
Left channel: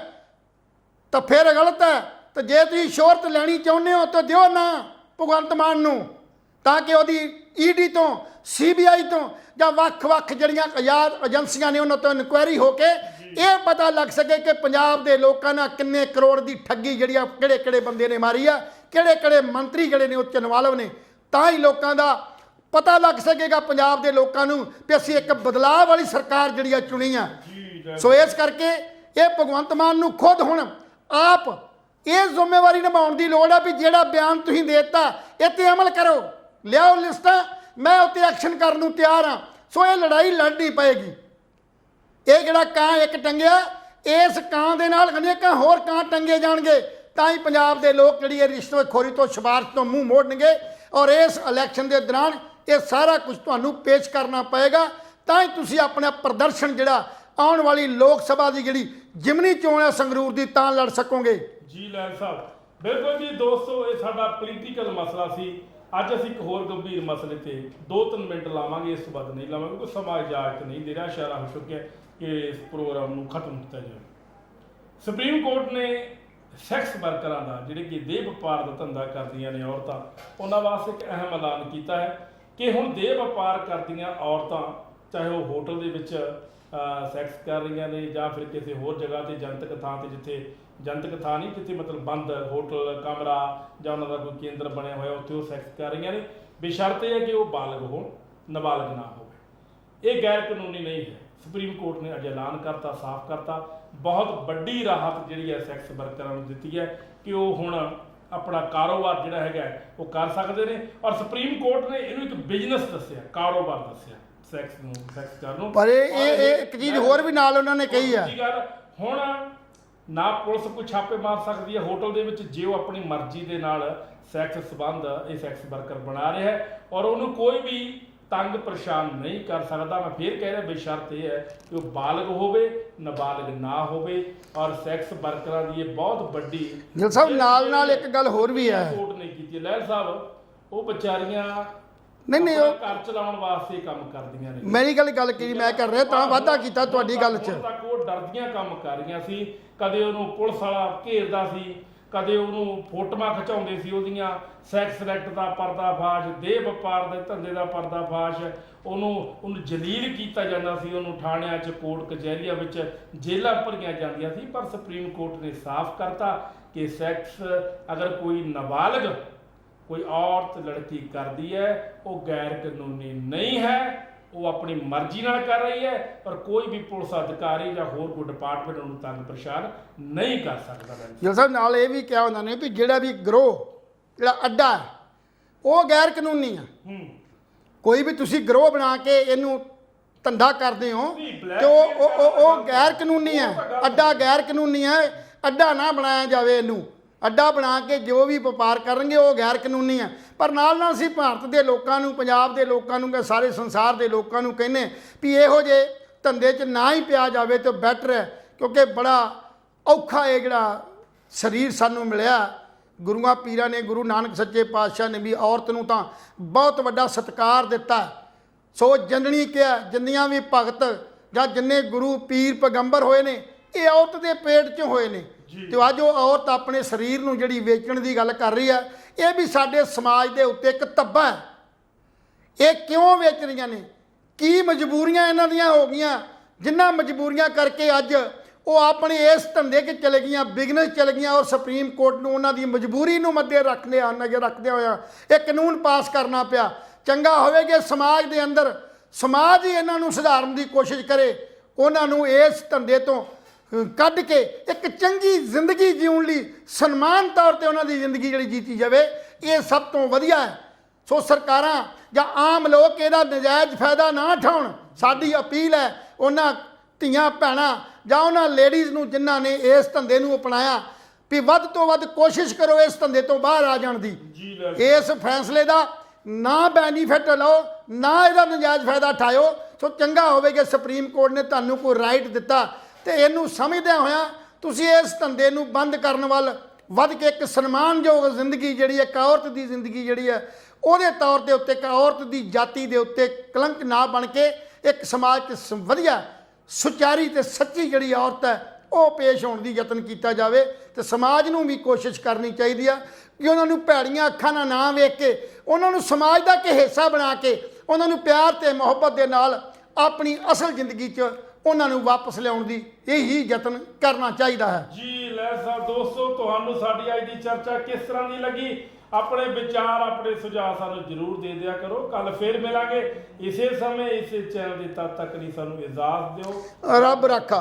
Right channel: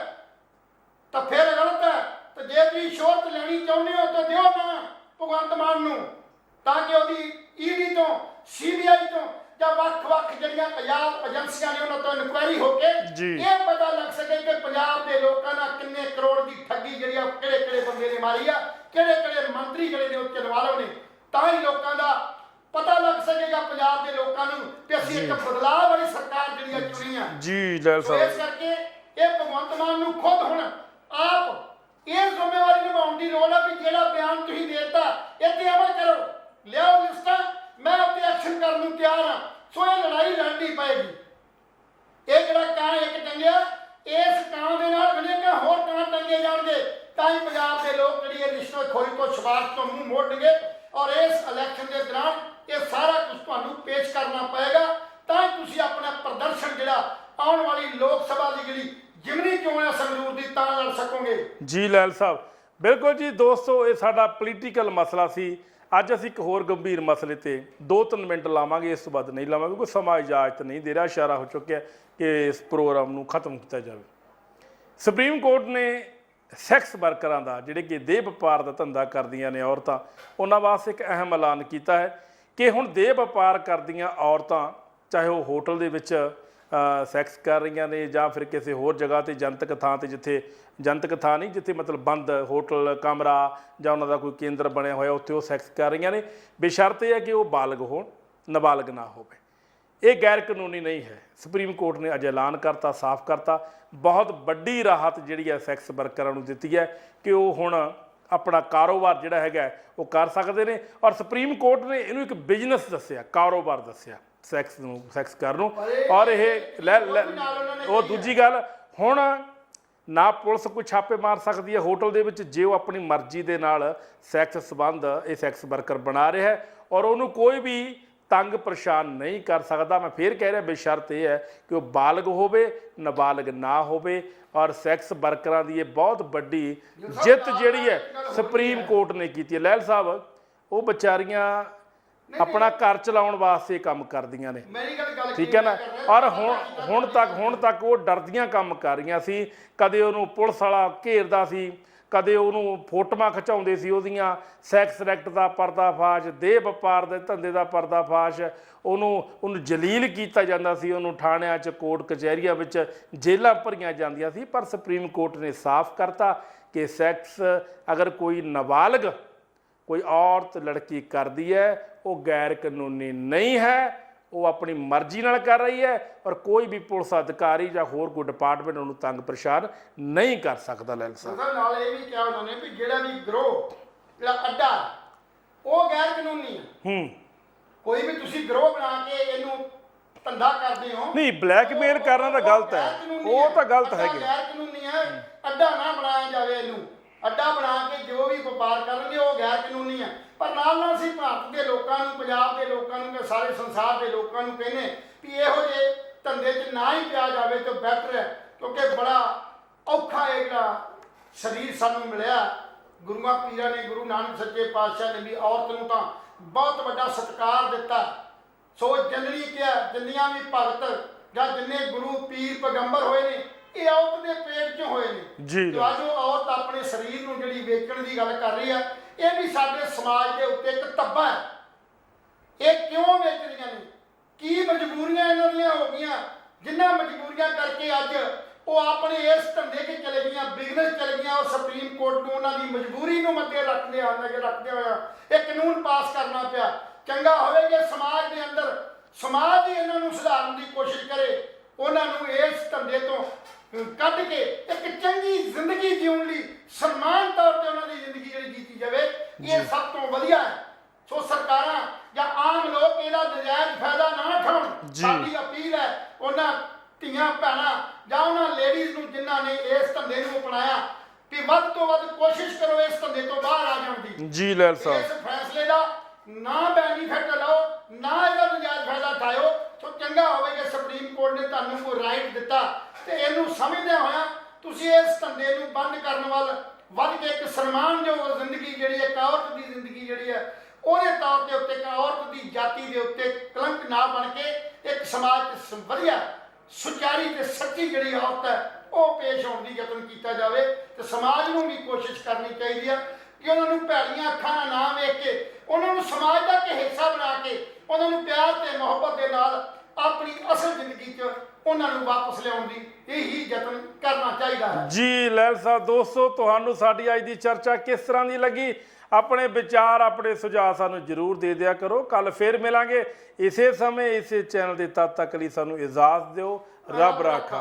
ਤਾਂ ਫਿਰ ਗਲਤ ਹੈ। ਤੇ ਜੇ ਤੁਸੀਂ ਸ਼ੋਹਰਤ ਲੈਣੀ ਚਾਹੁੰਦੇ ਹੋ ਤਾਂ ਦਿਓ ਨਾ ਭਗਵੰਤ ਮਾਨ ਨੂੰ, ਤਾਂ ਕਿ ਉਹਦੀ ਈਡੀ ਤੋਂ, ਸੀਬੀਆਈ ਤੋਂ ਜਾਂ ਵੱਖ-ਵੱਖ ਜਿਹੜੀਆਂ ਆਜ਼ਾਦ ਏਜੰਸੀਆਂ ਨੇ ਉਹਨਾਂ ਤੋਂ ਇਨਕੁਆਇਰੀ ਹੋ ਕੇ ਇਹ ਪਤਾ ਲੱਗ ਸਕੇ ਕਿ ਪੰਜਾਬ ਦੇ ਲੋਕਾਂ ਨਾਲ ਕਿੰਨੇ ਕਰੋੜ ਦੀ ਠੱਗੀ ਜਿਹੜੀ ਆ ਕਿਹੜੇ-ਕਿਹੜੇ ਬੰਦੇ ਨੇ ਮਾਰੀ ਆ, ਕਿਹੜੇ-ਕਿਹੜੇ ਮੰਤਰੀ ਜਿਹੜੇ ਨੇ ਉੱਚ ਇਨਵਾਲਵ ਨੇ। ਤਾਂ ਹੀ ਲੋਕਾਂ ਦਾ ਪਤਾ ਲੱਗ ਸਕੇਗਾ ਪੰਜਾਬ ਦੇ ਲੋਕਾਂ ਨੂੰ ਕਿ ਅਸੀਂ ਇੱਕ ਬਦਲਾਅ ਵਾਲੀ ਸਰਕਾਰ ਜਿਹੜੀ ਆ ਚੁਣੀ ਆ। ਸੋ ਇਸ ਕਰਕੇ ਇਹ ਭਗਵੰਤ ਮਾਨ ਨੂੰ ਖੁਦ ਹੁਣ ਆਪ ਇਹ ਜ਼ਿੰਮੇਵਾਰੀ ਨਿਭਾਉਣ ਦੀ ਲੋੜ ਆ ਵੀ ਜਿਹੜਾ ਬਿਆਨ ਤੁਸੀਂ ਦੇ ਦਿੱਤਾ ਇਹ 'ਤੇ ਅਮਲ ਕਰੋ, ਲਿਆਓ ਲਿਸਟਾਂ, ਮੈਂ ਉੱਤੇ ਐਕਸ਼ਨ ਕਰਨ ਨੂੰ ਤਿਆਰ ਹਾਂ। ਸੋ ਇਹ ਲੜਾਈ ਲੜਨੀ ਪਏਗੀ। ਇਹ ਜਿਹੜਾ ਕਾਂ ਇੱਕ ਟੰਗਿਆ, ਇਸ ਕਾਂ ਦੇ ਨਾਲ ਅਨੇਕਾਂ ਹੋਰ ਕਾਂ ਟੰਗੇ ਜਾਣਗੇ, ਤਾਂ ਹੀ ਪੰਜਾਬ ਦੇ ਲੋਕ ਜਿਹੜੀ ਇਹ ਰਿਸ਼ਵਤਖੋਰੀ ਤੋਂ, ਸਿਫਾਰਸ਼ ਤੋਂ ਮੂੰਹ ਮੋੜਨਗੇ। ਔਰ ਇਸ ਇਲੈਕਸ਼ਨ ਦੇ ਦੌਰਾਨ ਇਹ ਸਾਰਾ ਕੁਝ ਤੁਹਾਨੂੰ ਪੇਸ਼ ਕਰਨਾ ਪਏਗਾ, ਤਾਂ ਹੀ ਤੁਸੀਂ ਆਪਣਾ ਪ੍ਰਦਰਸ਼ਨ ਜਿਹੜਾ ਆਉਣ ਵਾਲੀ ਲੋਕ ਸਭਾ ਦੀ ਜਿਹੜੀ ਜਿਮਨੀ ਚੋਣ ਹੈ ਸੰਗਰੂਰ ਦੀ, ਤਾਂ ਲੜ ਸਕੋਗੇ। ਜੀ ਲੈਲ ਸਾਹਿਬ, ਬਿਲਕੁਲ ਜੀ ਦੋਸਤੋ, ਇਹ ਸਾਡਾ ਪੋਲੀਟੀਕਲ ਮਸਲਾ ਸੀ। ਅੱਜ ਅਸੀਂ ਇੱਕ ਹੋਰ ਗੰਭੀਰ ਮਸਲੇ ਤੇ 2-3 ਮਿੰਟ ਲਾਵਾਂਗੇ, ਇਸ ਤੋਂ ਵੱਧ ਨਹੀਂ ਲਾਵਾਂਗੇ, ਕੋਈ ਸਮਾਂ ਇਜਾਜ਼ਤ ਨਹੀਂ ਦੇ ਰਿਹਾ। ਇਸ਼ਾਰਾ ਹੋ ਚੁੱਕਿਆ ਕਿ ਇਸ ਪ੍ਰੋਗਰਾਮ ਨੂੰ ਖਤਮ ਕੀਤਾ ਜਾਵੇ। ਸੁਪਰੀਮ ਕੋਰਟ ਨੇ ਸੈਕਸ ਵਰਕਰਾਂ ਦਾ, ਜਿਹੜੇ ਕਿ ਦੇਹ ਵਪਾਰ ਦਾ ਧੰਦਾ ਕਰਦੀਆਂ ਨੇ ਔਰਤਾਂ, ਉਹਨਾਂ ਵਾਸਤੇ ਇੱਕ ਅਹਿਮ ਐਲਾਨ ਕੀਤਾ ਹੈ ਕਿ ਹੁਣ ਦੇਹ ਵਪਾਰ ਕਰਦੀਆਂ ਔਰਤਾਂ, ਚਾਹੇ ਉਹ ਹੋਟਲ ਦੇ ਵਿੱਚ ਸੈਕਸ ਕਰ ਰਹੀਆਂ ਨੇ ਜਾਂ ਫਿਰ ਕਿਸੇ ਹੋਰ ਜਗ੍ਹਾ ਤੇ ਜਨਤਕ ਥਾਂ ਤੇ, ਜਿੱਥੇ ਜਨਤਕ ਥਾਂ ਨਹੀਂ, ਜਿੱਥੇ ਮਤਲਬ ਬੰਦ ਹੋਟਲ, ਕਮਰਾ ਜਾਂ ਉਹਨਾਂ ਦਾ ਕੋਈ ਕੇਂਦਰ ਬਣਿਆ ਹੋਇਆ, ਉੱਥੇ ਉਹ ਸੈਕਸ ਕਰ ਰਹੀਆਂ ਨੇ, ਬੇਸ਼ਰਤ ਇਹ ਹੈ ਕਿ ਉਹ ਬਾਲਗ ਹੋਣ, ਨਾਬਾਲਗ ਨਾ ਹੋਵੇ। ਇਹ ਗੈਰ ਕਾਨੂੰਨੀ ਨਹੀਂ ਹੈ। ਸੁਪਰੀਮ ਕੋਰਟ ਨੇ ਅੱਜ ਐਲਾਨ ਕਰਤਾ, ਸਾਫ਼ ਕਰਤਾ। ਬਹੁਤ ਵੱਡੀ ਰਾਹਤ ਜਿਹੜੀ ਹੈ ਸੈਕਸ ਵਰਕਰਾਂ ਨੂੰ ਦਿੱਤੀ ਹੈ ਕਿ ਉਹ ਹੁਣ ਆਪਣਾ ਕਾਰੋਬਾਰ ਜਿਹੜਾ ਹੈਗਾ ਉਹ ਕਰ ਸਕਦੇ ਨੇ। ਔਰ ਸੁਪਰੀਮ ਕੋਰਟ ਨੇ ਇਹਨੂੰ ਇੱਕ ਬਿਜ਼ਨਸ ਦੱਸਿਆ, ਕਾਰੋਬਾਰ ਦੱਸਿਆ ਸੈਕਸ ਨੂੰ, ਸੈਕਸ ਕਰਨ ਨੂੰ। ਪਰ ਇੱਕ ਚੀਜ਼ ਹੋਰ ਵੀ ਨਾਲ ਉਹਨਾਂ ਨੇ ਕਹੀ ਹੈ, ਦੂਜੀ ਗੱਲ, ਹੁਣ ਨਾ ਪੁਲਿਸ ਕੋਈ ਛਾਪੇ ਮਾਰ ਸਕਦੀ ਹੈ ਹੋਟਲ ਦੇ ਵਿੱਚ ਜੇ ਉਹ ਆਪਣੀ ਮਰਜ਼ੀ ਦੇ ਨਾਲ ਸੈਕਸ ਸੰਬੰਧ ਇਹ ਸੈਕਸ ਵਰਕਰ ਬਣਾ ਰਿਹਾ ਹੈ, ਔਰ ਉਹਨੂੰ ਕੋਈ ਵੀ ਤੰਗ ਪਰੇਸ਼ਾਨ ਨਹੀਂ ਕਰ ਸਕਦਾ। ਮੈਂ ਫੇਰ ਕਹਿ ਰਿਹਾ, ਬੇਸ਼ਰਤ ਇਹ ਹੈ ਕਿ ਉਹ ਬਾਲਗ ਹੋਵੇ, ਨਾਬਾਲਗ ਨਾ ਹੋਵੇ। ਔਰ ਸੈਕਸ ਵਰਕਰਾਂ ਦੀ ਇਹ ਬਹੁਤ ਵੱਡੀ ਜਿੱਤ ਜਿਹੜੀ ਹੈ ਸੁਪਰੀਮ ਕੋਰਟ ਨੇ ਕੀਤੀ ਹੈ। ਲੈਲ ਸਾਹਿਬ, ਉਹ ਵਿਚਾਰੀਆਂ ਆਪਣਾ ਘਰ ਚਲਾਉਣ ਵਾਸਤੇ ਕੰਮ ਕਰਦੀਆਂ ਨੇ। ਮੇਰੀ ਗੱਲ ਕੀ ਮੈਂ ਕਰ ਰਿਹਾ, ਤਾਂ ਵਾਅਦਾ ਕੀਤਾ ਤੁਹਾਡੀ ਗੱਲ 'ਚ। ਹੁਣ ਤੱਕ ਉਹ ਡਰਦੀਆਂ ਕੰਮ ਕਰ ਰਹੀਆਂ ਸੀ। ਕਦੇ ਉਹਨੂੰ ਪੁਲਿਸ ਵਾਲਾ ਘੇਰਦਾ ਸੀ, ਕਦੇ ਉਹਨੂੰ ਫੋਟੋਆਂ ਖਿਚਾਉਂਦੇ ਸੀ ਉਹਦੀਆਂ, ਸੈਕਸ ਐਕਟ ਦਾ ਪਰਦਾਫਾਸ਼, ਦੇਹ ਵਪਾਰ ਦੇ ਧੰਦੇ ਦਾ ਪਰਦਾਫਾਸ਼, ਉਹਨੂੰ ਜਲੀਲ ਕੀਤਾ ਜਾਂਦਾ ਸੀ, ਉਹਨੂੰ ਥਾਣਿਆਂ 'ਚ, ਕੋਰਟ ਕਚਹਿਰੀਆਂ ਵਿੱਚ ਜੇਲ੍ਹਾਂ ਭਰੀਆਂ ਜਾਂਦੀਆਂ ਸੀ। ਪਰ ਸੁਪਰੀਮ ਕੋਰਟ ਨੇ ਸਾਫ਼ ਕਰਤਾ ਕਿ ਸੈਕਸ ਅਗਰ ਕੋਈ ਨਾਬਾਲਗ ਕੋਈ ਔਰਤ ਲੜਕੀ ਕਰਦੀ ਹੈ, ਉਹ ਗੈਰ ਕਾਨੂੰਨੀ ਨਹੀਂ ਹੈ, ਉਹ ਆਪਣੀ ਮਰਜ਼ੀ ਨਾਲ ਕਰ ਰਹੀ ਹੈ। ਪਰ ਕੋਈ ਵੀ ਪੁਲਿਸ ਅਧਿਕਾਰੀ ਜਾਂ ਹੋਰ ਕੋਈ ਡਿਪਾਰਟਮੈਂਟ ਉਹਨੂੰ ਤੰਗ ਪਰੇਸ਼ਾਨ ਨਹੀਂ ਕਰ ਸਕਦਾ। ਜੀ ਸਾਹਿਬ, ਨਾਲ ਇਹ ਵੀ ਕਿਹਾ ਉਹਨਾਂ ਨੇ ਵੀ ਜਿਹੜਾ ਵੀ ਗਰੋਹ, ਜਿਹੜਾ ਅੱਡਾ, ਉਹ ਗੈਰ ਕਾਨੂੰਨੀ ਆ। ਕੋਈ ਵੀ ਤੁਸੀਂ ਗਰੋਹ ਬਣਾ ਕੇ ਇਹਨੂੰ ਧੰਦਾ ਕਰਦੇ ਹੋ, ਨਹੀਂ ਬਲੈਕਮੇਲ ਕਰਨਾ ਤਾਂ ਗਲਤ ਹੈ, ਗੈਰ ਕਾਨੂੰਨੀ ਹੈ। ਅੱਡਾ ਗੈਰ ਕਾਨੂੰਨੀ ਹੈ, ਅੱਡਾ ਨਾ ਬਣਾਇਆ ਜਾਵੇ। ਇਹਨੂੰ ਅੱਡਾ ਬਣਾ ਕੇ ਜੋ ਵੀ ਵਪਾਰ ਕਰਨਗੇ ਉਹ ਗੈਰ ਕਾਨੂੰਨੀ ਹੈ। ਪਰ ਨਾਲ ਨਾਲ ਅਸੀਂ ਭਾਰਤ ਦੇ ਲੋਕਾਂ ਨੂੰ, ਪੰਜਾਬ ਦੇ ਲੋਕਾਂ ਨੂੰ ਤੇ ਸਾਰੇ ਸੰਸਾਰ ਦੇ ਲੋਕਾਂ ਨੂੰ ਕਹਿੰਦੇ ਵੀ ਇਹੋ ਜਿਹੇ ਧੰਦੇ 'ਚ ਨਾ ਹੀ ਪਿਆ ਜਾਵੇ ਤਾਂ ਬੈਟਰ ਹੈ, ਕਿਉਂਕਿ ਬੜਾ ਔਖਾ ਇਹ ਜਿਹੜਾ ਸਰੀਰ ਸਾਨੂੰ ਮਿਲਿਆ। ਗੁਰੂਆਂ ਪੀਰਾਂ ਨੇ, ਗੁਰੂ ਨਾਨਕ ਸੱਚੇ ਪਾਤਸ਼ਾਹ ਨੇ ਵੀ ਔਰਤ ਨੂੰ ਤਾਂ ਬਹੁਤ ਵੱਡਾ ਸਤਿਕਾਰ ਦਿੱਤਾ। ਸੋ ਜਨਨੀ ਕਿਹਾ, ਜਿੰਨੀਆਂ ਵੀ ਭਗਤ ਜਾਂ ਜਿੰਨੇ ਗੁਰੂ ਪੀਰ ਪੈਗੰਬਰ ਹੋਏ ਨੇ, ਇਹ ਔਰਤ ਦੇ ਪੇਟ 'ਚ ਹੋਏ ਨੇ। ਤੇ ਅੱਜ ਉਹ ਔਰਤ ਆਪਣੇ ਸਰੀਰ ਨੂੰ ਜਿਹੜੀ ਵੇਚਣ ਦੀ ਗੱਲ ਕਰ ਰਹੀ ਹੈ, ਇਹ ਵੀ ਸਾਡੇ ਸਮਾਜ ਦੇ ਉੱਤੇ ਇੱਕ ਧੱਬਾ ਹੈ। ਇਹ ਕਿਉਂ ਵੇਚ ਰਹੀਆਂ ਨੇ? ਕੀ ਮਜਬੂਰੀਆਂ ਇਹਨਾਂ ਦੀਆਂ ਹੋ ਗਈਆਂ, ਜਿਨ੍ਹਾਂ ਮਜਬੂਰੀਆਂ ਕਰਕੇ ਅੱਜ ਉਹ ਆਪਣੇ ਇਸ ਧੰਦੇ 'ਚ ਚਲੇ ਗਈਆਂ, ਬਿਜ਼ਨਸ ਚਲੇ ਗਈਆਂ। ਔਰ ਸੁਪਰੀਮ ਕੋਰਟ ਨੂੰ ਉਹਨਾਂ ਦੀ ਮਜਬੂਰੀ ਨੂੰ ਨਜ਼ਰ ਰੱਖਦੇ ਹੋਇਆ ਇਹ ਕਾਨੂੰਨ ਪਾਸ ਕਰਨਾ ਪਿਆ। ਚੰਗਾ ਹੋਵੇ ਕਿ ਸਮਾਜ ਦੇ ਅੰਦਰ ਸਮਾਜ ਹੀ ਇਹਨਾਂ ਨੂੰ ਸੁਧਾਰਨ ਦੀ ਕੋਸ਼ਿਸ਼ ਕਰੇ, ਉਹਨਾਂ ਨੂੰ ਇਸ ਧੰਦੇ ਤੋਂ ਕੱਢ ਕੇ ਇੱਕ ਚੰਗੀ ਜ਼ਿੰਦਗੀ ਜਿਉਣ ਲਈ ਸਨਮਾਨ ਤੌਰ ਤੇ ਉਹਨਾਂ ਦੀ ਜ਼ਿੰਦਗੀ ਜਿਹੜੀ ਜੀਤੀ ਜਾਵੇ, ਇਹ ਸਭ ਤੋਂ ਵਧੀਆ ਹੈ। ਸੋ ਸਰਕਾਰਾਂ ਜਾਂ ਆਮ ਲੋਕ ਇਹਦਾ ਨਜਾਇਜ਼ ਫਾਇਦਾ ਨਾ ਉਠਾਉਣ। ਸਾਡੀ ਅਪੀਲ ਹੈ ਉਹਨਾਂ ਧੀਆਂ ਭੈਣਾਂ ਜਾਂ ਉਹਨਾਂ ਲੇਡੀਜ਼ ਨੂੰ ਜਿਨ੍ਹਾਂ ਨੇ ਇਸ ਧੰਦੇ ਨੂੰ ਅਪਣਾਇਆ ਵੀ ਵੱਧ ਤੋਂ ਵੱਧ ਕੋਸ਼ਿਸ਼ ਕਰੋ ਇਸ ਧੰਦੇ ਤੋਂ ਬਾਹਰ ਆ ਜਾਣ ਦੀ। ਜੀ ਲੈਲ ਸਾਹਿਬ, ਇਸ ਫੈਸਲੇ ਦਾ ਨਾ ਬੈਨੀਫਿਟ ਲਓ, ਨਾ ਇਹਦਾ ਨਜਾਇਜ਼ ਫਾਇਦਾ ਉਠਾਇਓ। ਸੋ ਚੰਗਾ ਹੋਵੇ ਕਿ ਸੁਪਰੀਮ ਕੋਰਟ ਨੇ ਤੁਹਾਨੂੰ ਕੋਈ ਰਾਈਟ ਦਿੱਤਾ ਤੇ ਇਹਨੂੰ ਸਮਝਦਿਆਂ ਹੋਇਆਂ ਤੁਸੀਂ ਇਸ ਧੰਦੇ ਨੂੰ ਬੰਦ ਕਰਨ ਵੱਲ ਵੱਧ ਕੇ ਇੱਕ ਸਨਮਾਨਯੋਗ ਜ਼ਿੰਦਗੀ ਜਿਹੜੀ ਹੈ, ਇੱਕ ਔਰਤ ਦੀ ਜ਼ਿੰਦਗੀ ਜਿਹੜੀ ਹੈ ਉਹਦੇ ਤੌਰ ਦੇ ਉੱਤੇ, ਇੱਕ ਔਰਤ ਦੀ ਜਾਤੀ ਦੇ ਉੱਤੇ ਕਲੰਕ ਨਾ ਬਣ ਕੇ ਇੱਕ ਸਮਾਜ 'ਚ ਵਧੀਆ ਸੁਚਾਰੀ ਤੇ ਸੱਚੀ ਜਿਹੜੀ ਔਰਤ ਹੈ ਉਹ ਪੇਸ਼ ਹੋਣ ਦੀ ਯਤਨ ਕੀਤਾ ਜਾਵੇ। ਤੇ ਸਮਾਜ ਨੂੰ ਵੀ ਕੋਸ਼ਿਸ਼ ਕਰਨੀ ਚਾਹੀਦੀ ਆ ਕਿ ਉਹਨਾਂ ਨੂੰ ਭੈੜੀਆਂ ਅੱਖਾਂ ਨਾਲ ਨਾ ਵੇਖ ਕੇ ਉਹਨਾਂ ਨੂੰ ਸਮਾਜ ਦਾ ਇੱਕ ਹਿੱਸਾ ਬਣਾ ਕੇ ਉਹਨਾਂ ਨੂੰ ਪਿਆਰ ਤੇ ਮੁਹੱਬਤ ਦੇ ਨਾਲ ਆਪਣੀ ਅਸਲ ਜ਼ਿੰਦਗੀ 'ਚ ਉਹਨਾਂ ਨੂੰ ਵਾਪਸ ਲਿਆਉਣ ਦੀ ਇਹੀ ਯਤਨ ਕਰਨਾ ਚਾਹੀਦਾ ਹੈ। ਜੀ ਲੈਲ ਸਾਹਿਬ, ਦੋਸਤੋ ਤੁਹਾਨੂੰ ਸਾਡੀ ਅੱਜ ਦੀ ਚਰਚਾ ਕਿਸ ਤਰ੍ਹਾਂ ਦੀ ਲੱਗੀ? ਆਪਣੇ ਵਿਚਾਰ, ਆਪਣੇ ਸੁਝਾਅ ਸਾਨੂੰ ਜ਼ਰੂਰ ਦੇ ਦਿਆ ਕਰੋ। ਕੱਲ ਫੇਰ ਮਿਲਾਂਗੇ ਇਸੇ ਸਮੇਂ ਇਸੇ ਚੈਨਲ ਦੇ। ਤਦ ਤੱਕ ਲਈ ਸਾਨੂੰ ਇਜਾਜ਼ਤ ਦਿਓ। ਰੱਬ ਰਾਖਾ।